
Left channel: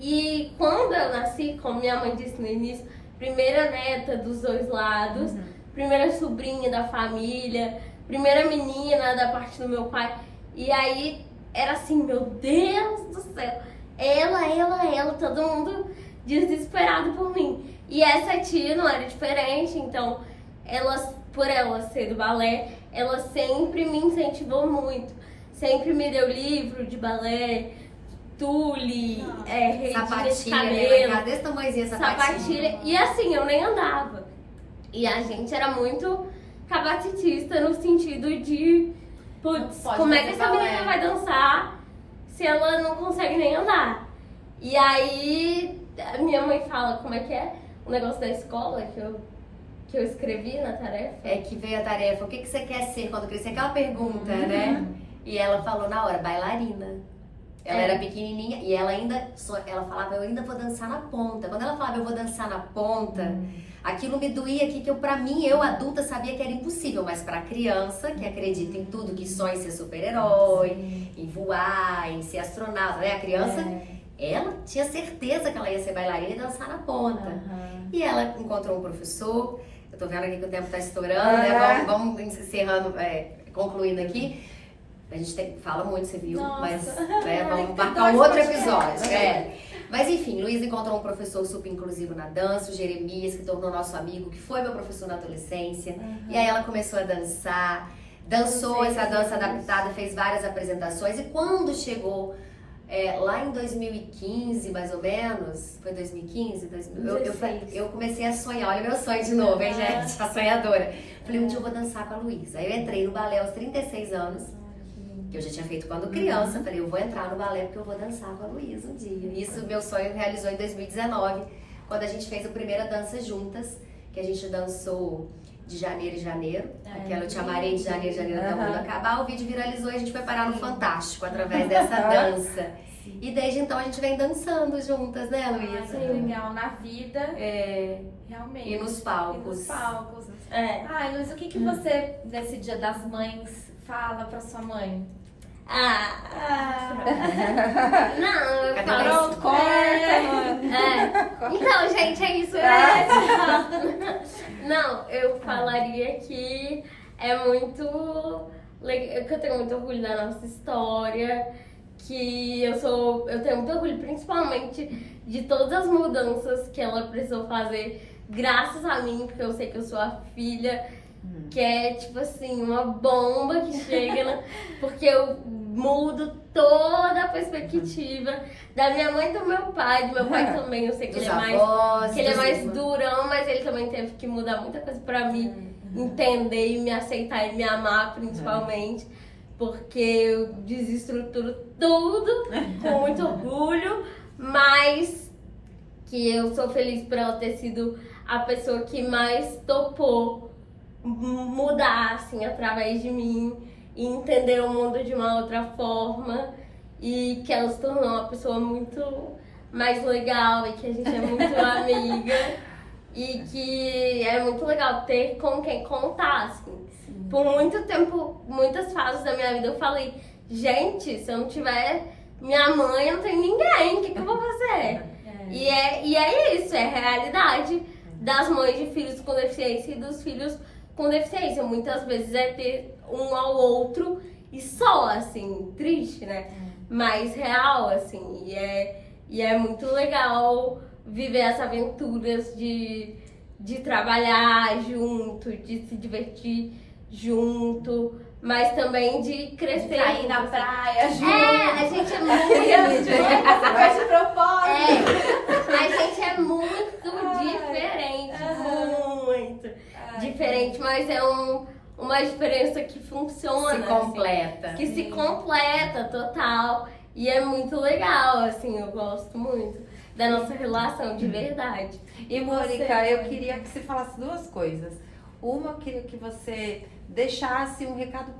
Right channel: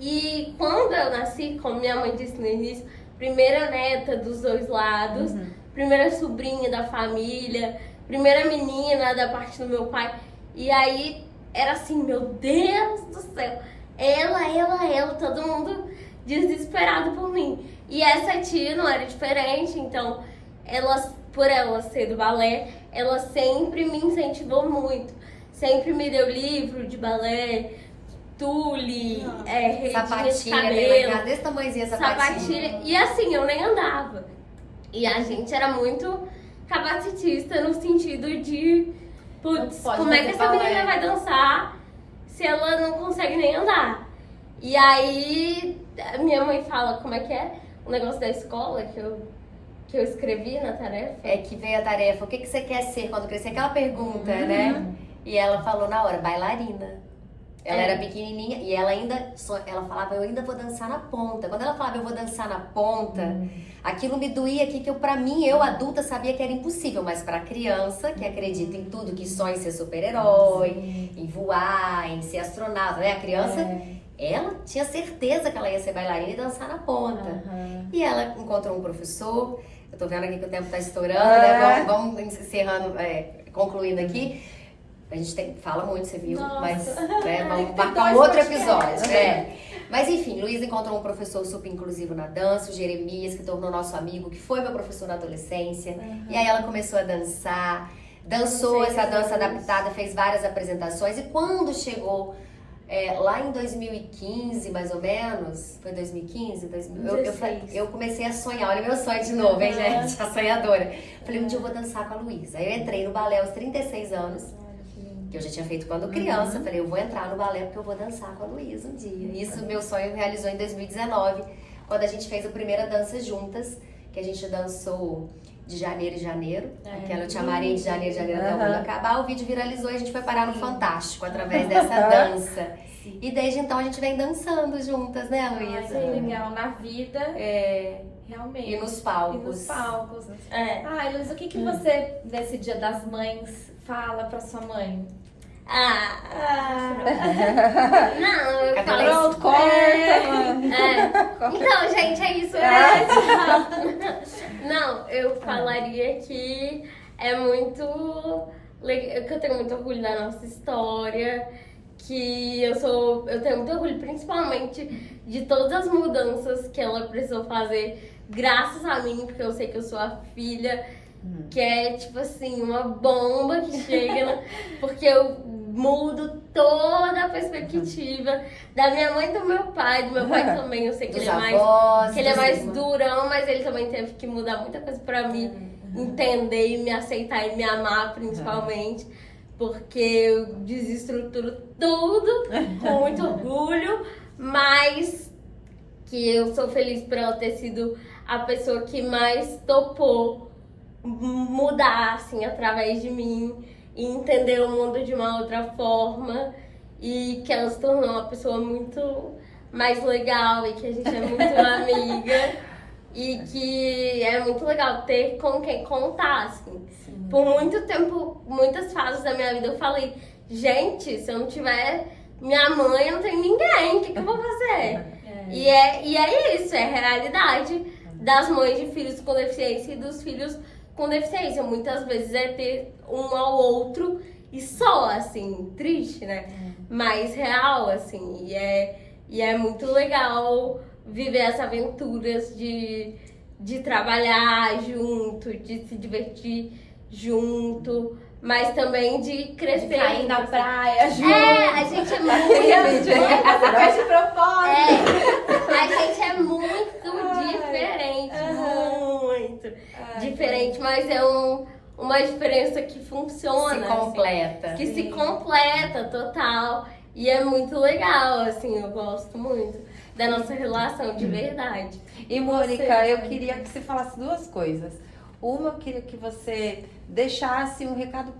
E quando eu nasci, como minha mãe disse no início, primeira neta dos dois lados, primeira sobrinha da família, primeira menina da parte do meu pai. E aí era assim, meu Deus do céu, ela, todo mundo desesperado por mim. E essa tia não era diferente, então por ela ser do balé, ela sempre me incentivou muito. Sempre me deu livro de balé, tule, redinha de cabelo, desse tamanhozinho essa sapatilha. E assim, eu nem andava. E a gente era muito capacitista no sentido de, putz, como é que essa menina vai dançar se ela não consegue nem andar? E aí, minha mãe fala, como é que é o negócio da escola que eu escrevi na tarefa? É que veio a tarefa, o que você quer ser quando crescer? Aquela pergunta, né? E ela falou na hora, bailarina. Ela era pequenininha e ela falava, eu ainda vou dançar na ponta. Quando ela falava, eu vou dançar na ponta, aquilo me doía aqui, que pra mim, eu adulta, sabia que era impossível. Mas pra criança, que acredita em tudo, que sonha em ser super-herói, em voar, em ser astronauta, né? A criança, ela tinha certeza que ela ia ser bailarina e dançar na ponta. E ela encontrou um professor, eu tô vendo aqui que o tempo tá estourando, né? Vamos encerrando, concluindo aqui. A gente fala muito, você viu, mas vamos marcar um outro episódio. Mas enfim, Luísa encontrou um professor super inclusivo na dança, o Jeremias, que tornou nosso amigo, que foi meu professor na adolescência. E aí ela começou a dançar, dançou essa dança adaptada, fez várias apresentações. E quando chegou lá em 2015, mais ou menos, foi 2015? Eu comecei a sonhar, olha meu sonho de novo, hein, gente, a sonhadora. Falei, um dia eu vou dançar com a Luísa. Aí eu entrei no balé aos 36 anos. Que eu já tinha feito quando criança, falei, eu vou entrar no balé porque eu vou dançar com a Luísa um dia. Isso meu sonho realizou em 2019, quando a gente fez a primeira dança juntas, que a gente dançou de janeiro e janeiro. Aquela eu te amarei de janeiro e janeiro até o mundo acabar. O vídeo viralizou e a gente foi parar no Fantástico através dessa dança. E desde então a gente vem dançando juntas, né, Luísa? Ai, que legal. Na vida, realmente. E nos palcos. E nos palcos. É. Ai, Luísa, o que você, nesse Dia das Mães, fala pra sua mãe? Não, eu Cadê falo. esse Então, gente, é isso mesmo. Não, eu falaria que é muito legal, que eu tenho muito orgulho da nossa história, que eu tenho muito orgulho, principalmente de todas as mudanças que ela precisou fazer, graças a mim, porque eu sei que eu sou a filha, que é tipo assim, uma bomba que chega, porque eu mudo toda a perspectiva da minha mãe e do meu pai. Do meu pai também, eu sei que ele é mais durão, mas ele também teve que mudar muita coisa pra me entender e me aceitar e me amar, principalmente. Porque eu desestruturo tudo com muito orgulho, mas que eu sou feliz por ela ter sido a pessoa que mais topou mudar, assim, através de mim e entender o mundo de uma outra forma, e que ela se tornou uma pessoa muito mais legal e que a gente é muito amiga e que é muito legal ter com quem contar, assim. Por muito tempo, muitas fases da minha vida eu falei, gente, se eu não tiver minha mãe, eu não tenho ninguém, o que eu vou fazer? E é isso, é a realidade das mães de filhos com deficiência e dos filhos com deficiência. Muitas vezes é ter um ao outro e só, assim, triste, né? Mas real, assim, e é muito legal viver as aventuras de trabalhar junto, de se divertir junto, mas também de crescer. Sair na praia, junto. A gente é muito... de propósito. A gente é muito diferente, muito diferente, mas é uma diferença que funciona. Se completa. Assim, que se completa, total. E é muito legal, assim, eu gosto muito da nossa relação, de verdade. E Mônica, eu queria que você falasse duas coisas. Uma, eu queria que você deixasse um recado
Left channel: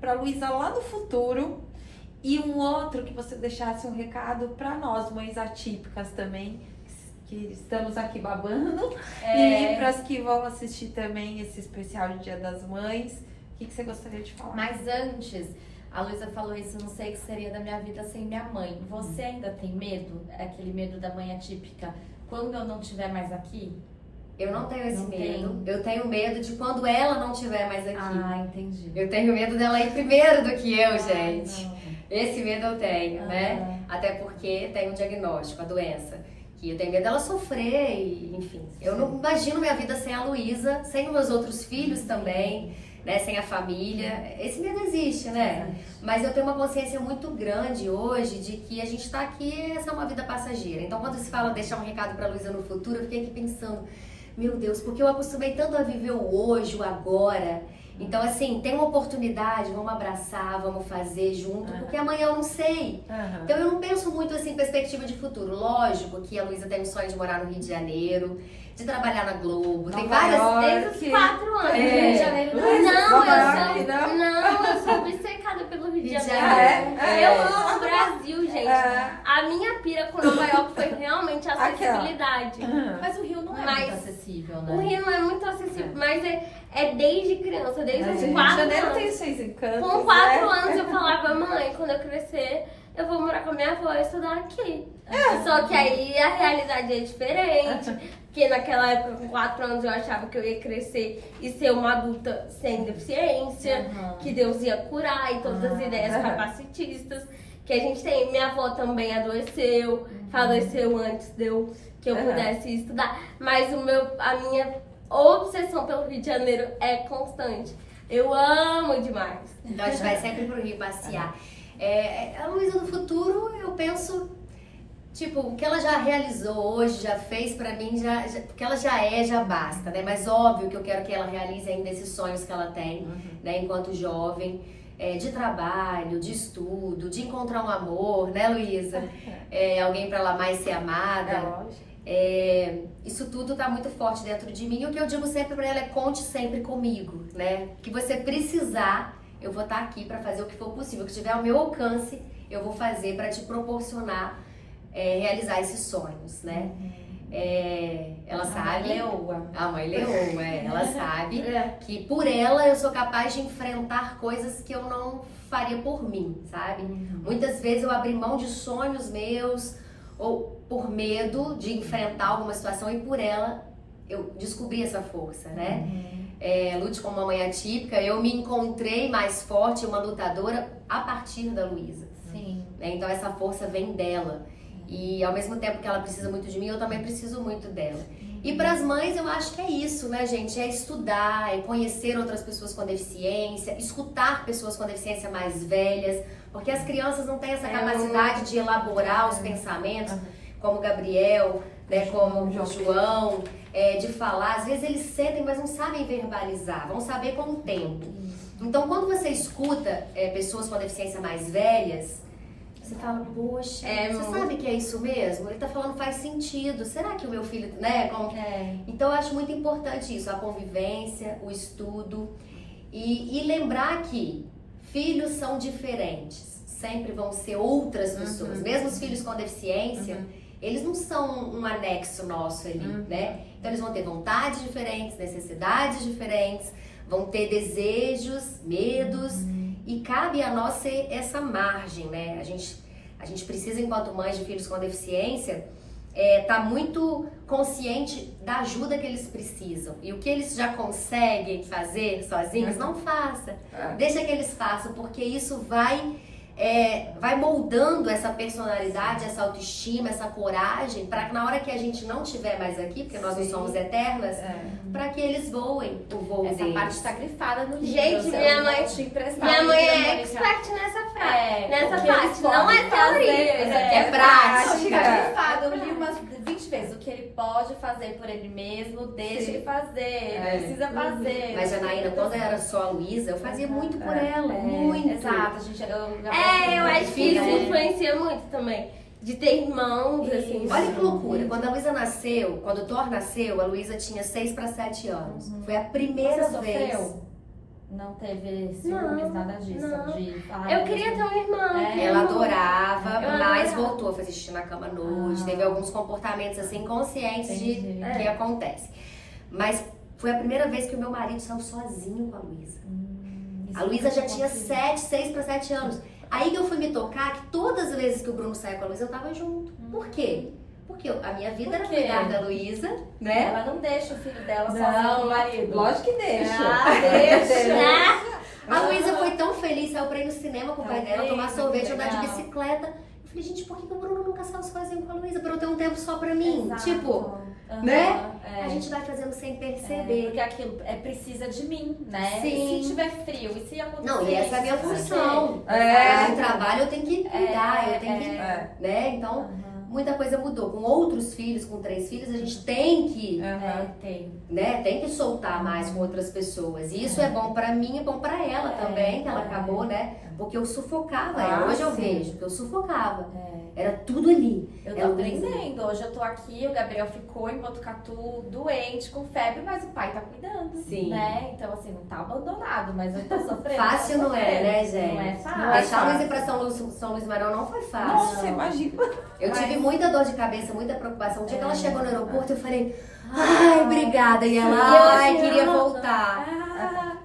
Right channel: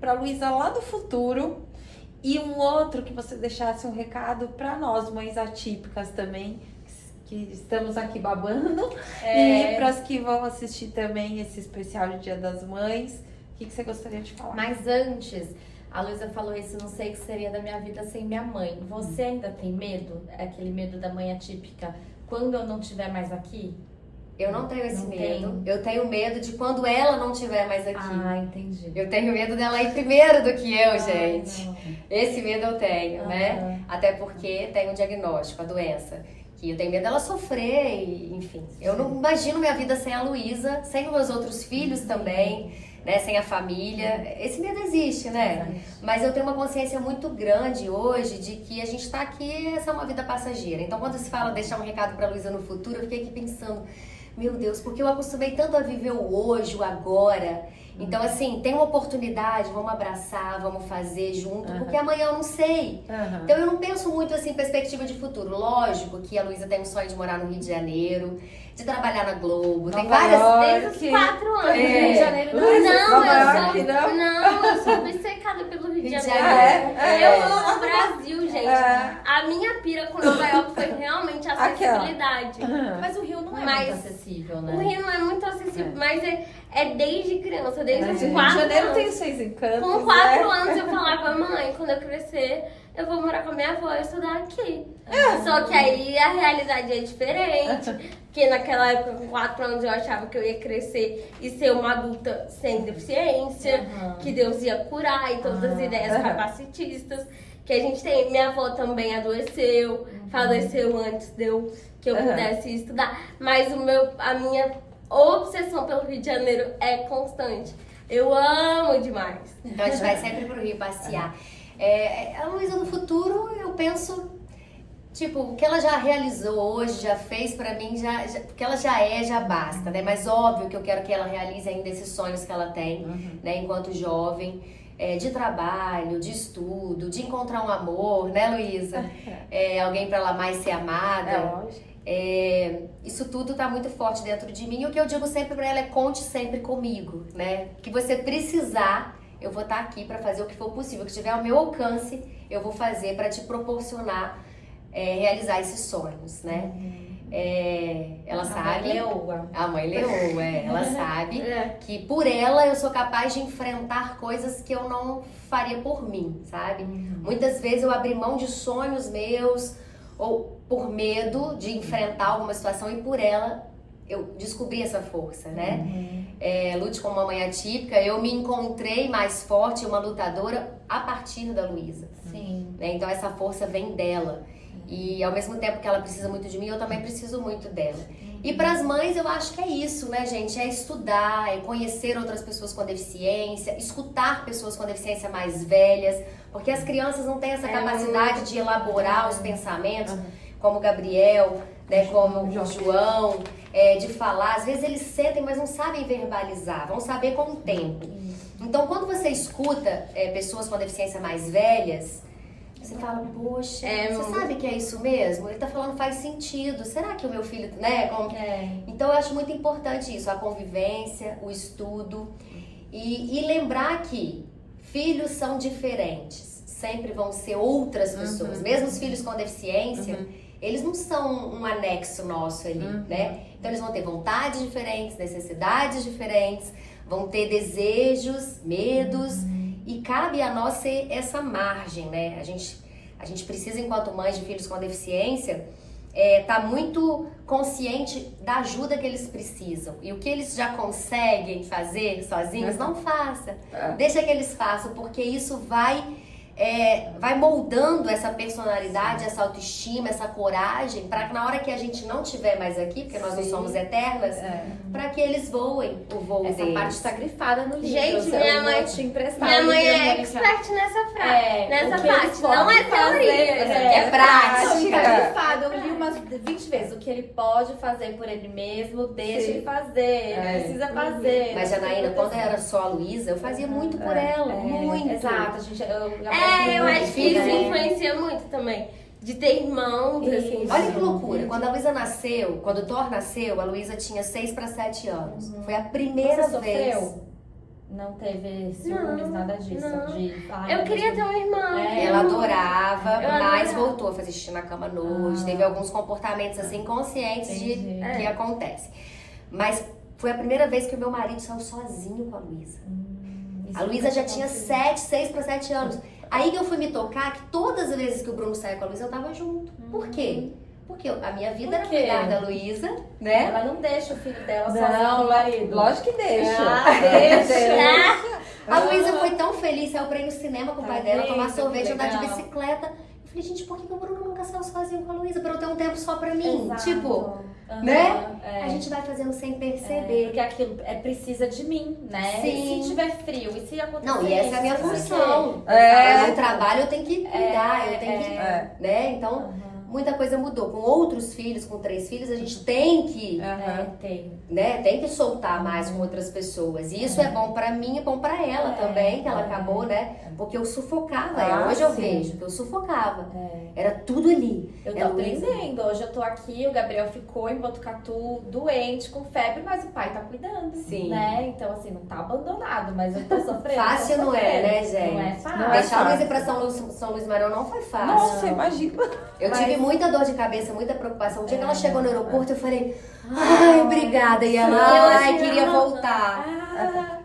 para Luísa lá do futuro, e um outro que você deixasse um recado para nós, mães atípicas também, que estamos aqui babando, e para as que vão assistir também esse especial de Dia das Mães. O que você gostaria de falar? Mas antes, a Luísa falou isso, não sei o que seria da minha vida sem minha mãe. Você ainda tem medo? Aquele medo da mãe atípica? Quando eu não estiver mais aqui? Eu não tenho esse Não medo. Eu tenho medo de quando ela não estiver mais aqui. Ah, entendi. Eu tenho medo dela ir primeiro do que eu, gente. Esse medo eu tenho, né? Até porque tem um diagnóstico, a doença. Que eu tenho medo dela sofrer, e, enfim. Eu não imagino minha vida sem a Luísa, sem os meus outros filhos também, né? Sem a família. Esse medo existe, né? Mas eu tenho uma consciência muito grande hoje de que a gente tá aqui, essa é uma vida passageira. Então, quando se fala deixar um recado pra Luísa no futuro, eu fiquei aqui pensando, meu Deus, porque eu acostumei tanto a viver o hoje, o agora. Então, assim, tem uma oportunidade, vamos abraçar, vamos fazer junto, porque amanhã eu não sei. Então, eu não penso muito, assim, em perspectiva de futuro. Lógico que a Luísa tem um sonho de morar no Rio de Janeiro, de trabalhar na Globo, tem várias... Desde os 4 anos. Rio de Janeiro. Não, eu sou obcecada pelo Rio de Janeiro. Eu amo o Brasil, gente. A minha pira com Nova York foi realmente a acessibilidade. Mas o Rio não é Mas muito acessível, né? O Rio não é muito acessível, mas é desde criança, desde os 4 Janeiro tem anos. seus encantos. Com 4 anos eu falava, mãe, quando eu crescer, eu vou morar com a minha avó e estudar aqui. Só que aí a realidade é diferente, porque naquela época, com 4 anos, eu achava que eu ia crescer e ser uma adulta sem deficiência, que Deus ia curar e todas as ideias capacitistas que a gente tem. Minha avó também adoeceu, faleceu antes de que eu pudesse estudar, mas a minha obsessão pelo Rio de Janeiro é constante. Eu amo demais. Então a gente vai sempre pro Rio passear. A Luísa no futuro, eu penso, tipo, o que ela já realizou hoje, já fez pra mim, porque ela já basta, né? Mas óbvio que eu quero que ela realize ainda esses sonhos que ela tem, né? Enquanto jovem, de trabalho, de estudo, de encontrar um amor, né, Luísa? Alguém pra ela mais ser amada. Isso tudo tá muito forte dentro de mim. E o que eu digo sempre pra ela é: conte sempre comigo, né? Que você precisar, eu vou estar aqui pra fazer o que for possível. O que tiver ao meu alcance, eu vou fazer pra te proporcionar realizar esses sonhos, né? Ela sabe. A mãe leoa, ela sabe que por ela eu sou capaz de enfrentar coisas que eu não faria por mim, sabe? Muitas vezes eu abri mão de sonhos meus, ou por medo de enfrentar alguma situação, e por ela eu descobri essa força, né? Lute como uma mãe atípica, eu me encontrei mais forte, uma lutadora, a partir da Luísa. Sim. Então essa força vem dela. E ao mesmo tempo que ela precisa muito de mim, eu também preciso muito dela. E para as mães eu acho que é isso, né, gente? É estudar, é conhecer outras pessoas com deficiência, escutar pessoas com deficiência mais velhas, porque as crianças não têm essa capacidade de elaborar os pensamentos, como o Gabriel, né, como o João, de falar. Às vezes eles sentem, mas não sabem verbalizar, vão saber com o tempo. Então quando você escuta pessoas com deficiência mais velhas, você fala: poxa, você sabe que é isso mesmo? Ele tá falando, faz sentido. Será que o meu filho, né? Então eu acho muito importante isso, a convivência, o estudo. E lembrar que filhos são diferentes. Sempre vão ser outras pessoas. Mesmo os filhos com deficiência, eles não são um anexo nosso ali, né? Então eles vão ter vontades diferentes, necessidades diferentes, vão ter desejos, medos. E cabe a nós ser essa margem, né? A gente precisa, enquanto mães de filhos com deficiência, tá muito consciente da ajuda que eles precisam. E o que eles já conseguem fazer sozinhos, não faça. Deixa que eles façam, porque isso vai moldando essa personalidade, essa autoestima, essa coragem, para que na hora que a gente não estiver mais aqui, porque nós não somos eternas, para que eles voem o voo deles. Essa parte tá grifada no livro. Gente, minha mãe é expert nessa frase, nessa parte. Não é teoria, isso aqui é prática. Tá grifado, eu li umas 20 vezes. O que ele pode fazer por ele mesmo, deixa ele fazer, precisa fazer. Mas, Janaína, quando era só a Luísa, eu fazia muito por ela, muito. Exato, gente. Eu acho que isso influencia muito também. De ter irmãos, assim. Olha que loucura. Quando a Luísa nasceu, quando o Thor nasceu, a Luísa tinha 6 para 7 anos. Foi a primeira vez. Sofreu? Não teve ciúmes, nada disso? Não. Eu queria ter uma irmã. Ela adorava, mas voltou a fazer xixi na cama à noite. Teve alguns comportamentos assim conscientes de que acontece. Mas foi a primeira vez que o meu marido saiu sozinho com a Luísa. A Luísa já tinha 6 para 7 anos. Aí que eu fui me tocar que todas as vezes que o Bruno saiu com a Luísa, eu tava junto. Por quê? Porque a minha vida era cuidar da Luísa, né? Ela não deixa o filho dela sozinho com o marido. Lógico que deixa. Deixa. A Luísa foi tão feliz, saiu pra ir no cinema com o pai dela, tomar sorvete, andar de bicicleta. Eu falei, gente, por que o Bruno nunca saiu sozinho com a Luísa? Pra eu ter um tempo só pra mim. Exato. Tipo, né? A gente vai fazendo sem perceber. Porque aquilo precisa de mim, né? Sim. E se tiver frio, e se acontecer Não, e essa é a minha função. Eu no trabalho eu tenho que cuidar, eu tenho que, né? Então, muita coisa mudou. Com outros filhos, com 3 filhos, a gente tem que, tem que soltar mais com outras pessoas. E isso é bom pra mim e bom pra ela também, que ela acabou, né? Porque eu sufocava ela. Hoje eu vejo que eu sufocava. Era tudo ali. Eu tô aprendendo. Hoje eu tô aqui, o Gabriel ficou em Botucatu doente, com febre, mas o pai tá cuidando. Sim. Né? Então, assim, não tá abandonado, mas eu tô sofrendo. Fácil não é, né, gente? Não é fácil. Deixar a Luísa ir pra São Luís Maranhão não foi fácil. Nossa, imagina. Eu tive muita dor de cabeça, muita preocupação. O dia que ela chegou no aeroporto, eu falei, ai, obrigada. E ela, queria voltar.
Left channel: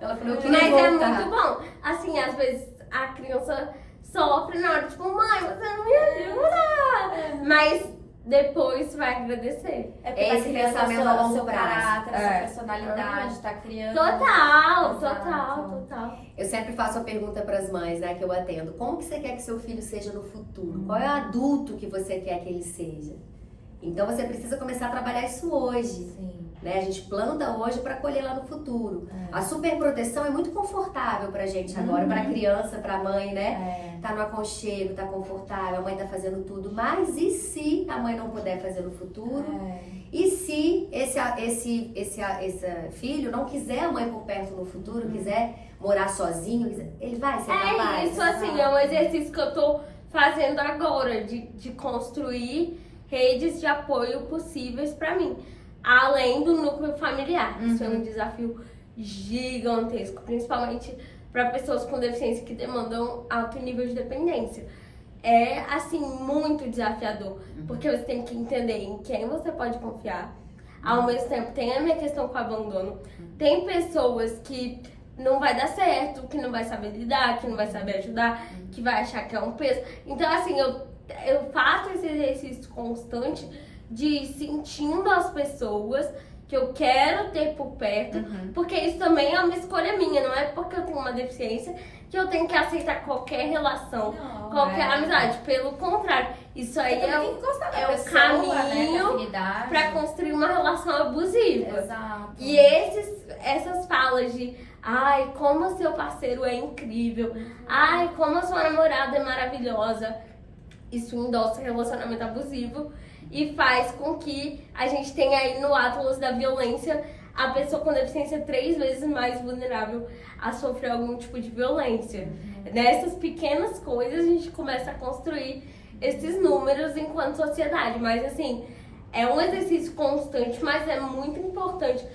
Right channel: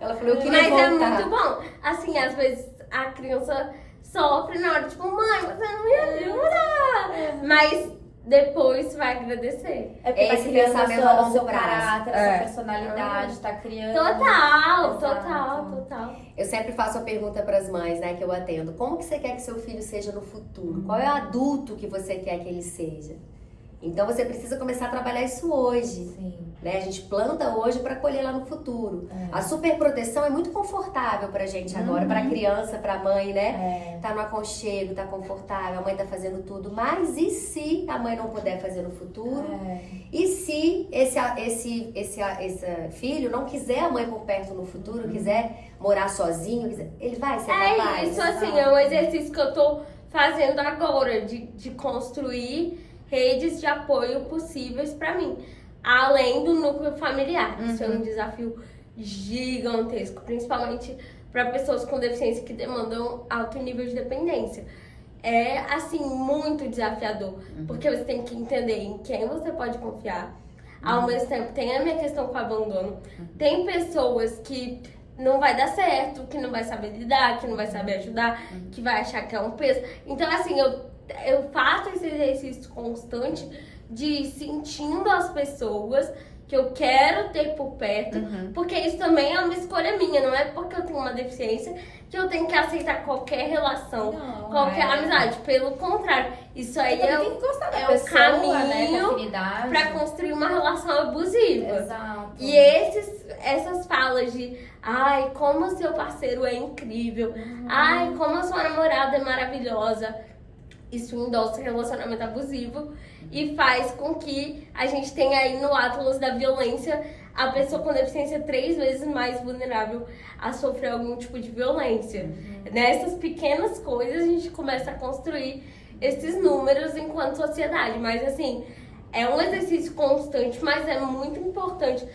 Ela falou, eu queria voltar. Mas é muito bom. Assim, às vezes a criança sofre na hora, tipo, mãe, você não me ajuda. Mas depois vai agradecer. Esse pensamento a longo prazo. Essa personalidade, tá criando. Total. Eu sempre faço a pergunta para as mães, né, que eu atendo. Como que você quer que seu filho seja no futuro? Qual é o adulto que você quer que ele seja? Então você precisa começar a trabalhar isso hoje. Né? A gente planta hoje para colher lá no futuro. A superproteção é muito confortável pra gente agora, pra criança, pra mãe, né? Tá no aconchego, tá confortável, a mãe tá fazendo tudo. Mas e se a mãe não puder fazer no futuro? E se esse filho não quiser a mãe por perto no futuro, quiser morar sozinho, ele vai ser capaz? Isso, assim, é um exercício que eu tô fazendo agora, de construir redes de apoio possíveis para mim, além do núcleo familiar. Isso é um desafio gigantesco, principalmente para pessoas com deficiência que demandam alto nível de dependência. É, assim, muito desafiador, porque você tem que entender em quem você pode confiar. Ao mesmo tempo, tem a minha questão com o abandono. Tem pessoas que não vai dar certo, que não vai saber lidar, que não vai saber ajudar, que vai achar que é um peso. Então, assim, eu faço esse exercício constante de ir sentindo as pessoas que eu quero ter por perto, porque isso também é uma escolha minha, não é porque eu tenho uma deficiência que eu tenho que aceitar qualquer relação, qualquer amizade. Pelo contrário, isso aí é o caminho para construir uma relação abusiva. Exato. E essas falas de ai, como o seu parceiro é incrível, ai, como a sua namorada é maravilhosa, isso endossa relacionamento abusivo e faz com que a gente tenha aí no Atlas da violência a pessoa com deficiência 3 vezes mais vulnerável a sofrer algum tipo de violência. Nessas pequenas coisas a gente começa a construir esses números enquanto sociedade, mas assim, é um exercício constante, mas é muito importante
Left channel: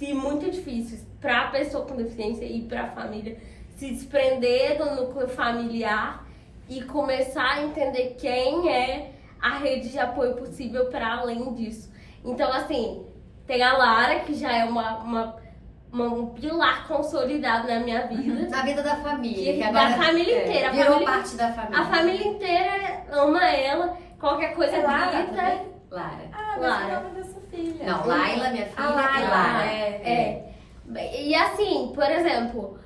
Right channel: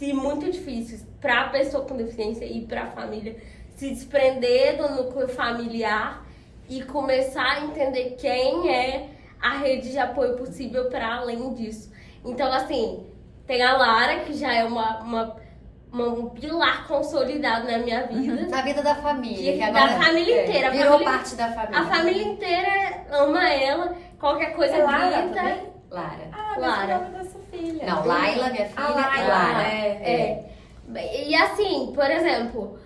e muito difícil para a pessoa com deficiência e para a família se desprender do núcleo familiar e começar a entender quem é a rede de apoio possível para além disso. Então, assim, tem a Lara, que já é um pilar consolidado na minha vida. Na vida da família. Que Da família inteira. Virou parte da família. A família inteira ama ela, qualquer coisa grita. Lara. Lara. Da sua filha. Não, Laila, minha filha, e Lara. E assim, por exemplo,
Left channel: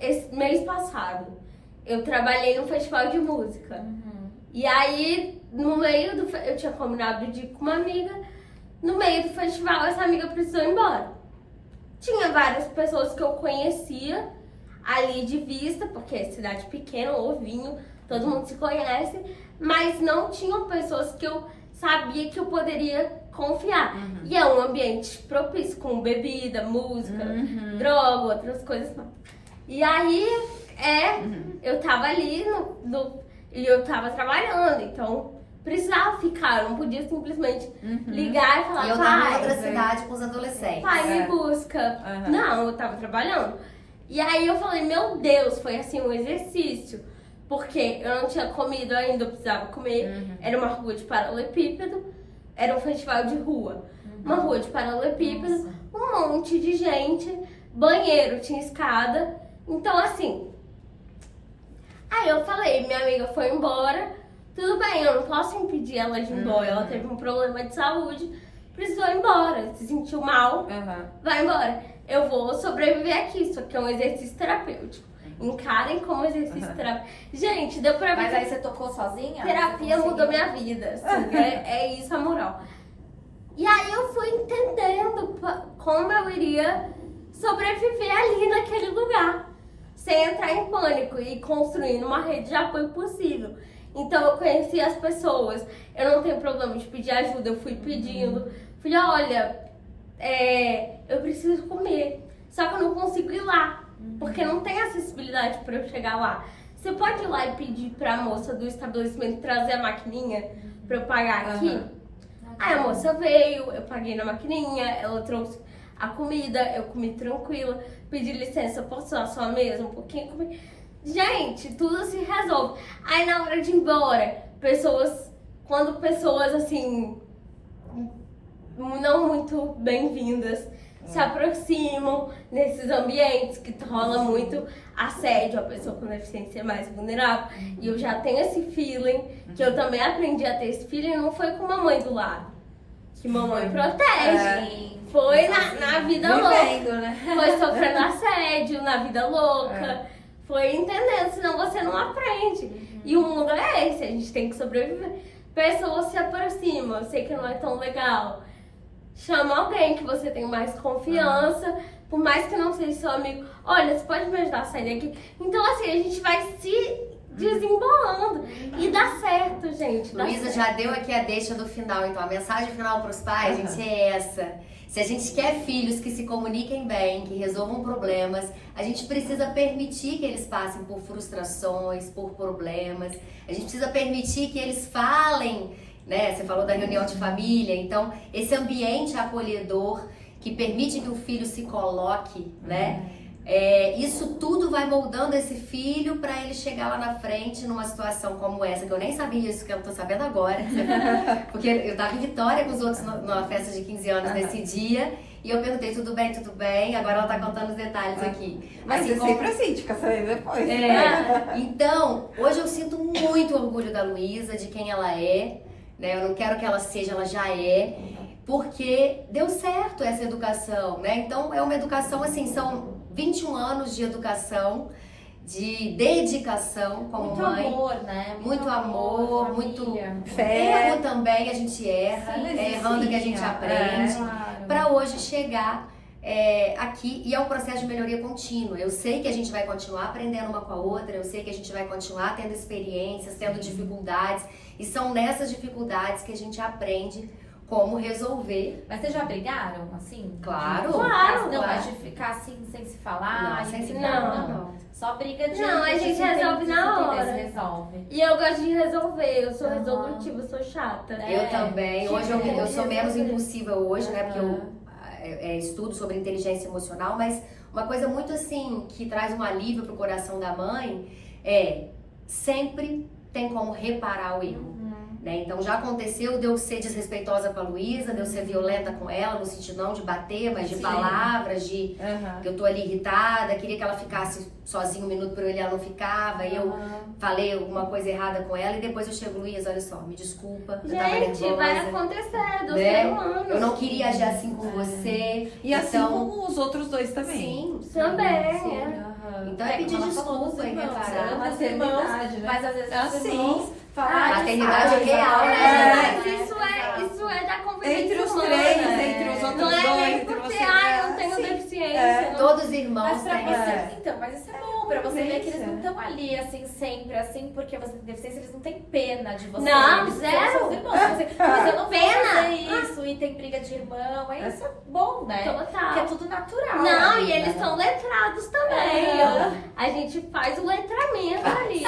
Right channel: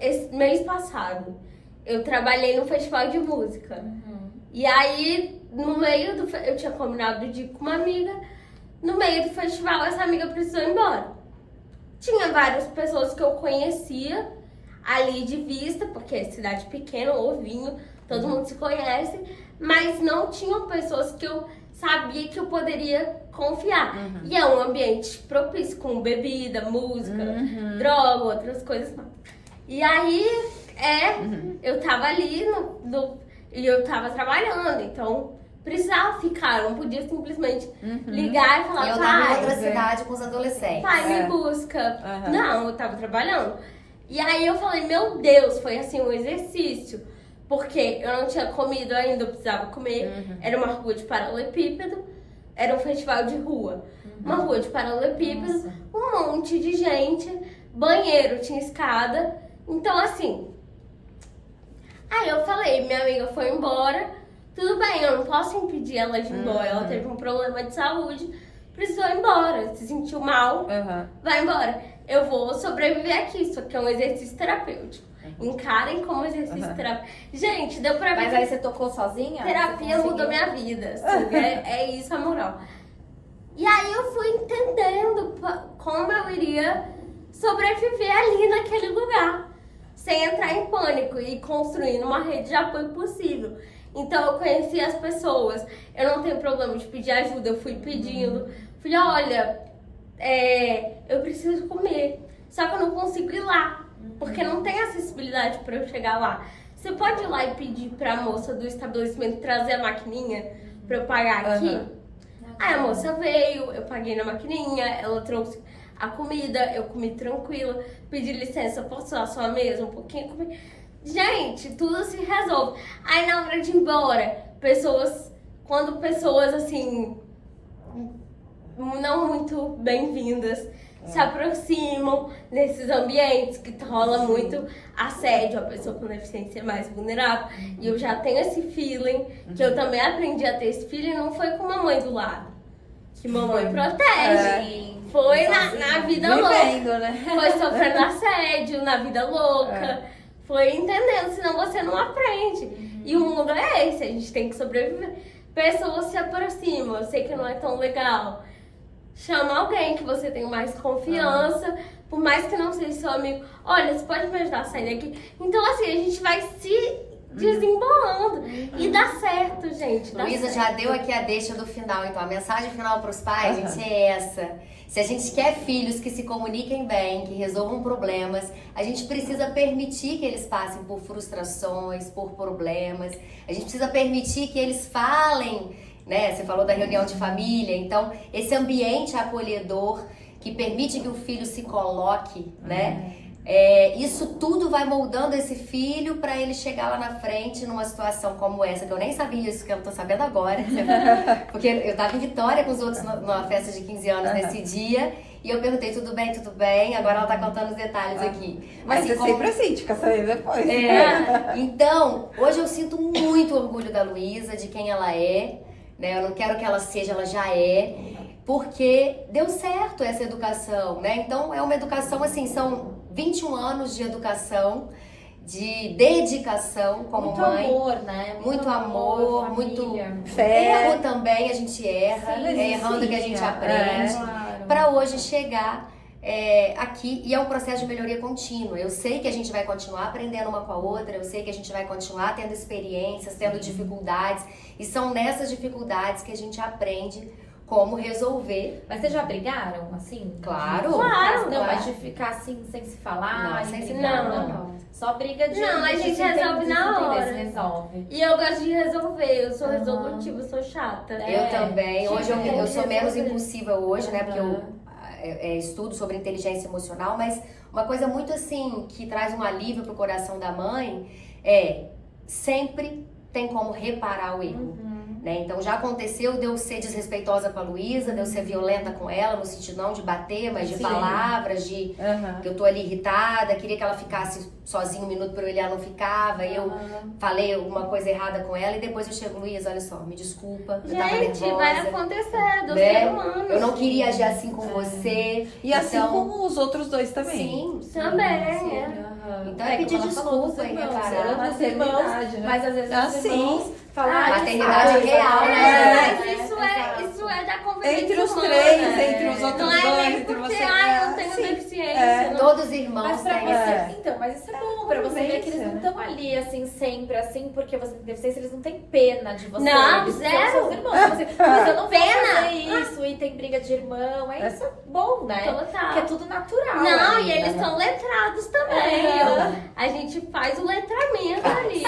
esse mês passado, eu trabalhei num festival de música. E aí, no meio do... Eu tinha combinado de ir com uma amiga. No meio do festival, essa amiga precisou ir embora. Tinha várias pessoas que eu conhecia ali de vista, porque é cidade pequena, ovinho, todo mundo se conhece. Mas não tinham pessoas que eu sabia que eu poderia confiar. E é um ambiente propício, com bebida, música, droga, outras coisas mais. E aí, eu tava ali e eu tava trabalhando, então precisava ficar, não podia simplesmente ligar e falar, Eu tava em pai, outra cidade com os adolescentes. pai, me busca. Não, eu tava trabalhando. E aí eu falei, meu Deus, foi assim um exercício. Porque eu não tinha comido ainda, eu precisava comer. Era uma rua de paralelepípedo, era um festival de rua. Uma rua de paralelepípedo, um monte de gente, banheiro, tinha escada. Então assim, aí eu falei, minha amiga foi embora, tudo bem, eu não posso impedir ela de ir embora. Ela teve um problema de saúde, precisou ir embora, se sentiu mal, vai embora. Eu vou sobreviver aqui, isso aqui é um exercício terapêutico. Encarem como exercício terapêutico. Gente, deu pra ver. Mas aí você tocou sozinha? Terapia mudou minha vida, assim, é isso a moral. E aí eu fui entendendo como eu iria sobreviver ali naquele lugar, sem entrar em pânico e construindo uma rede de apoio possível. Então eu conheci as pessoas, eu não tenho problema de pedir ajuda, eu fui pedindo. Falei, olha, eu preciso comer, só que eu não consigo ir lá, porque não tem acessibilidade para eu chegar lá. Você pode ir lá e pedir pra moça do estabelecimento trazer a maquininha pra eu pagar aqui? Aí a moça veio, eu paguei na maquininha, ela trouxe a comida, eu comi tranquila, pedi licença, posso usar a sua mesa um pouquinho? Comi. Gente, tudo se resolve. Aí na hora de ir embora, quando pessoas assim, não muito bem-vindas, se aproximam nesses ambientes que rola muito assédio, a pessoa com deficiência é mais vulnerável. E eu já tenho esse feeling, que eu também aprendi a ter esse feeling, não foi com mamãe do lado, que mamãe protege. Foi na vida louca, né? foi sofrendo assédio na vida louca, foi entendendo, senão você não aprende. E o mundo é esse, a gente tem que sobreviver. Pessoas se aproximam, eu sei que não é tão legal. Chama alguém que você tem mais confiança, por mais que não seja seu amigo. Olha, você pode me ajudar a sair daqui? Então, assim, a gente vai se desembolando. E dá certo, gente. Luísa já deu aqui a deixa do final, então a mensagem final para os pais, gente, é essa. Se a gente quer filhos que se comuniquem bem, que resolvam problemas, a gente precisa permitir que eles passem por frustrações, por problemas. A gente precisa permitir que eles falem né? Você falou da reunião de família, então esse ambiente acolhedor que permite que o filho se coloque, né? Isso tudo vai moldando esse filho para ele chegar lá na frente numa situação como essa, que eu nem sabia isso, que eu tô sabendo agora. Porque eu tava em Vitória com os outros numa festa de 15 anos nesse dia, e eu perguntei, tudo bem, tudo bem? Agora ela tá contando os detalhes aqui. Mas Assim, é sempre assim, fica sabendo depois. Então, hoje eu sinto muito orgulho da Luísa, de quem ela é, né? Eu não quero que ela seja, ela já é. Porque deu certo essa educação, né? Então, é uma educação, assim, são 21 anos de educação, de dedicação como muito mãe. Amor, né? Muito amor, muito Fé. erro também, a gente erra, Sim, é errando que a gente aprende. Para hoje chegar aqui, e é um processo de melhoria contínua. Eu sei que a gente vai continuar aprendendo uma com a outra, eu sei que a gente vai continuar tendo experiências, tendo dificuldades, e são nessas dificuldades que a gente aprende como resolver. Mas vocês já brigaram, assim? Claro. Claro. Não, mas de ficar assim, sem se falar? Não, e sem se brigar, falar, não. Só briga de... Não, a gente se resolve entender, na se hora. resolve. E eu gosto de resolver, eu sou resolutiva, eu sou chata. Eu também. Hoje eu sou menos resolver. impulsiva hoje, né? Porque eu estudo sobre inteligência emocional, mas uma coisa muito assim, que traz um alívio pro coração da mãe sempre tem como reparar o erro. Né? Então já aconteceu de eu ser desrespeitosa com a Luísa, de eu ser violenta com ela, no sentido não de bater, mas de palavras, de que eu tô ali irritada, queria que ela ficasse sozinha um minuto pra eu olhar, ela não ficava, e eu falei alguma coisa errada com ela, e depois eu chego, Luísa, olha só, me desculpa, eu tava Gente, nervosa, vai acontecer do né? ser humano. Eu não queria agir assim com você. E assim então, como os outros dois também. sim, Também, sim. Então é como pedir ela falou desculpa dos e irmãos, reparar. dos irmãos, mas às vezes os irmãos falam, Maternidade real, né? Mas isso é da convivência Entre os humana. três, entre os outros Não é dois, nem entre porque, você. eu tenho Sim. deficiência. não- Todos os irmãos Mas pra têm você, então, mas isso é bom pra você ver que eles não né? estão ali, assim, sempre, assim, porque você tem deficiência, eles não têm pena de você. Não, eles são zero. seus irmãos. Mas eu não vou Pena. fazer isso, e tem briga de irmão, isso é bom, né? Total. Porque é tudo natural. Não, ainda, e eles né? são letrados também. A gente faz o letramento ali.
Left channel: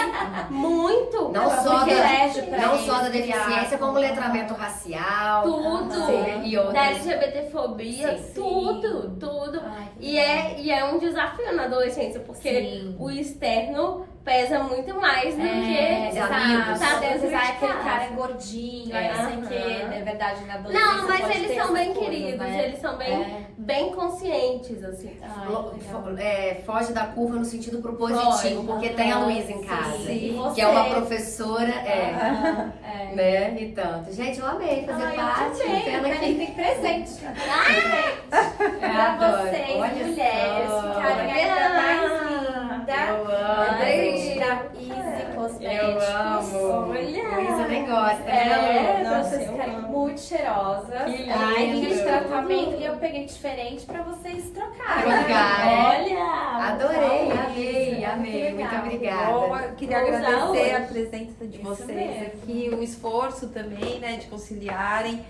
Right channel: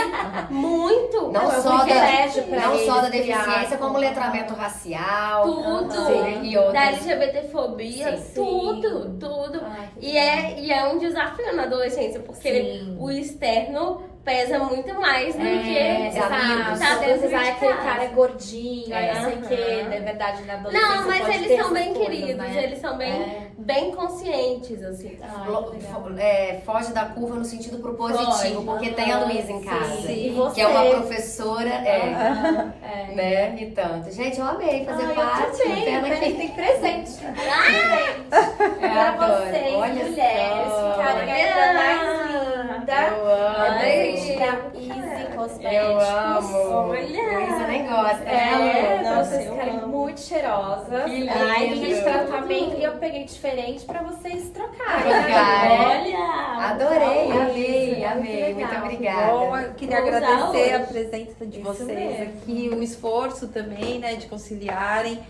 Muito. Não Eu só fui da, colégio pra não eles só da criar. deficiência, como letramento racial. Tudo. Sim, e Da outras. LGBTfobia, Sim. tudo. Ai, E é um desafio na adolescência, porque Sim. o externo pesa muito mais do que os amigos. tá dentro Você de vai aquele cara casa. é gordinho, aí não sei o que, Aham. na verdade, na adolescência. Não, mas pode eles ter são bem essas coisas, queridos, né? eles são bem conscientes, assim. Ai, Lo- que fo- legal. Foge da curva no sentido propositivo, porque tem a Luísa em casa. Sim. E você? Que é uma professora, É. né? E tanto. Gente, eu amei fazer parte. Pena que Tem presente. eu Pra adoro. vocês, Olha mulheres, só. ficarem ainda mais linda. Eu amo. Presente da Easy Cosméticos. Eu amo. Olha. Luísa nem gosta, né? Pra Nossa, vocês eu ficarem amo. muito cheirosas. Que Ai, lindo. De tratamento, e eu peguei diferente pra vocês trocarem. Trocar. Olha! Adorei, vamos amei, Muito amei. Muito legal. obrigada. Bom, eu queria Vou usar agradecer a hoje. presença de Isso vocês mesmo. aqui, o esforço também, né, de conciliarem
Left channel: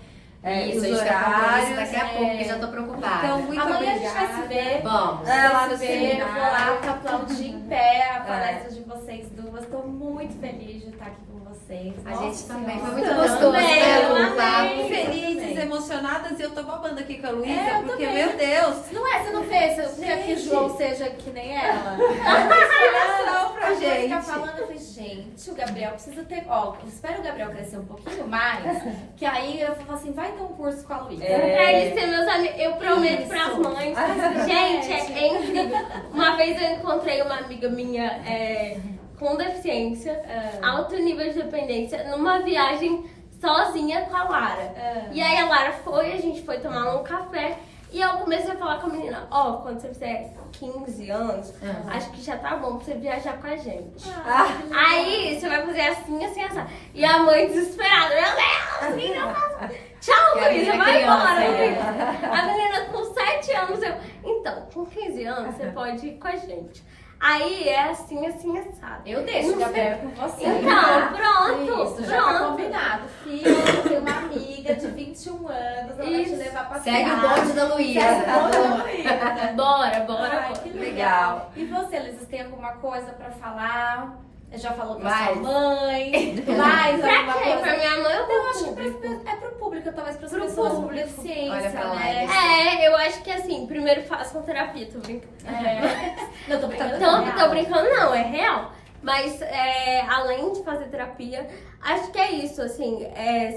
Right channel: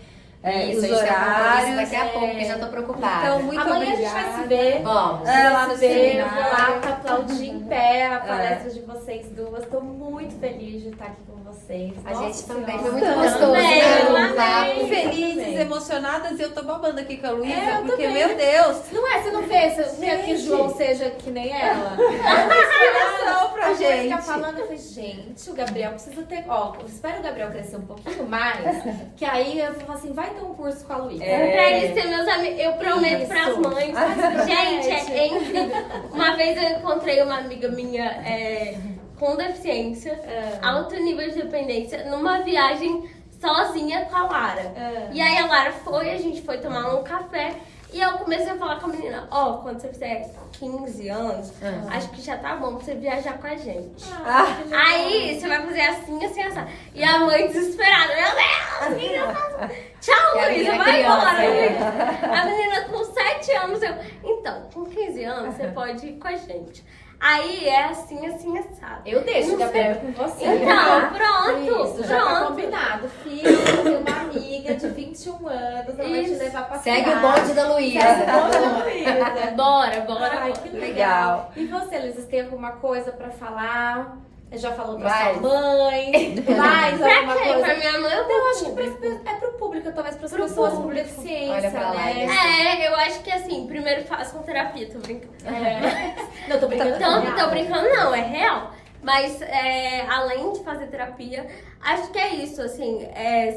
Isso, os a gente tem compromisso horários. daqui a pouco, porque já tô preocupada. Então, muito Amanhã obrigada. a gente vai se ver. Vamos. Vai se ver, sim. eu vou lá pra aplaudir em pé a palestra de vocês duas. Tô muito feliz de estar aqui com vocês. A Nossa gente também. Senhora. Foi muito Também, gostoso, né? eu O amei. papo. Felizes, Também. emocionadas, e eu tô babando aqui com a Luísa, É, eu porque, também. meu Deus, Não é? Você não fez? Eu queria que o João seja que nem ela. inspiração pra A Mônica gente. falando, eu falei, gente, o Gabriel precisa ter. Ó, eu espero o Gabriel crescer um pouquinho mais, que aí eu falo assim, vai ter um curso com a Luísa. Pra eles serem meus amigos, eu prometo Isso. pras mães. Gente, é incrível. Uma vez eu encontrei uma amiga minha com deficiência, alto nível de dependência, numa viagem sozinha com a Lara. E aí a Lara foi, a gente foi tomar um café. E eu comecei a falar com a menina, quando você fizer 15 anos, acho que já tá bom pra você viajar com a gente. Aí você vai fazer assim, assim, assim. E a mãe desesperada, meu Deus, o que eu faço? Tchau, E a Luísa, menina vai embora, criança, Luísa. A menina com 7 anos, então, com 15 anos você pode ir com a gente. Aí é assim, assim, assado. Eu deixo o Não Gabriel com você. Então, tá? pronto, Isso, já tá pronto. combinado. Filho, eu vou ter uma amiga de 21 21 anos, ela vai te levar a passear. Segue o bonde da Luísa. Segue o bonde da Luísa. Bora. Ai, que legal. E você, Luísa, tem alguma coisa pra falar? Já falou pra Vai. sua mãe? Mais Pra alguma quem? coisa? Pra minha mãe ou Eu pro acho público? que é pro público, talvez pras Pro pessoas com público. deficiência, Olha pra lá, né? Eu acho que assim, primeiro façam terapia, tô brincando. Não, tô brincando. Tô brincando, não, é real. Mas além de fazer terapia, acho que é isso, assim,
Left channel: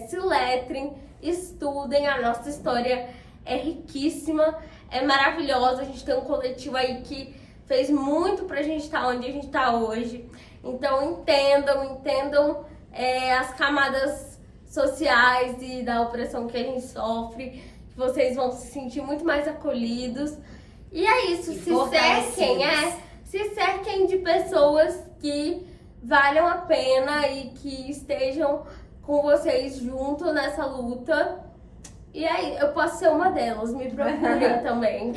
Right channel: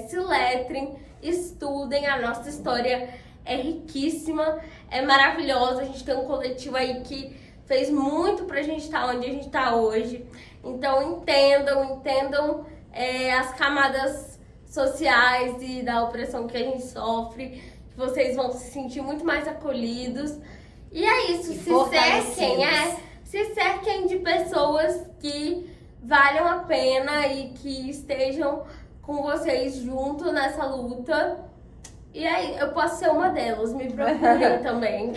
se letrem, estudem, a nossa história é riquíssima, é maravilhosa, a gente tem um coletivo aí que fez muito pra gente estar onde a gente tá hoje. Então entendam as camadas sociais e da opressão que a gente sofre, que vocês vão se sentir muito mais acolhidos. E é isso, se cerquem de pessoas que valham a pena e que estejam com vocês junto nessa luta. E aí, eu posso ser uma delas, me procurem também.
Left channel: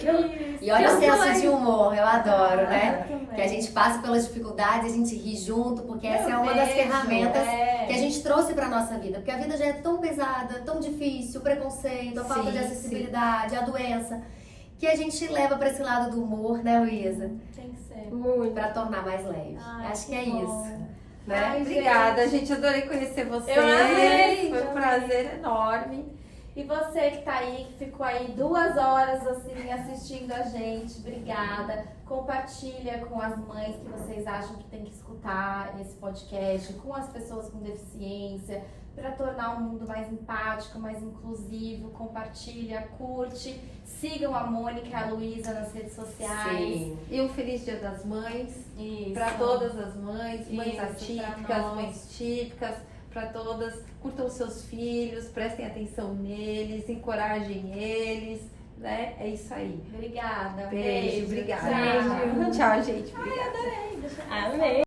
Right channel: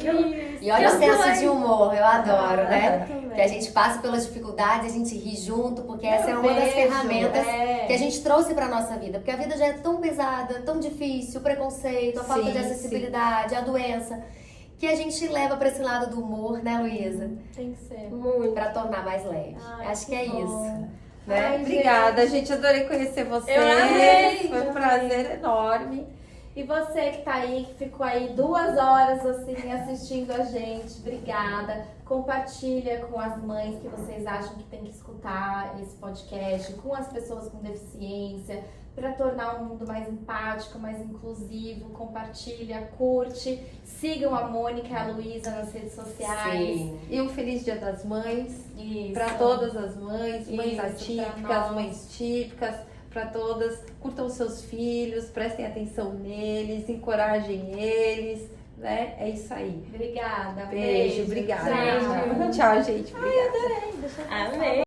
E olha o senso de humor, eu adoro, né? também. Que a gente passa pelas dificuldades, a gente ri junto, porque essa é uma das ferramentas que a gente trouxe pra nossa vida. Porque a vida já é tão pesada, tão difícil, o preconceito, a falta de acessibilidade, a doença, que a gente leva pra esse lado do humor, né, Luísa? Tem que ser. Muito. Pra tornar mais leve. Acho que é isso. Né? Ai, Obrigada, gente. Adorei conhecer vocês. Eu amei. Foi um prazer enorme. E você que tá aí, que ficou aí 2 horas assim assistindo a gente, obrigada. Compartilha com as mães que vocês acham que tem que escutar esse podcast, com as pessoas com deficiência, para tornar o mundo mais empático, mais inclusivo. Compartilha, curte, sigam a Mônica e a Luísa nas redes sociais. Sim. E um feliz Dia das Mães Isso. para todas as mães, mães Isso, pra atípicas, nós. mães típicas, para todas. Curtam os seus filhos, prestem atenção neles, encorajem eles, né? É isso aí. Obrigada. Beijo, obrigada. Tchau. Tchau, gente. Obrigada. Amei.